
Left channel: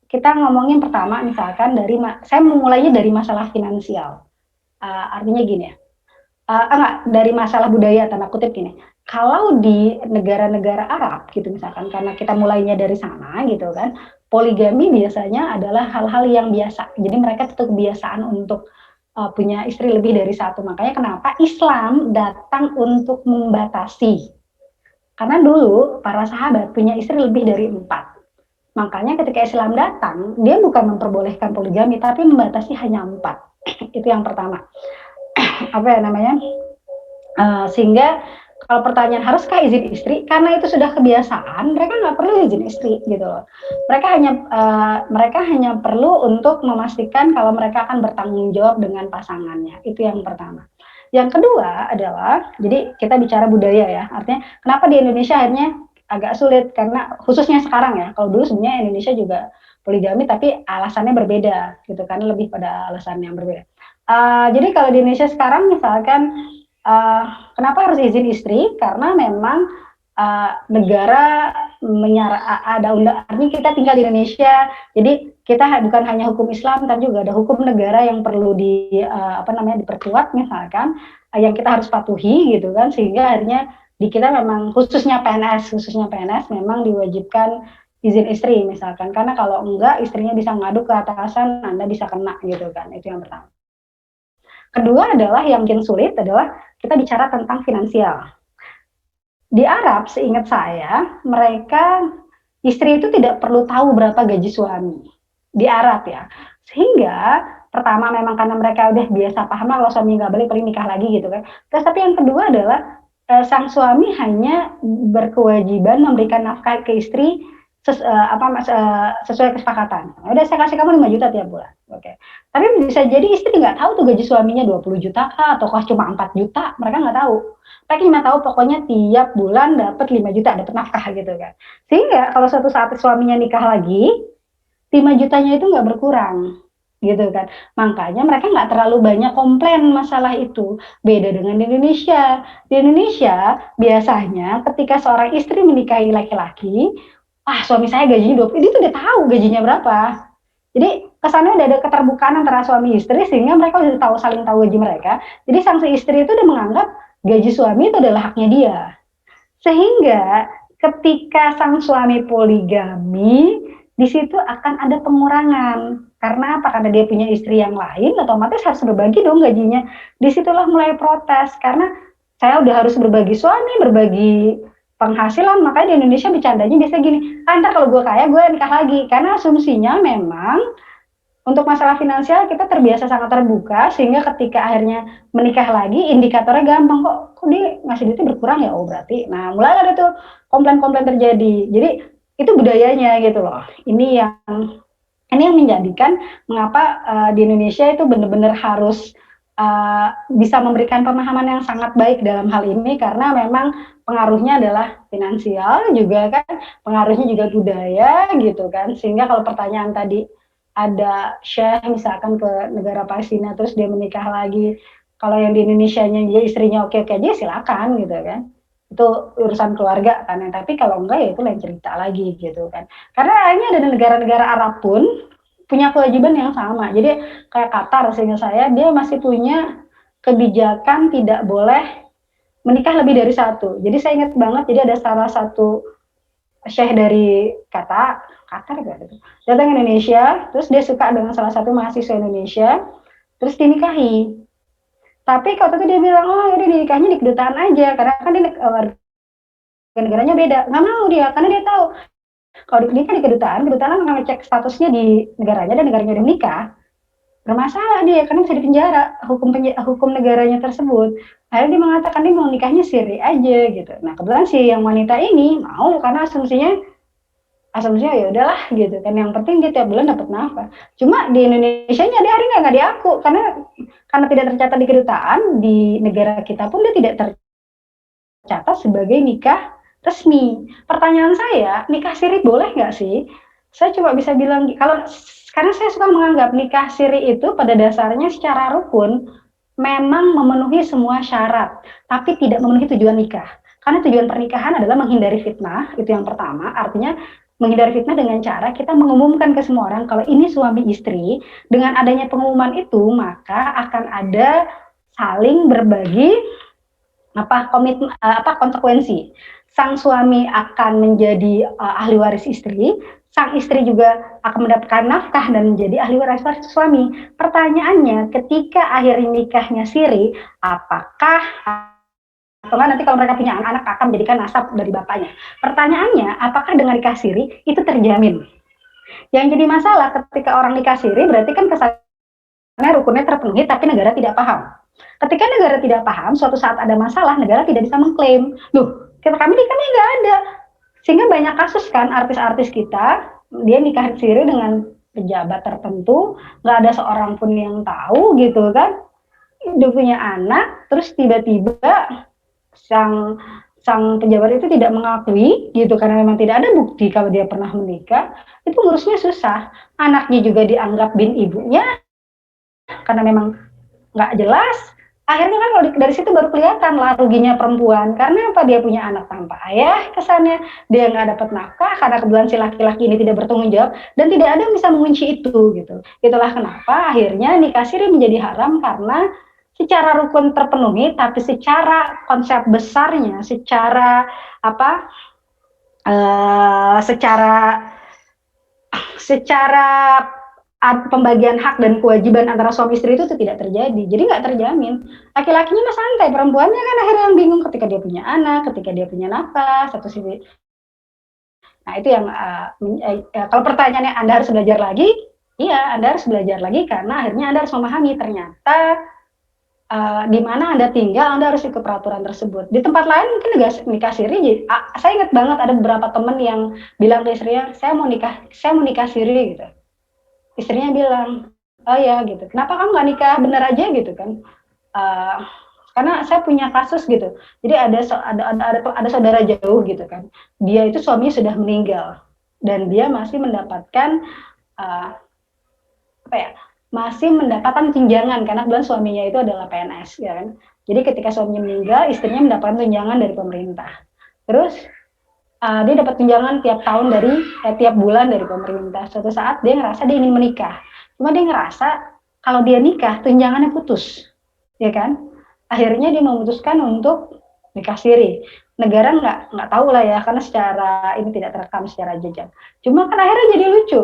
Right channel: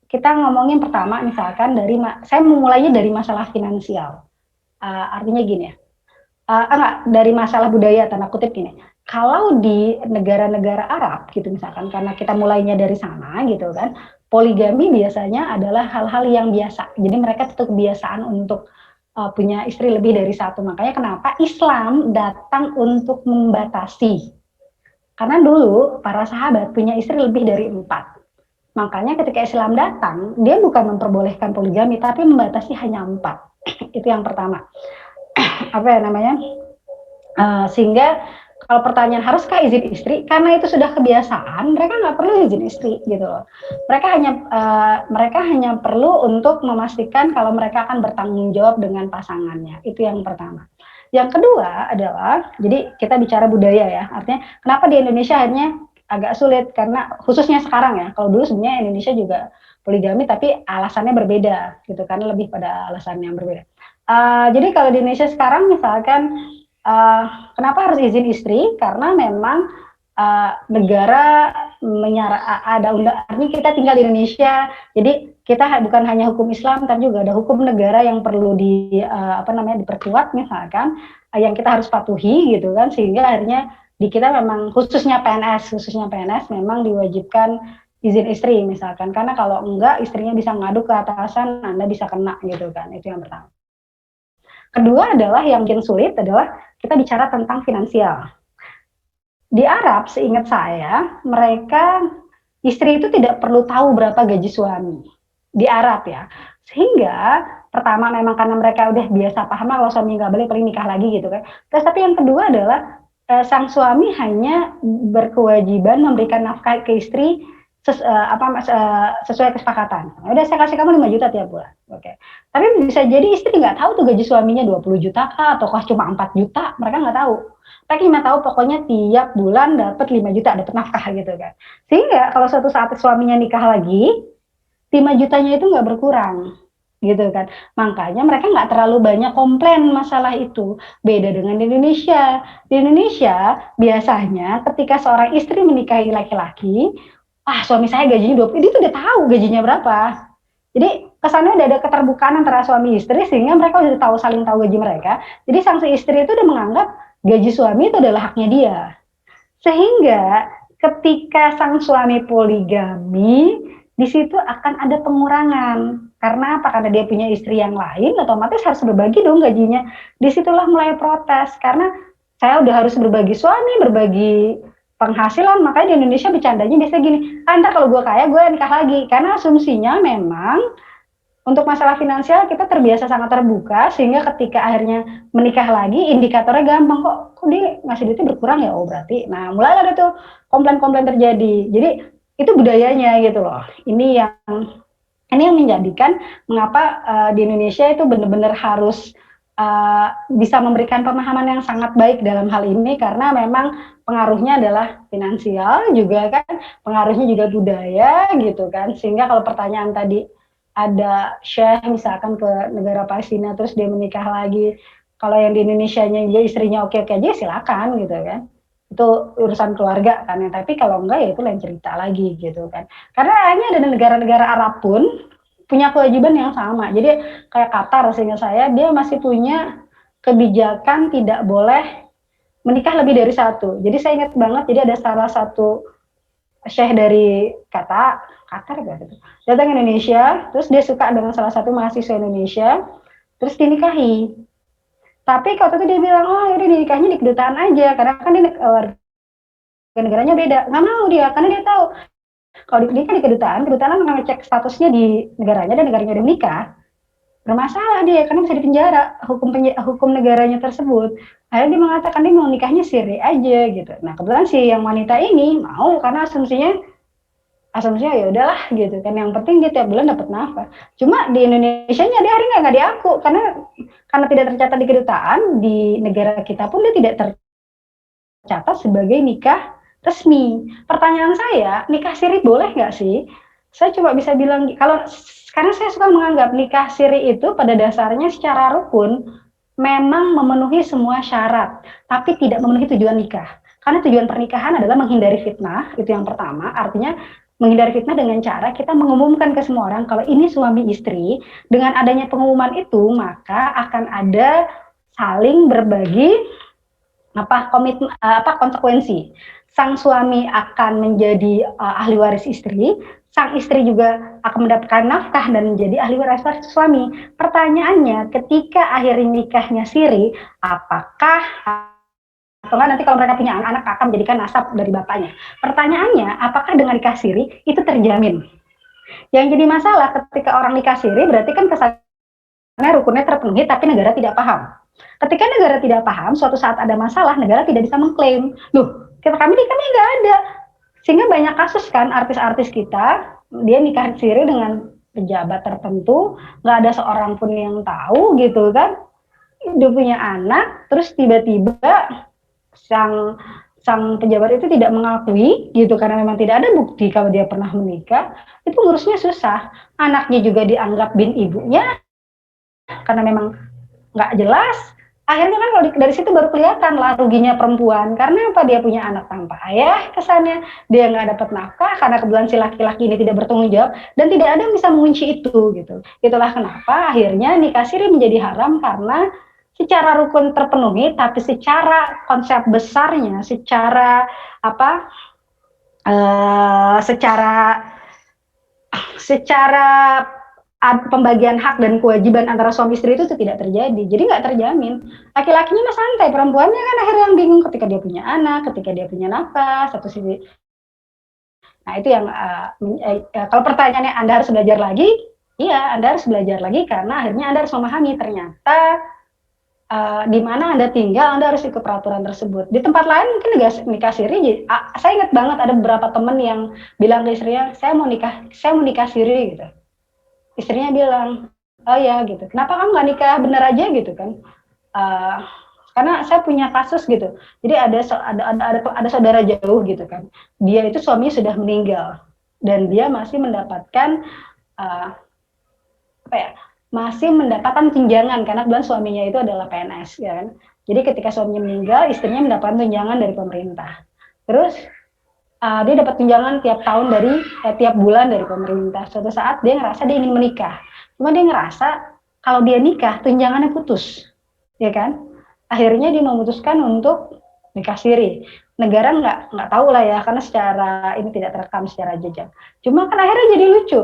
kita ngomongin pertama misalkan saya memulainya dari masalah finansial. Artinya gini ya, dari masalah budaya tanda kutip gini. Kalau di negara-negara Arab gitu misalkan, karena kita mulainya dari sana gitu kan, poligami biasanya adalah hal-hal yang biasa. Jadi mereka tetap kebiasaan untuk punya istri lebih dari satu. Makanya kenapa Islam datang untuk membatasi. Karena dulu para sahabat punya istri lebih dari 4. Makanya ketika Islam datang, dia bukan memperbolehkan poligami, tapi membatasi hanya 4. Itu yang pertama. Apa ya namanya? Sehingga kalau pertanyaan haruskah izin istri, karena itu sudah kebiasaan, mereka nggak perlu izin istri gitu loh. Mereka hanya perlu untuk memastikan kalau mereka akan bertanggung jawab dengan pasangannya. Itu yang pertama. Yang kedua adalah, jadi kita bicara budaya ya, artinya kenapa di Indonesia akhirnya agak sulit, karena khususnya sekarang ya, kalau dulu sebenarnya Indonesia juga poligami tapi alasannya berbeda gitu, karena lebih pada alasan yang berbeda. Jadi kalau di Indonesia sekarang misalkan kenapa harus izin istri? Karena memang negara ada undang-undang, kita tinggal di Indonesia, jadi kita bukan hanya hukum Islam, tapi juga ada hukum negara yang perlu diperkuat misalkan, yang kita harus patuhi gitu kan, sehingga akhirnya di kita memang khususnya PNS memang diwajibkan izin istri misalkan, karena kalau enggak istrinya bisa ngadu ke atasan, Anda bisa kena gitu kan. Itu yang pertama. Kedua adalah yang mungkin sulit adalah kita bicara tentang finansial. Di Arab, seingat saya, mereka istri itu tidak perlu tahu berapa gaji suami. Di Arab ya. Sehingga pertama memang karena mereka udah biasa paham lah kalau suami nggak boleh paling nikah lagi gitu kan. Terus tapi yang kedua adalah sang suami hanya berkewajiban memberikan nafkah ke istri sesuai kesepakatan. Udah saya kasih kamu 5 juta tiap bulan. Oke. Tapi bisa jadi istri nggak tahu tuh gaji suaminya 20 juta kah, ataukah cuma 4 juta, mereka nggak tahu. Mereka cuma tahu pokoknya tiap bulan dapat 5 juta, dapat nafkah gitu kan. Sehingga kalau suatu saat suaminya nikah lagi, 5 jutanya itu nggak berkurang gitu kan. Makanya mereka nggak terlalu banyak komplain masalah itu. Beda dengan di Indonesia. Di Indonesia biasanya ketika seorang istri menikahi laki-laki, suami saya gajinya 20, dia tuh udah tahu gajinya berapa. Jadi kesannya udah ada keterbukaan antara suami istri, sehingga mereka udah tahu, saling tahu gaji mereka. Jadi sang istri itu udah menganggap gaji suami itu adalah haknya dia. Sehingga ketika sang suami poligami, di situ akan ada pengurangan. Karena apa? Karena dia punya istri yang lain, otomatis harus berbagi dong gajinya. Disitulah mulai protes, karena saya udah harus berbagi suami, berbagi penghasilan, makanya di Indonesia bercandanya biasanya gini, ntar kalau gue kaya gue nikah lagi, karena asumsinya memang untuk masalah finansial kita terbiasa sangat terbuka, sehingga ketika akhirnya menikah lagi indikatornya gampang, kok dia ngasih duitnya berkurang ya, oh berarti, nah mulai ada tuh komplain-komplain terjadi. Jadi itu budayanya gitu loh. Ini yang menjadikan mengapa di Indonesia itu benar-benar harus bisa memberikan pemahaman yang sangat baik dalam hal ini, karena memang pengaruhnya adalah finansial juga kan, pengaruhnya juga budaya gitu kan. Sehingga kalau pertanyaan tadi ada syekh misalkan ke negara Palestina terus dia menikah lagi, kalau yang di Indonesianya juga istrinya oke-oke aja silakan gitu kan, itu urusan keluarga kan. Tapi kalau enggak ya itu lain cerita lagi gitu kan. Karena akhirnya ada negara-negara Arab pun punya kewajiban yang sama. Jadi kayak Qatar, sehingga saya dia masih punya kebijakan tidak boleh menikah lebih dari satu. Jadi saya ingat banget, jadi ada salah satu syekh dari Qatar gitu, datang ke Indonesia, terus dia suka dengan salah satu mahasiswa Indonesia, terus dinikahi. Tapi waktu itu dia bilang, oh ini dinikahnya di kedutaan aja, karena kan dia negaranya beda. Nggak mau dia, karena dia tahu kalau nikah di kedutaan akan ngecek statusnya di negaranya, dan negaranya udah menikah, bermasalah dia, karena bisa dipenjara hukum negaranya tersebut. Akhirnya dia mengatakan dia mau nikahnya siri aja gitu. Nah kebetulan si yang wanita ini mau, karena asumsinya ya udahlah gitu kan, yang penting dia tiap bulan dapat nafkah. Cuma di Indonesia nya dia hari nggak diaku, karena tidak tercatat di kedutaan, di negara kita pun dia tidak tercatat sebagai nikah resmi. Pertanyaan saya, nikah siri boleh nggak sih? Saya cuma bisa bilang, karena saya suka menganggap nikah siri itu pada dasarnya secara rukun memang memenuhi semua syarat, tapi tidak memenuhi tujuan nikah. Karena tujuan pernikahan adalah menghindari fitnah, itu yang pertama. Artinya menghindari fitnah dengan cara kita mengumumkan ke semua orang kalau ini suami istri. Dengan adanya pengumuman itu, maka akan ada saling berbagi konsekuensi. Sang suami akan menjadi ahli waris istri, sang istri juga akan mendapatkan nafkah dan menjadi ahli waris suami. Pertanyaannya, ketika akhirnya nikahnya siri, apakah atau enggak nanti kalau mereka punya anak akan menjadikan nasab dari bapaknya. Pertanyaannya, apakah dengan nikah siri itu terjamin? Yang jadi masalah ketika orang nikah siri berarti kan kesannya rukunnya terpenuhi tapi negara tidak paham. Ketika negara tidak paham, suatu saat ada masalah, negara tidak bisa mengklaim. Loh, kami nggak ada. Sehingga banyak kasus kan artis-artis kita, dia nikah siri dengan pejabat tertentu, nggak ada seorang pun yang tahu gitu kan. Dia punya anak, terus tiba-tiba sang pejabat itu tidak mengakui gitu karena memang tidak ada bukti kalau dia pernah menikah, itu ngurusnya susah. Anaknya juga dianggap bin ibunya karena memang nggak jelas. Akhirnya kan kalau dari situ baru kelihatan lah ruginya perempuan, karena apa, dia punya anak tanpa ayah, kesannya dia nggak dapat nafkah karena kebetulan si laki-laki ini tidak bertanggung jawab dan tidak ada yang bisa mengunci itu gitu. Itulah kenapa akhirnya nikah siri menjadi haram, karena secara rukun terpenuhi tapi secara konsep besarnya, secara apa, secara pembagian hak dan kewajiban antara suami istri itu tidak terjadi, jadi nggak terjamin. Laki-lakinya mah santai, perempuannya kan akhirnya yang bingung ketika dia punya anak, ketika dia punya nafkah, satu sisi. Nah itu yang kalau pertanyaannya Anda harus belajar lagi, iya Anda harus belajar lagi karena akhirnya Anda harus memahami ternyata di mana Anda tinggal Anda harus ikut peraturan tersebut. Di tempat lain mungkin nikah siri. Saya ingat banget ada beberapa teman yang bilang ke istrinya, saya mau nikah siri gitu. Istrinya bilang, oh ya gitu, kenapa kamu nggak nikah bener aja gitu kan? Karena saya punya kasus gitu. Jadi ada saudara jauh gitu kan. Dia itu suaminya sudah meninggal dan dia masih mendapatkan masih mendapatkan tunjangan karena kebetulan suaminya itu adalah PNS ya kan. Jadi ketika suaminya meninggal, istrinya mendapatkan tunjangan dari pemerintah. Terus dia dapat tunjangan tiap bulan dari pemerintah. Suatu saat dia ngerasa dia ingin menikah. Cuma dia ngerasa kalau dia nikah tunjangannya putus. Ya kan? Akhirnya dia memutuskan untuk nikah siri. Negara nggak tahu lah ya karena secara ini tidak terekam secara jejak. Cuma kan akhirnya jadi lucu.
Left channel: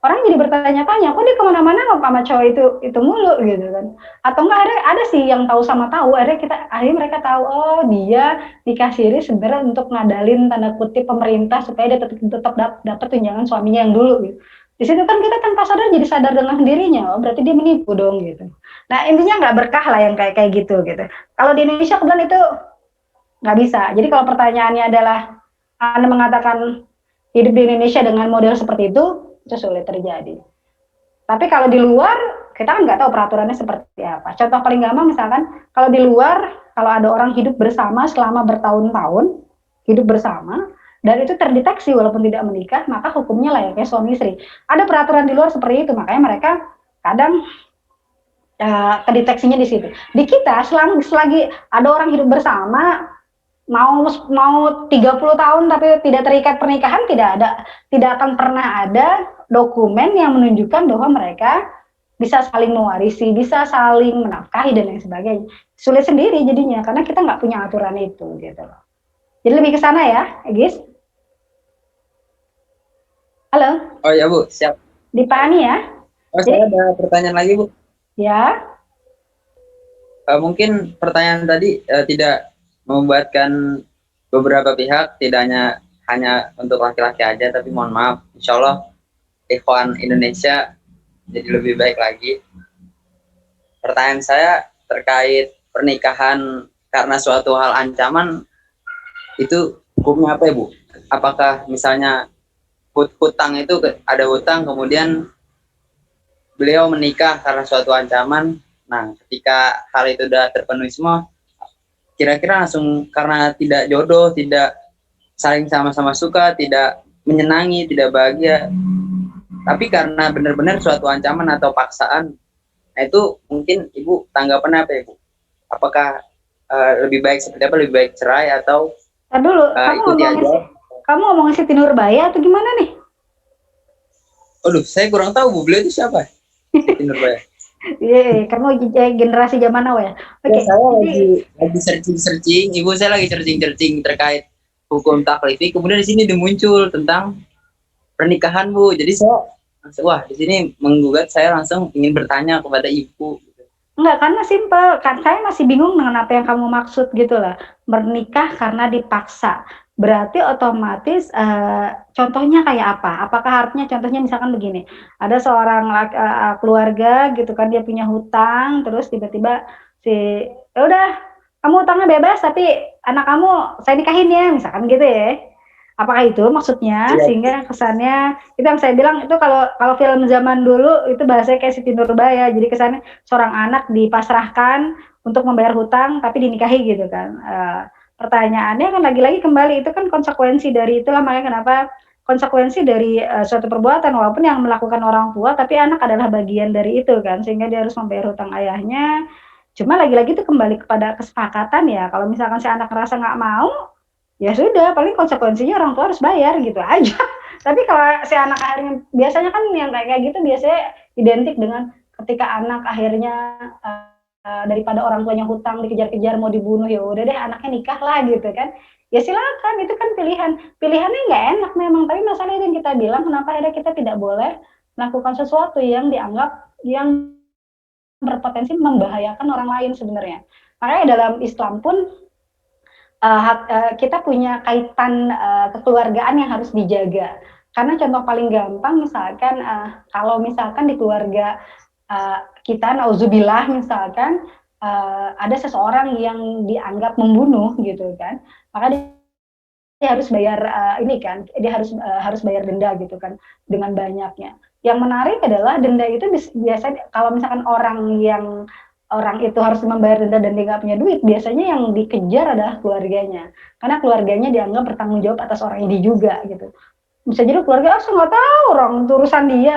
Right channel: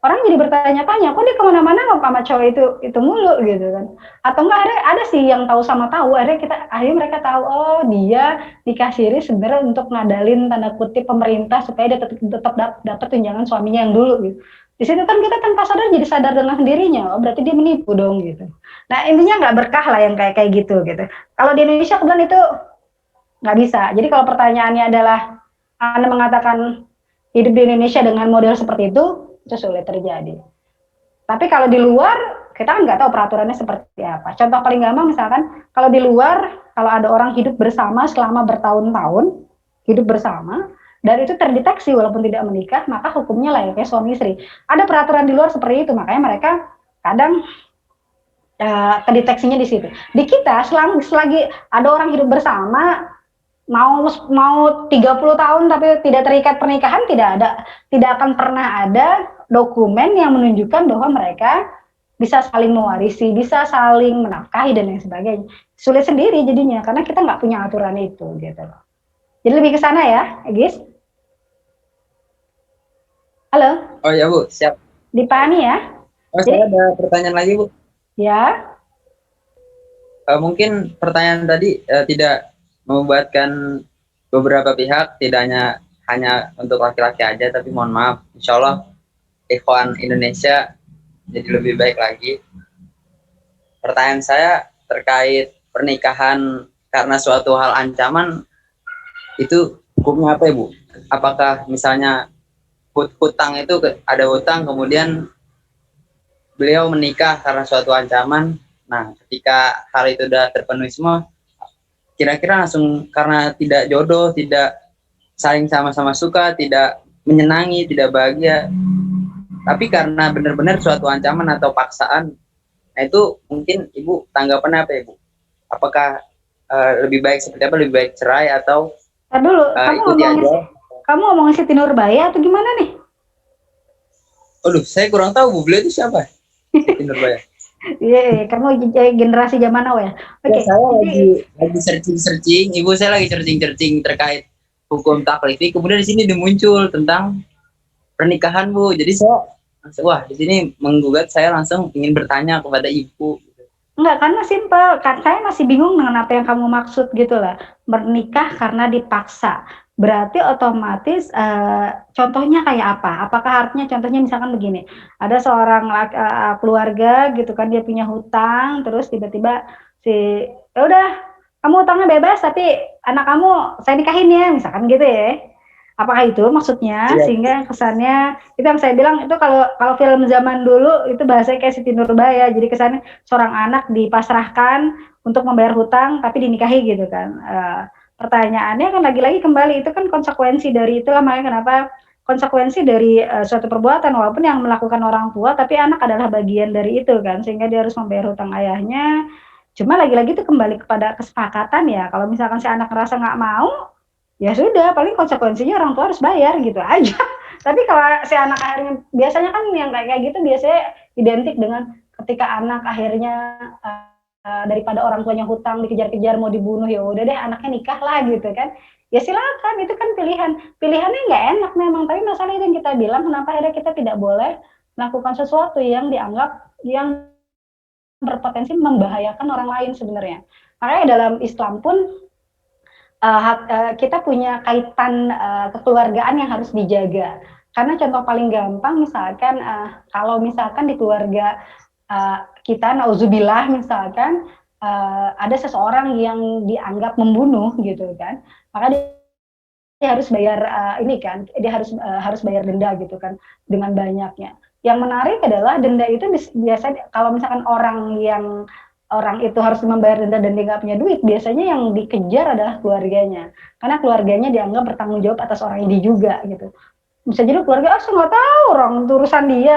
Orang jadi bertanya-tanya, kok dia kemana-mana sama cowok itu mulu gitu kan? Atau enggak akhirnya ada sih yang tahu sama tahu, akhirnya mereka tahu, oh dia nikah siri sebenarnya untuk ngadalin tanda kutip pemerintah supaya dia tetap dapat tunjangan suaminya yang dulu gitu. Di situ kan kita tanpa sadar jadi sadar dengan sendirinya, oh berarti dia menipu dong gitu. Nah intinya nggak berkah lah yang kayak gitu gitu. Kalau di Indonesia kebetulan itu nggak bisa. Jadi kalau pertanyaannya adalah Anda mengatakan hidup di Indonesia dengan model seperti itu sulit terjadi. Tapi kalau di luar, kita kan nggak tahu peraturannya seperti apa. Contoh paling gampang misalkan, kalau di luar, kalau ada orang hidup bersama selama bertahun-tahun, hidup bersama, dan itu terdeteksi walaupun tidak menikah, maka hukumnya layaknya suami istri. Ada peraturan di luar seperti itu, makanya mereka kadang kedeteksinya di situ. Di kita, selagi ada orang hidup bersama, mau 30 tahun tapi tidak terikat pernikahan, tidak akan pernah ada dokumen yang menunjukkan bahwa mereka bisa saling mewarisi, bisa saling menafkahi dan lain sebagainya. Sulit sendiri jadinya karena kita nggak punya aturan itu gitu loh. Jadi lebih ke sana ya, Egis. Halo. Oh ya Bu, siap. Dipahami ya? Oh, saya ada pertanyaan lagi Bu. Ya. Mungkin pertanyaan tadi tidak membuatkan beberapa pihak, tidak hanya untuk laki-laki aja, tapi mohon maaf, insya Allah ikhwan Indonesia jadi lebih baik lagi. Pertanyaan saya terkait pernikahan karena suatu hal ancaman, itu hukumnya apa ya Bu? Apakah misalnya hutang itu ada hutang, kemudian beliau menikah karena suatu ancaman, nah ketika hal itu sudah terpenuhi semua, kira-kira langsung karena tidak jodoh, tidak saling sama-sama suka, tidak menyenangi, tidak bahagia, tapi karena benar-benar suatu ancaman atau paksaan, nah itu mungkin Ibu tanggapan apa Ibu? Apakah lebih baik seperti apa? Lebih baik cerai atau dulu, kamu ngomong Siti Nurbaya atau gimana nih? Aduh, saya kurang tahu Bu, beliau itu siapa? Siti Nurbaya. Iya, kamu generasi zaman now ya. Oke. Ya, saya lagi searching, Ibu saya lagi searching terkait hukum taklifi. Kemudian di sini muncul tentang pernikahan Bu. Jadi saya langsung, wah di sini menggugat, saya langsung ingin bertanya kepada Ibu. Enggak, karena simpel. Kan saya masih bingung dengan apa yang kamu maksud gitu lah. Menikah karena dipaksa. Berarti otomatis contohnya kayak apa? Apakah artinya contohnya misalkan begini, ada seorang keluarga gitu kan, dia punya hutang, terus tiba-tiba si ya udah kamu hutangnya bebas tapi anak kamu saya nikahin ya, misalkan gitu ya. Apakah itu maksudnya? Sehingga kesannya itu yang saya bilang itu kalau film zaman dulu itu bahasanya kayak Siti Nurbaya. Jadi kesannya seorang anak dipasrahkan untuk membayar hutang tapi dinikahi gitu kan. Pertanyaannya kan lagi-lagi kembali itu kan konsekuensi dari itulah, makanya kenapa konsekuensi dari suatu perbuatan walaupun yang melakukan orang tua tapi anak adalah bagian dari itu kan, sehingga dia harus membayar hutang ayahnya. Cuma lagi-lagi itu kembali kepada kesepakatan ya. Kalau misalkan si anak ngerasa nggak mau, ya sudah, paling konsekuensinya orang tua harus bayar gitu aja. Tapi kalau si anak akhirnya, biasanya kan yang kayak gitu biasanya identik dengan ketika anak akhirnya daripada orang tuanya hutang dikejar-kejar mau dibunuh, ya udah deh anaknya nikah lah gitu kan. Ya silakan, itu kan pilihannya nggak enak memang, tapi masalah itu yang kita bilang kenapa akhirnya kita tidak boleh melakukan sesuatu yang dianggap yang berpotensi membahayakan orang lain sebenarnya. Makanya dalam Islam pun kita punya kaitan kekeluargaan yang harus dijaga. Karena contoh paling gampang misalkan kalau misalkan di keluarga kita, nauzubillah misalkan ada seseorang yang dianggap membunuh gitu kan, maka dia harus bayar ini kan, dia harus bayar denda gitu kan dengan banyaknya. Yang menarik adalah denda itu biasanya kalau misalkan orang itu harus membayar denda dan dia nggak punya duit, biasanya yang dikejar adalah keluarganya, karena keluarganya dianggap bertanggung jawab atas orang ini juga gitu. Bisa jadi keluarga saya nggak tahu orang itu urusan dia,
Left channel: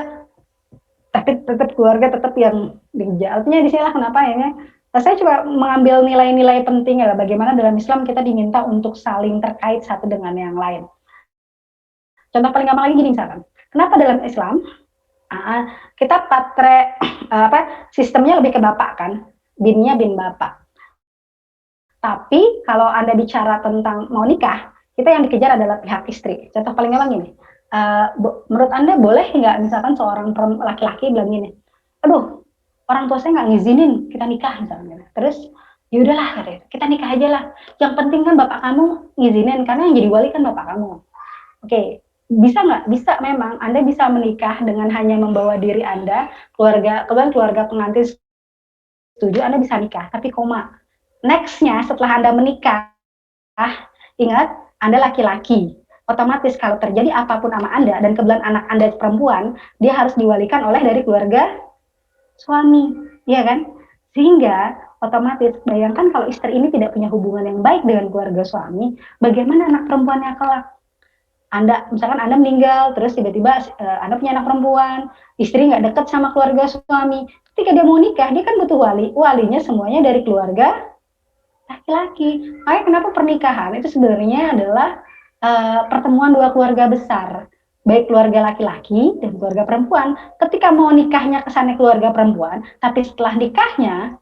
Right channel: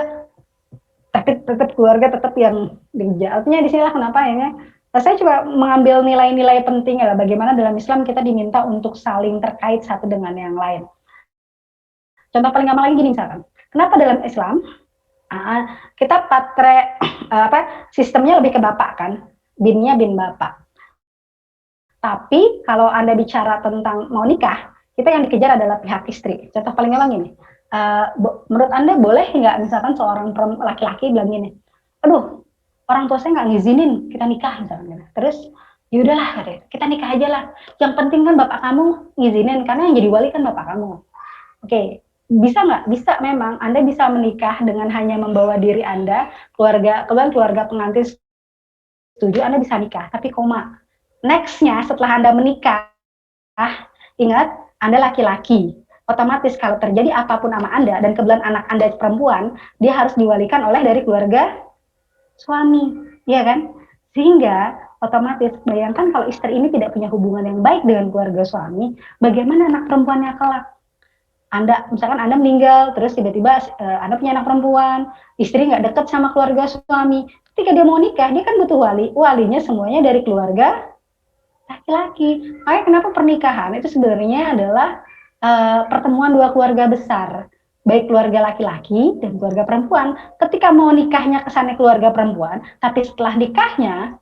tapi tetap keluarga tetap yang dikejar. Artinya di sinilah kenapa ya. Saya coba mengambil nilai-nilai penting adalah bagaimana dalam Islam kita diminta untuk saling terkait satu dengan yang lain. Contoh paling gampang lagi gini misalkan, kenapa dalam Islam kita patre sistemnya lebih ke bapak kan, binnya bin bapak. Tapi kalau Anda bicara tentang mau nikah, kita yang dikejar adalah pihak istri. Contoh paling gampang gini, menurut Anda boleh nggak misalkan seorang laki-laki bilang gini, aduh orang tua saya nggak ngizinin kita nikah misalnya. Terus yaudahlah kita nikah aja lah. Yang penting kan bapak kamu ngizinin, karena yang jadi wali kan bapak kamu. Oke, bisa nggak? Bisa memang. Anda bisa menikah dengan hanya membawa diri Anda, keluarga pengantin setuju, Anda bisa nikah. Tapi koma. Nextnya setelah Anda menikah, ingat Anda laki-laki. Otomatis kalau terjadi apapun sama Anda dan kebetulan anak Anda perempuan, dia harus diwalikan oleh dari keluarga suami, ya kan? Sehingga otomatis bayangkan kalau istri ini tidak punya hubungan yang baik dengan keluarga suami, bagaimana anak perempuannya kelak? Misalkan Anda meninggal, terus tiba-tiba Anda punya anak perempuan, istri nggak dekat sama keluarga suami. Ketika dia mau nikah, dia kan butuh walinya semuanya dari keluarga laki-laki. Makanya kenapa pernikahan itu sebenarnya adalah pertemuan dua keluarga besar, baik keluarga laki-laki dan keluarga perempuan. Ketika mau nikahnya kesannya keluarga perempuan, tapi setelah nikahnya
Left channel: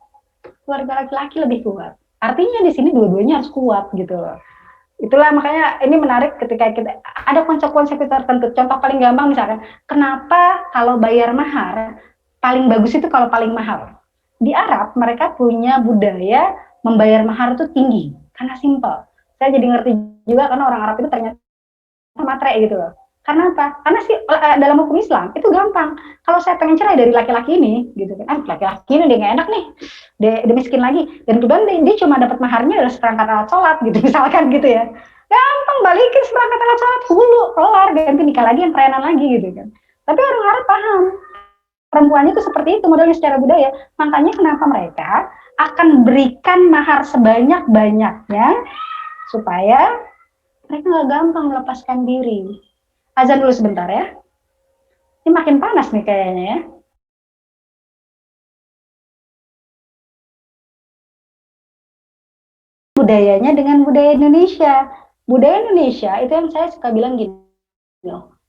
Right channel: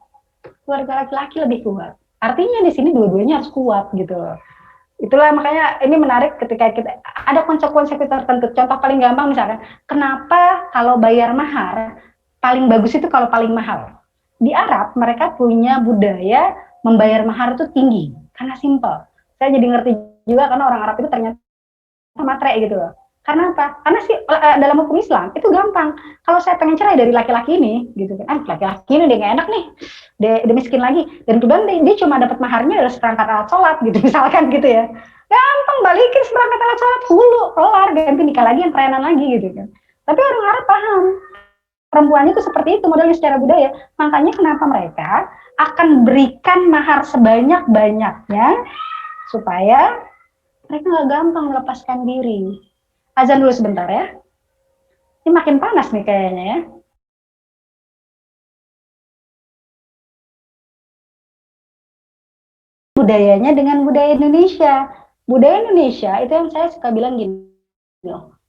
keluarga laki-laki lebih kuat. Artinya di sini dua-duanya harus kuat gitu loh. Itulah makanya ini menarik ketika kita ada konsekuensi tertentu. Contoh paling gampang misalkan, kenapa kalau bayar mahar paling bagus itu kalau paling mahal? Di Arab mereka punya budaya membayar mahar itu tinggi karena simpel. Saya jadi ngerti juga karena orang Arab itu ternyata matre gitu loh. Karena apa? Karena sih dalam hukum Islam itu gampang. Kalau saya pengen cerai dari laki-laki ini, gitu kan? Laki-laki ini dia nggak enak nih, dia miskin lagi, dan kemudian dia cuma dapat maharnya adalah seperangkat alat sholat, gitu misalkan gitu ya. Gampang balikin seperangkat alat sholat hulu, kelar, ganti nikah lagi yang kerenan lagi gitu kan. Tapi orang Arab paham, perempuannya itu seperti itu modelnya secara budaya. Makanya kenapa mereka akan berikan mahar sebanyak-banyaknya supaya mereka nggak gampang melepaskan diri. Azan dulu sebentar ya. Ini makin panas nih kayaknya ya. Budayanya dengan budaya Indonesia. Budaya Indonesia itu yang saya suka bilang gini,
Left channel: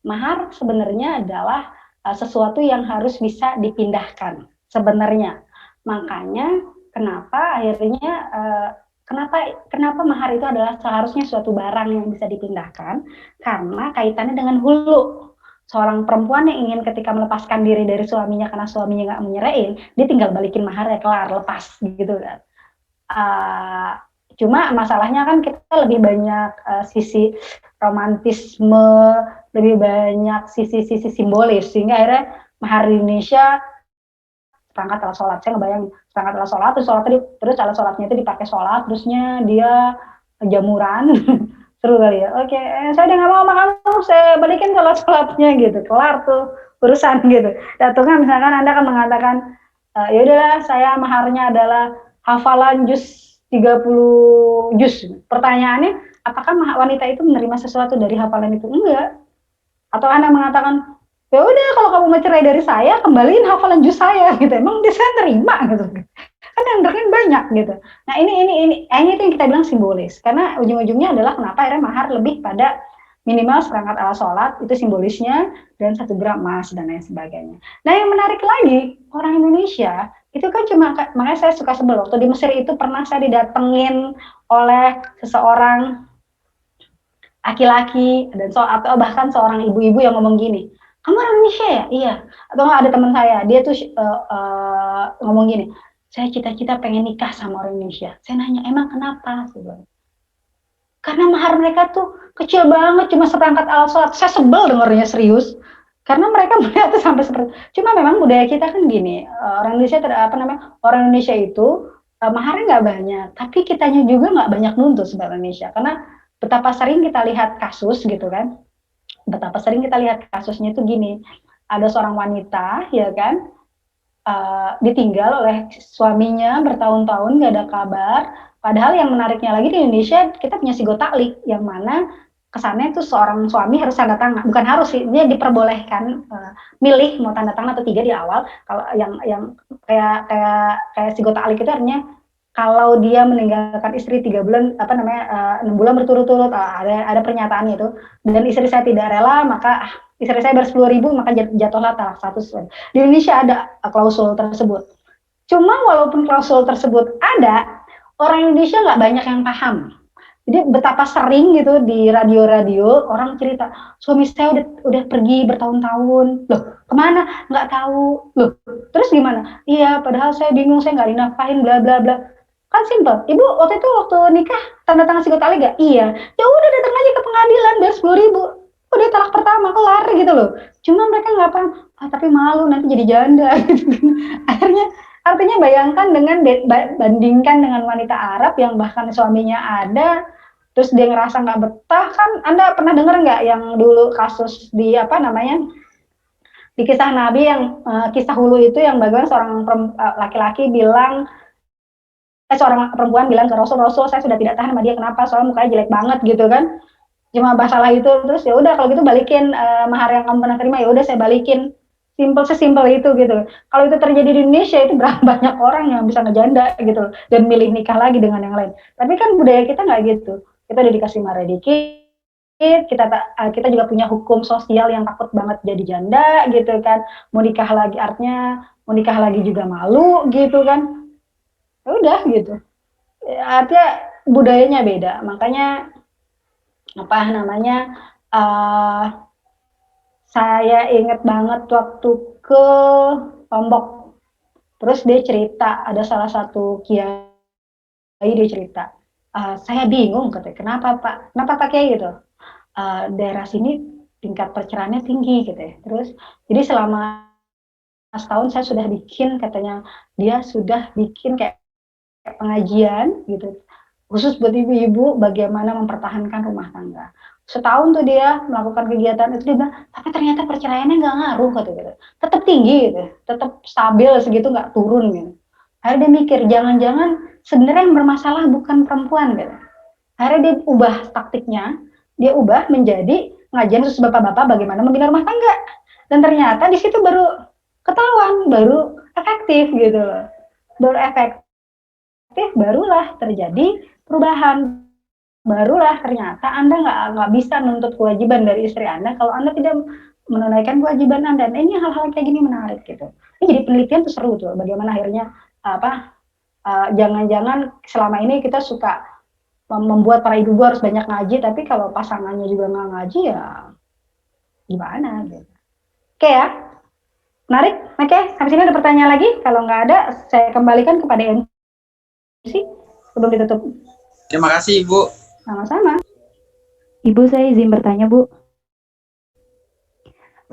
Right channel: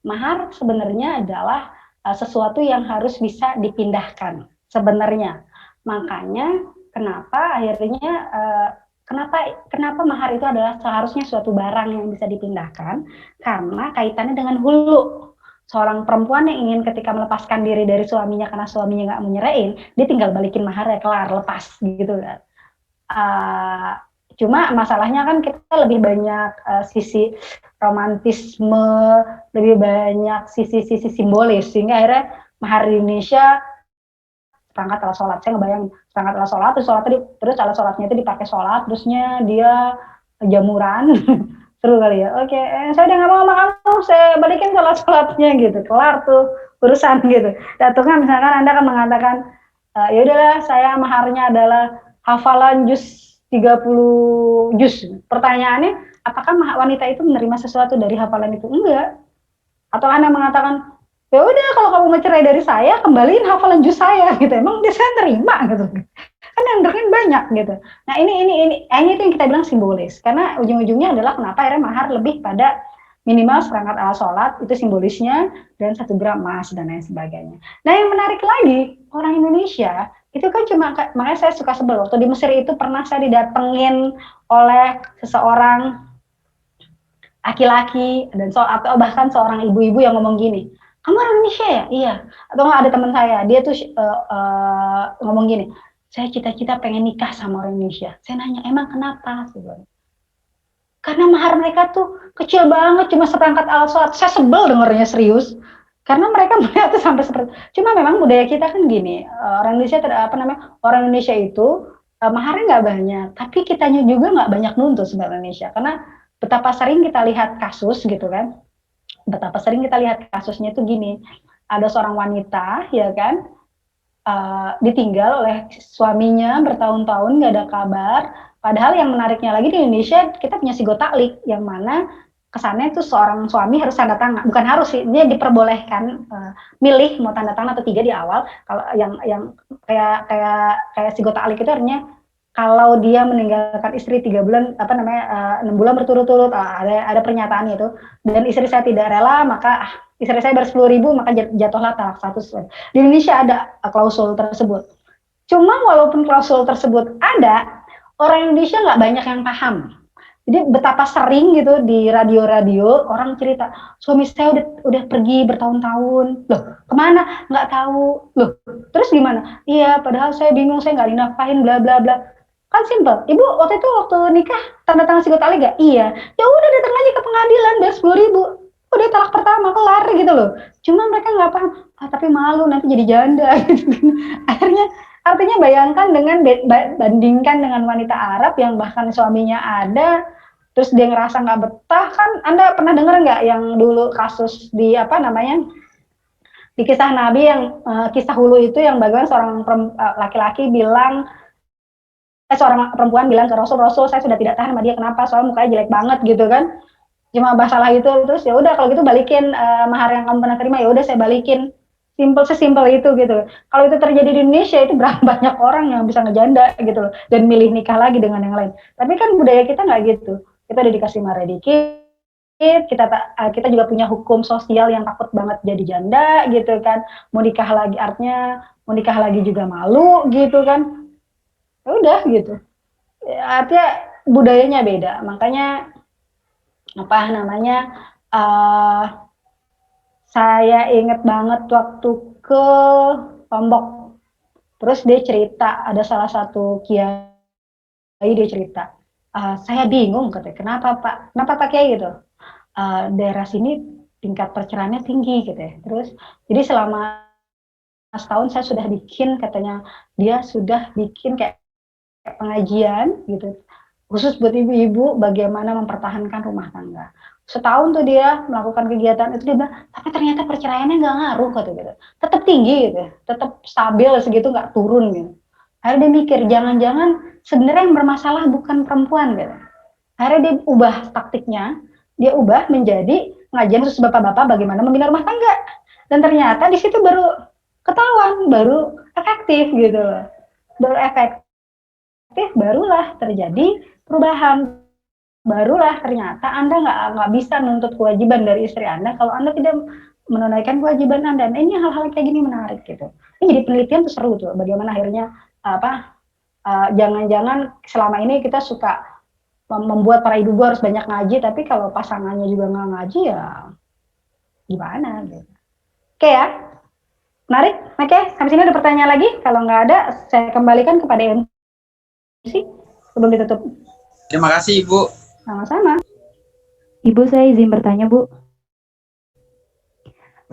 mahar sebenarnya adalah sesuatu yang harus bisa dipindahkan sebenarnya. Makanya kenapa akhirnya kenapa mahar itu adalah seharusnya suatu barang yang bisa dipindahkan, karena kaitannya dengan hulu. seorang perempuan yang ingin ketika melepaskan diri dari suaminya karena suaminya nggak mau nyerain, dia tinggal balikin maharnya, kelar, lepas gitu kan. Cuma masalahnya kan kita lebih banyak sisi romantisme, lebih banyak sisi-sisi simbolis, sehingga akhirnya mahar di Indonesia perangkat alat sholat. Saya ngebayangin perangkat alat sholat, terus alat sholatnya itu dipakai sholat, terusnya dia jamuran. Seru kali ya. Oke, saya udah nggak mau sama kamu, saya balikin sholatnya gitu, kelar tuh urusan gitu. Datangnya misalkan Anda kan mengatakan, ya udahlah saya maharnya adalah hafalan juz 30 juz. Pertanyaannya, apakah wanita itu menerima sesuatu dari hafalan itu? Enggak. Atau Anda mengatakan, ya udah kalau kamu mau cerai dari saya, kembaliin hafalan juz saya gitu. Emang dia saya terima gitu. Kan yang dengerin banyak gitu. Nah ini itu yang kita bilang simbolis. Karena ujung-ujungnya adalah kenapa akhirnya mahar lebih pada minimal seperangkat alat sholat, itu simbolisnya, dan 1 gram emas dan lain sebagainya. Nah yang menarik lagi, orang Indonesia itu kan cuma, makanya saya suka sebel, waktu di Mesir itu pernah saya didatengin oleh seseorang laki-laki dan atau bahkan seorang ibu-ibu yang ngomong gini, kamu orang Indonesia ya? Iya. Atau nggak, ada teman saya, dia tuh ngomong gini, saya cita-cita pengen nikah sama orang Indonesia. Saya nanya, emang kenapa? Karena mahar mereka tuh kecil banget, cuma seperangkat alat sholat. Saya sebel dengernya, serius. Karena mereka melihat tuh sampai seperti. Cuma memang budaya kita kan gini, orang Indonesia orang Indonesia itu maharnya nggak banyak, tapi kitanya juga nggak banyak nuntut sebenarnya Indonesia. Karena betapa sering kita lihat kasus gitu kan, betapa sering kita lihat kasusnya itu gini, ada seorang wanita ya kan, ditinggal oleh suaminya bertahun-tahun nggak ada kabar. Padahal yang menariknya lagi di Indonesia kita punya sigo taklik yang mana kesannya itu seorang suami harus tanda tangan, bukan harus sih, dia diperbolehkan milih mau tanda tangan atau tidak di awal. Kalau yang kayak sigo taklik itu artinya kalau dia meninggalkan istri 3 bulan 6 bulan berturut-turut, ada pernyataannya itu, dan istri saya tidak rela, maka istri saya bayar 10.000, maka jatuhlah talak status. Di Indonesia ada klausul tersebut. Cuma walaupun klausul tersebut ada, orang Indonesia nggak banyak yang paham. Jadi betapa sering gitu di radio-radio orang cerita, suami saya udah pergi bertahun-tahun, loh kemana? Nggak tahu, loh terus gimana? Iya, padahal saya bingung, saya nggak dinafkahin, bla bla bla. Kan simpel, ibu waktu nikah tanda tangan sigo taklik gak? Iya, ya udah datang aja ke pengadilan, bayar 10.000, udah talak pertama, kelar gitu loh. Cuma mereka nggak paham, tapi malu nanti jadi janda gitu. Artinya bayangkan bandingkan dengan wanita Arab yang bahkan suaminya ada, terus dia ngerasa nggak betah. Kan Anda pernah dengar nggak yang dulu kasus di di kisah Nabi yang kisah hulu itu, yang bagaimana seorang laki-laki bilang, seorang perempuan bilang ke Rasul, saya sudah tidak tahan sama dia, kenapa? Soalnya mukanya jelek banget gitu kan. Cuma masalah itu, terus ya udah kalau gitu balikin mahar yang kamu pernah terima, ya udah saya balikin. Sesimpel itu gitu. Kalau itu terjadi di Indonesia, itu berapa banyak orang yang bisa ngejanda gitu loh, dan milih nikah lagi dengan yang lain. Tapi kan budaya kita nggak gitu. Kita udah dikasih mahar dikit, kita juga punya hukum sosial yang takut banget jadi janda gitu kan. Mau nikah lagi artinya mau nikah lagi juga malu gitu kan. Ya udah gitu. Artinya budayanya beda. Makanya saya inget banget waktu ke Lombok, terus dia cerita, ada salah satu kiai, dia cerita, saya bingung katanya, kenapa Pak Kiai gitu, daerah sini tingkat perceraiannya tinggi gitu ya. Terus jadi selama setahun saya sudah bikin, katanya dia sudah bikin kayak pengajian gitu, khusus buat ibu-ibu bagaimana mempertahankan rumah tangga. Setahun tuh dia melakukan kegiatan itu, dia bilang, tapi ternyata perceraiannya nggak ngaruh gitu. Tetap tinggi gitu, tetap stabil segitu, nggak turun gitu. Akhirnya dia mikir, jangan-jangan sebenarnya yang bermasalah bukan perempuan gitu. Akhirnya dia ubah taktiknya, dia ubah menjadi ngajian khusus bapak-bapak bagaimana membina rumah tangga. Dan ternyata di situ baru ketahuan, baru efektif gitu loh. Baru efektif, barulah terjadi perubahan. Barulah ternyata Anda nggak bisa menuntut kewajiban dari istri Anda kalau Anda tidak menunaikan kewajiban Anda. Dan ini hal-hal kayak gini menarik gitu. Ini jadi penelitian tuh seru tuh, bagaimana akhirnya jangan-jangan selama ini kita suka membuat para ibu harus banyak ngaji, tapi kalau pasangannya juga nggak ngaji ya gimana gitu. Oke ya, menarik. Oke, sampai sini ada pertanyaan lagi? Kalau nggak ada, saya kembalikan kepada MC sebelum ditutup. Terima kasih Ibu. Sama-sama. Ibu, saya izin bertanya, Bu.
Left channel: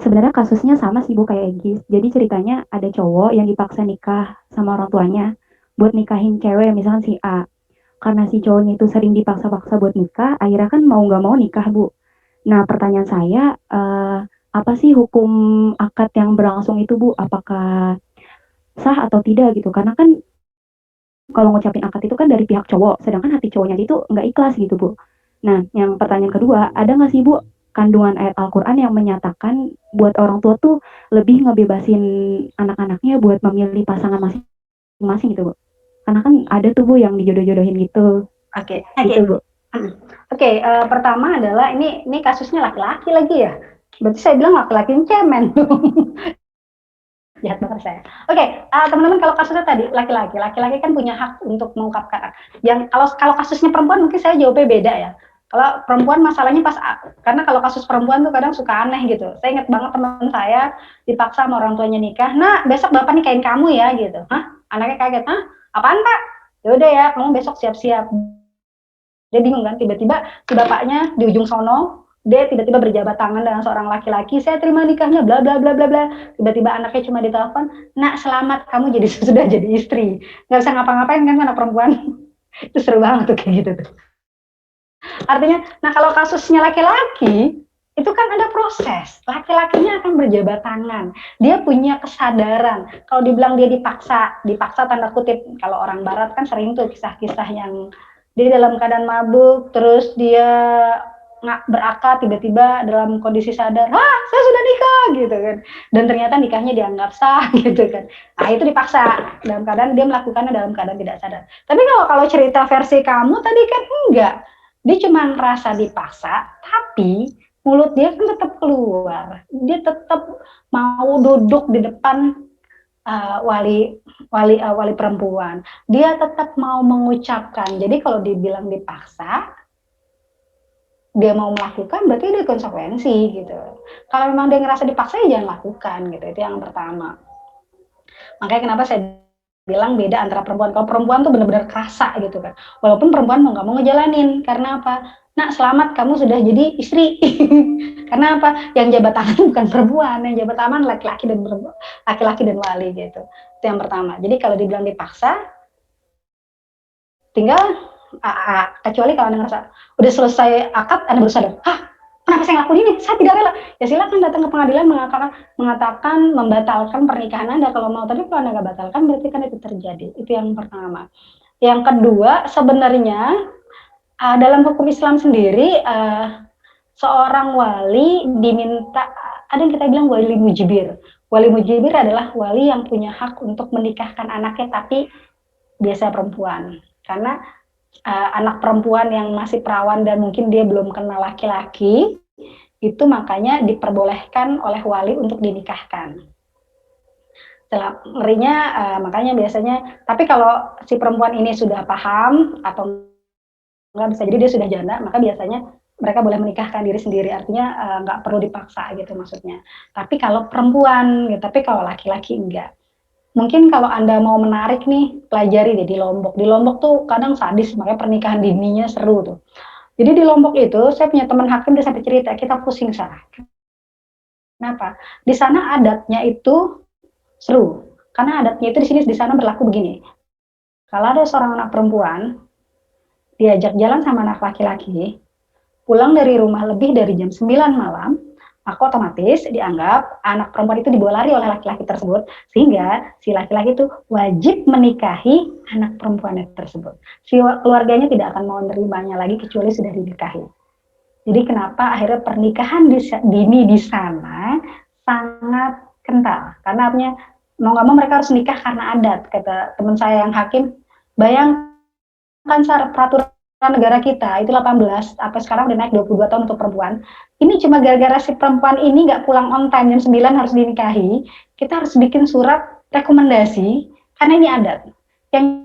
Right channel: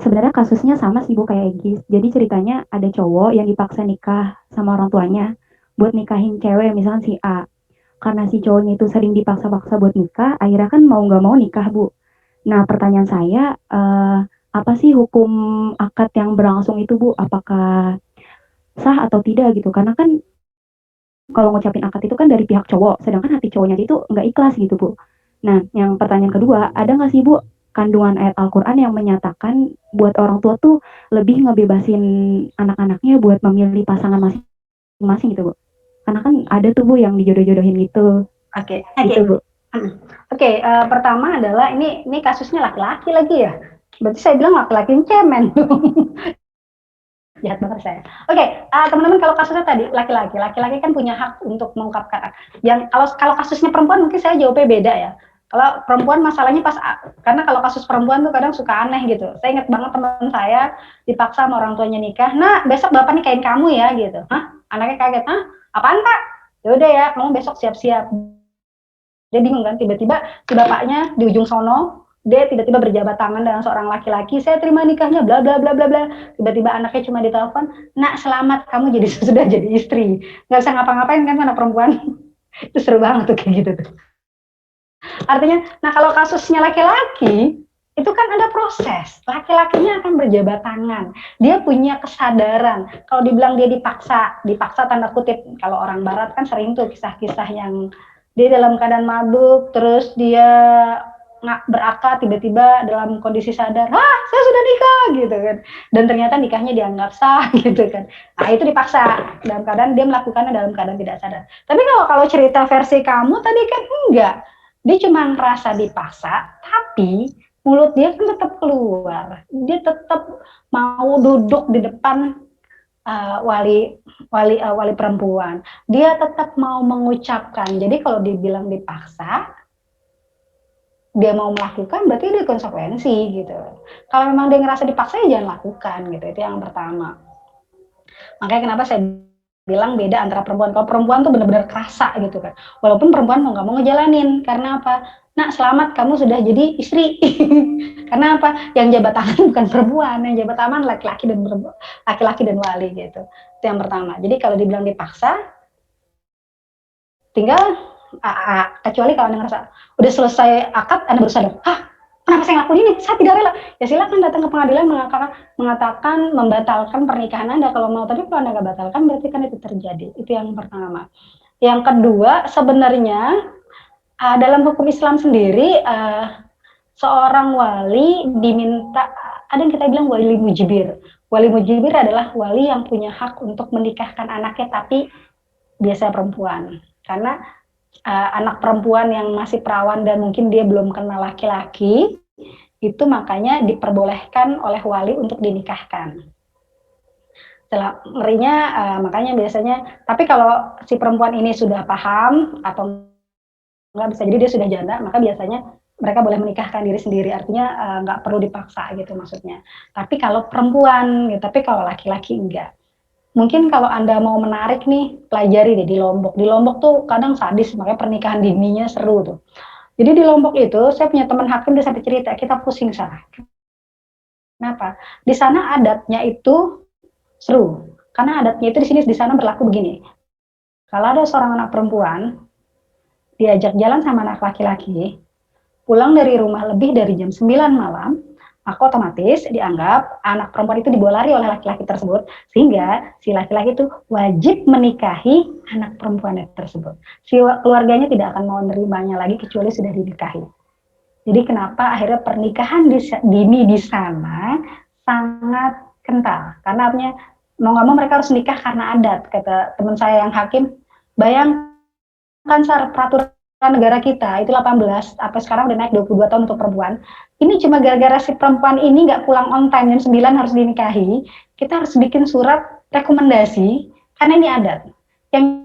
Sebenarnya kasusnya sama sih, Bu, kayak Egis. Jadi ceritanya ada cowok yang dipaksa nikah sama orang tuanya buat nikahin cewek, misalkan si A. Karena si cowoknya itu sering dipaksa-paksa buat nikah, akhirnya kan mau nggak mau nikah, Bu. Nah, pertanyaan saya, apa sih hukum akad yang berlangsung itu, Bu? Apakah sah atau tidak gitu? Karena kan kalau ngucapin akad itu kan dari pihak cowok, sedangkan hati cowoknya itu nggak ikhlas gitu, Bu. Nah, yang pertanyaan kedua, ada nggak sih, Bu, kandungan ayat Al-Quran yang menyatakan buat orang tua tuh lebih ngebebasin anak-anaknya buat memilih pasangan masing-masing gitu, Bu? Karena kan ada tuh, Bu, yang dijodoh-jodohin gitu. Oke. Gitu, Bu. Oke, pertama adalah ini kasusnya laki-laki lagi ya. Berarti saya bilang laki-laki cemen. Jahat banget saya. Oke, teman-teman, kalau kasusnya tadi laki-laki kan punya hak untuk mengungkapkan. Yang kalau kasusnya perempuan mungkin saya jawabnya beda ya. Kalau perempuan masalahnya karena kalau kasus perempuan tuh kadang suka aneh gitu. Saya ingat banget teman saya dipaksa sama orang tuanya nikah. Nah, besok bapak nikahin kamu ya gitu. Hah? Anaknya kaget. Hah? Apaan, Pak? Ya udah ya, kamu besok siap-siap. Dia bingung kan, tiba-tiba si bapaknya di ujung sono, dia tiba-tiba berjabat tangan dengan seorang laki-laki, saya terima nikahnya, bla bla bla bla bla. Tiba-tiba anaknya cuma ditelepon, nak selamat, kamu sudah jadi istri. Nggak bisa ngapa-ngapain kan anak perempuan. Itu seru banget tuh kayak gitu tuh. Artinya, nah kalau kasusnya laki-laki, itu kan ada proses. Laki-lakinya akan berjabat tangan. Dia punya kesadaran. Kalau dibilang dia dipaksa tanda kutip. Kalau orang barat kan sering tuh kisah-kisah yang dia dalam keadaan mabuk, terus dia nggak berakal, tiba-tiba dalam kondisi sadar, saya sudah nikah gitu kan, dan ternyata nikahnya dianggap sah gitu kan. Nah itu dipaksa dalam keadaan dia melakukannya dalam keadaan tidak sadar. Tapi kalau cerita versi kamu tadi kan enggak, dia cuma ngerasa dipaksa, tapi mulut dia kan tetap keluar, dia tetap mau duduk di depan wali perempuan, dia tetap mau mengucapkan. Jadi kalau dibilang dipaksa, dia mau melakukan, berarti ada konsekuensi gitu. Kalau memang dia ngerasa dipaksa, ya jangan lakukan gitu. Itu yang pertama. Makanya kenapa saya bilang beda antara perempuan. Kalau perempuan tuh benar-benar kerasa gitu kan. Walaupun perempuan mau nggak mau ngejalanin. Karena apa? Nak selamat, kamu sudah jadi istri. Karena apa? Yang jabat tangan bukan perempuan, yang jabat tangan laki-laki dan wali gitu. Itu yang pertama. Jadi kalau dibilang dipaksa, tinggal kecuali kalau Anda ngerasa udah selesai akad, Anda baru sadar, kenapa saya ngelakuin ini? Saya tidak rela. Ya silakan datang ke pengadilan mengatakan membatalkan pernikahan Anda kalau mau. Tapi kalau Anda nggak batalkan, berarti kan itu terjadi. Itu yang pertama. Yang kedua, sebenarnya dalam hukum Islam sendiri, seorang wali diminta, ada yang kita bilang wali mujibir. Wali mujibir adalah wali yang punya hak untuk menikahkan anaknya, tapi biasa perempuan. Karena anak perempuan yang masih perawan dan mungkin dia belum kenal laki-laki, itu makanya diperbolehkan oleh wali untuk dinikahkan. Setelah ngerinya, makanya biasanya, tapi kalau si perempuan ini sudah paham atau nggak, bisa jadi dia sudah janda, maka biasanya mereka boleh menikahkan diri sendiri, artinya nggak perlu dipaksa gitu maksudnya. Tapi kalau perempuan, gitu, tapi kalau laki-laki enggak. Mungkin kalau Anda mau menarik nih, pelajari deh di Lombok. Di Lombok tuh kadang sadis, makanya pernikahan dininya seru tuh. Jadi di Lombok itu, saya punya teman hakim, dia sampai cerita, kita pusing salah. Kenapa? Di sana adatnya itu seru. Karena adatnya itu di sana berlaku begini. Kalau ada seorang anak perempuan, diajak jalan sama anak laki-laki, pulang dari rumah lebih dari jam 9 malam, maka otomatis dianggap anak perempuan itu dibawa lari oleh laki-laki tersebut, sehingga si laki-laki itu wajib menikahi anak perempuan tersebut. Si keluarganya tidak akan mau menerimanya lagi kecuali sudah dinikahi. Jadi kenapa akhirnya pernikahan dini di sana sangat kental? Karena artinya mau nggak mau mereka harus nikah karena adat. Kata teman saya yang hakim, bayangkan peraturan negara kita itu 18, sampai sekarang udah naik 22 tahun untuk perempuan. Ini cuma gara-gara si perempuan ini nggak pulang on time, jam 9 harus dinikahi. Kita harus bikin surat rekomendasi karena ini adat. Yang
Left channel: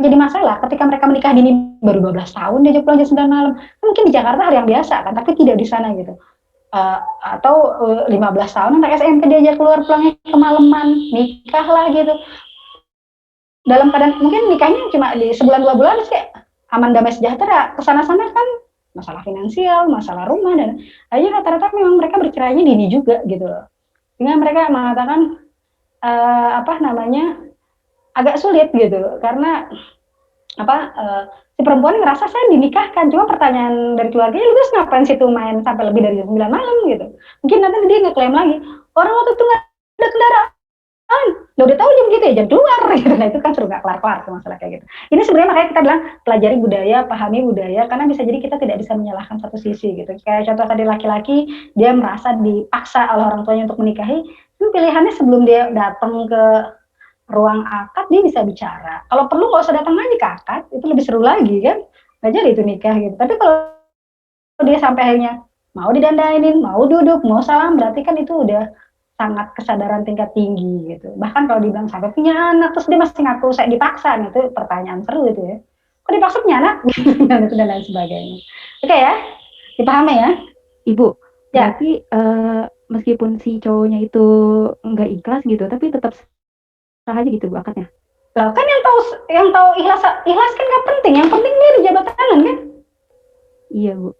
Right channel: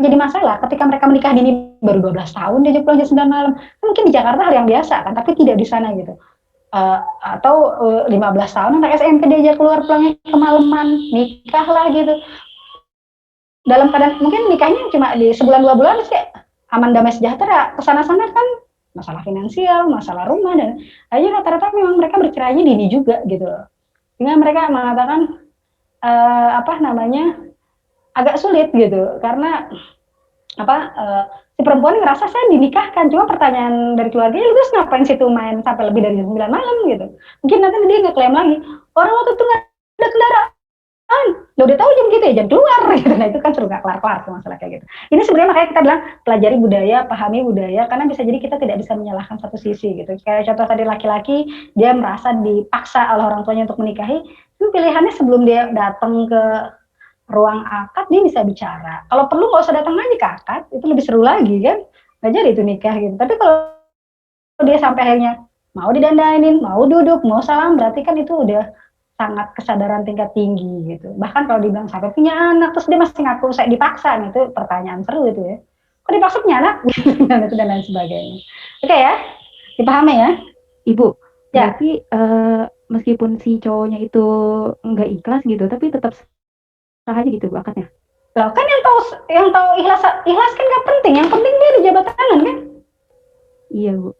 jadi masalah ketika mereka menikah dini baru 12 tahun, dia pulang jam 9 malam. Mungkin di Jakarta hal yang biasa kan, tapi tidak di sana gitu. atau 15 tahun anak SMP diajak keluar pulangnya kemalaman, nikah lah gitu. Dalam keadaan mungkin nikahnya cuma di sebulan 2 bulan terus kayak aman damai sejahtera, kesana-sana kan masalah finansial, masalah rumah, dan akhirnya rata-rata memang mereka bercerainya dini juga gitu. Sehingga mereka mengatakan agak sulit gitu karena si perempuan ngerasa saya dinikahkan, cuma pertanyaan dari keluarganya, lu terus ngapain situ main sampai lebih dari jam 9 malam gitu. Mungkin nanti dia ngeklaim lagi, orang waktu itu nggak ada kendaraan, lo udah tahu jam gitu ya, jam keluar gitu. Nah itu kan suruh nggak kelar-kelar masalah kayak gitu. Ini sebenarnya makanya kita bilang pelajari budaya, pahami budaya, karena bisa jadi kita tidak bisa menyalahkan satu sisi gitu. Kayak contoh tadi laki-laki, dia merasa dipaksa oleh orang tuanya untuk menikahi, itu pilihannya sebelum dia datang ke ruang akad dia bisa bicara. Kalau perlu nggak usah datang lagi ke akad, itu lebih seru lagi kan. Nggak jadi itu nikah gitu. Tapi kalau dia sampai akhirnya mau didandainin, mau duduk, mau salam, berarti kan itu udah sangat kesadaran tingkat tinggi gitu. Bahkan kalau dibilang sampai punya anak, terus dia masih ngaku saya dipaksa, itu pertanyaan seru itu ya. Kok dipaksa punya anak? Dan itu dan lain sebagainya. Oke ya, dipahami ya? Ibu, ya. Berarti meskipun si cowoknya itu nggak ikhlas gitu, tapi tetap sah aja gitu Bu akadnya. Loh, kan yang tahu ikhlas kan nggak penting, yang penting dia di jabat tangan kan? Iya Bu.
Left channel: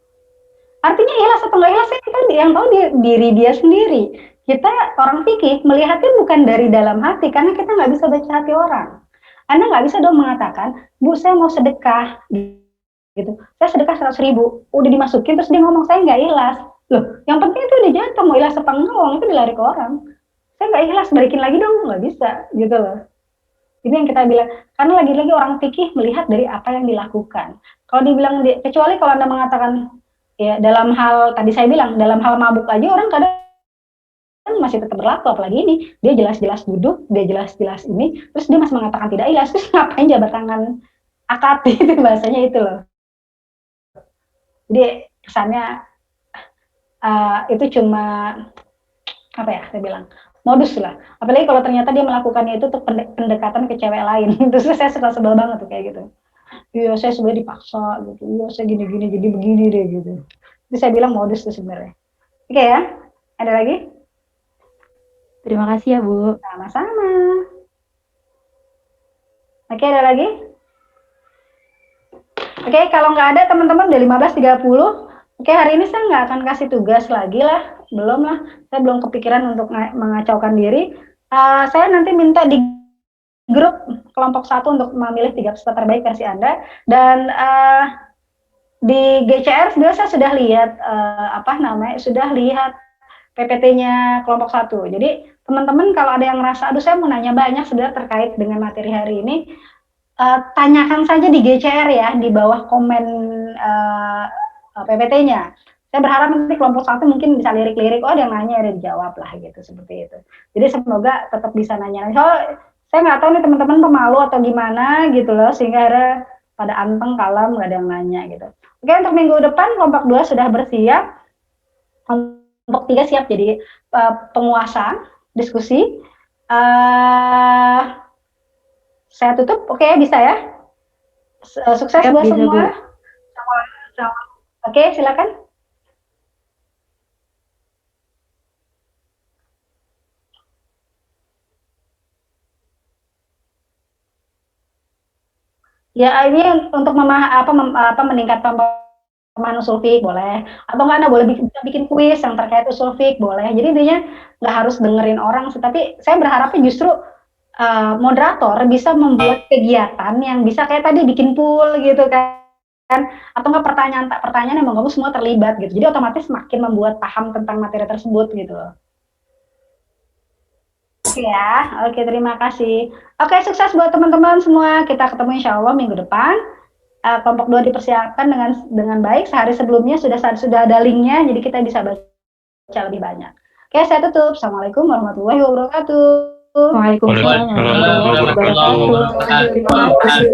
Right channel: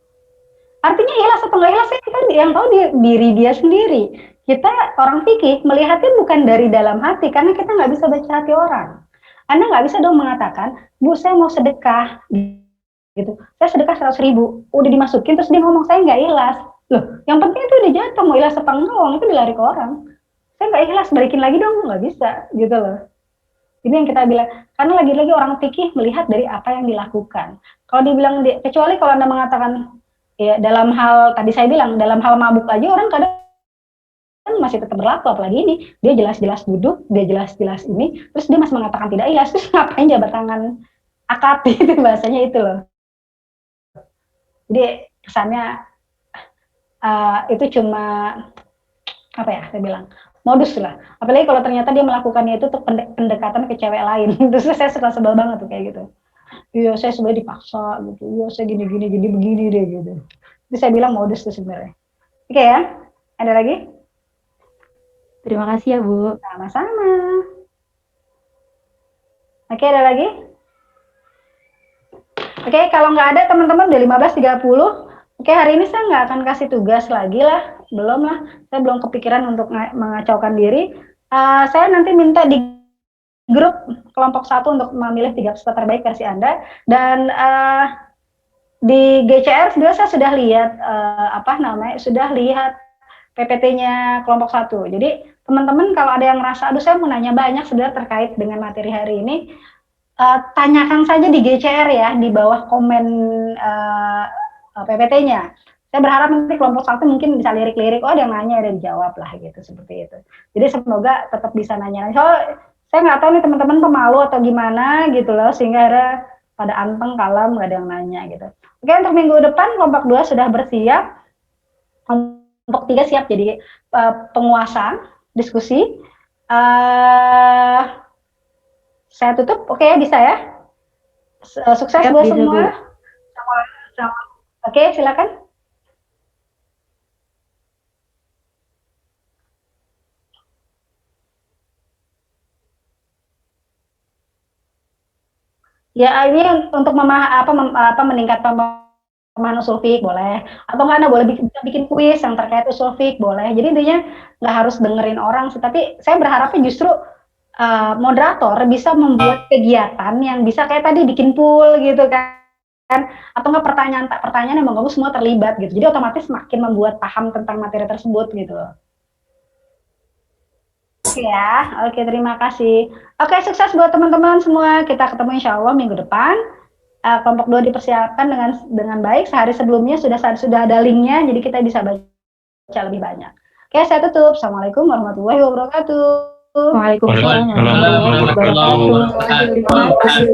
Artinya ikhlas atau nggak ikhlas kan yang tahu diri dia sendiri. Kita orang fikih melihatnya bukan dari dalam hati, karena kita nggak bisa baca hati orang. Anda nggak bisa dong mengatakan, Bu saya mau sedekah, gitu. Saya sedekah 100.000, udah dimasukin terus dia ngomong saya nggak ikhlas. Loh, yang penting itu udah jatuh, mau ikhlas apa enggak, uang itu dilari ke orang. Saya nggak ikhlas, balikin lagi dong, nggak bisa, gitu loh. Ini yang kita bilang, karena lagi-lagi orang fikih melihat dari apa yang dilakukan. Kalau dibilang, kecuali kalau Anda mengatakan, ya dalam hal, tadi saya bilang, dalam hal mabuk aja orang kadang masih tetap berlaku, apalagi ini, dia jelas-jelas duduk, dia jelas-jelas ini, terus dia masih mengatakan tidak ikhlas, terus ngapain jabat tangan akad, itu bahasanya itu loh. Jadi kesannya itu cuma apa ya saya bilang modus lah, apalagi kalau ternyata dia melakukannya itu untuk pendekatan ke cewek lain. Terus saya suka sebel banget tuh kayak gitu. Iya saya sebenarnya dipaksa gitu, iya saya gini-gini jadi begini deh gitu. Jadi saya bilang modus tuh sebenarnya. Oke ya, ada lagi? Terima kasih ya Bu. Sama-sama. Oke, ada lagi? Oke, kalau nggak ada teman-teman udah 15.30. Oke, hari ini saya nggak akan kasih tugas lagi lah, belum lah. Saya belum kepikiran untuk mengacaukan diri. Saya nanti minta di grup kelompok 1 untuk memilih 3 peserta terbaik versi Anda. Dan di GCR sebenarnya saya sudah lihat sudah lihat PPT-nya kelompok 1. Jadi teman-teman kalau ada yang ngerasa, aduh saya mau nanya banyak sebenarnya terkait dengan materi hari ini, tanyakan saja di GCR ya, di bawah komen PPT-nya. Saya berharap nanti kelompok 1 mungkin bisa lirik-lirik, oh ada yang nanya, ada yang dijawab lah gitu, seperti itu. Jadi semoga tetap bisa nanya. So, saya nggak tahu nih teman-teman pemalu atau gimana gitu loh, sehingga akhirnya pada anteng, kalem, nggak ada yang nanya gitu. Oke, untuk minggu depan kelompok 2 sudah bersiap, kelompok 3 siap jadi penguasa diskusi. Saya tutup, oke bisa ya? Sukses buat semua. Oke, silakan. Ya ini untuk meningkatkan pemahaman usul fiqh boleh, atau nggak Anda boleh bikin kuis yang terkait usul fiqh boleh. Jadi intinya nggak harus dengerin orang sih, tapi saya berharapnya justru moderator bisa membuat kegiatan yang bisa kayak tadi bikin pool gitu kan, atau nggak pertanyaan yang menggabung semua terlibat gitu. Jadi otomatis makin membuat paham tentang materi tersebut gitu. Oke ya, oke terima kasih. Oke, sukses buat teman-teman semua. Kita ketemu insya Allah minggu depan. Kelompok 2 dipersiapkan dengan baik. Sehari sebelumnya sudah ada linknya, jadi kita bisa baca lebih banyak. Oke, saya tutup. Assalamualaikum warahmatullahi wabarakatuh. Waalaikumsalam warahmatullahi wabarakatuh.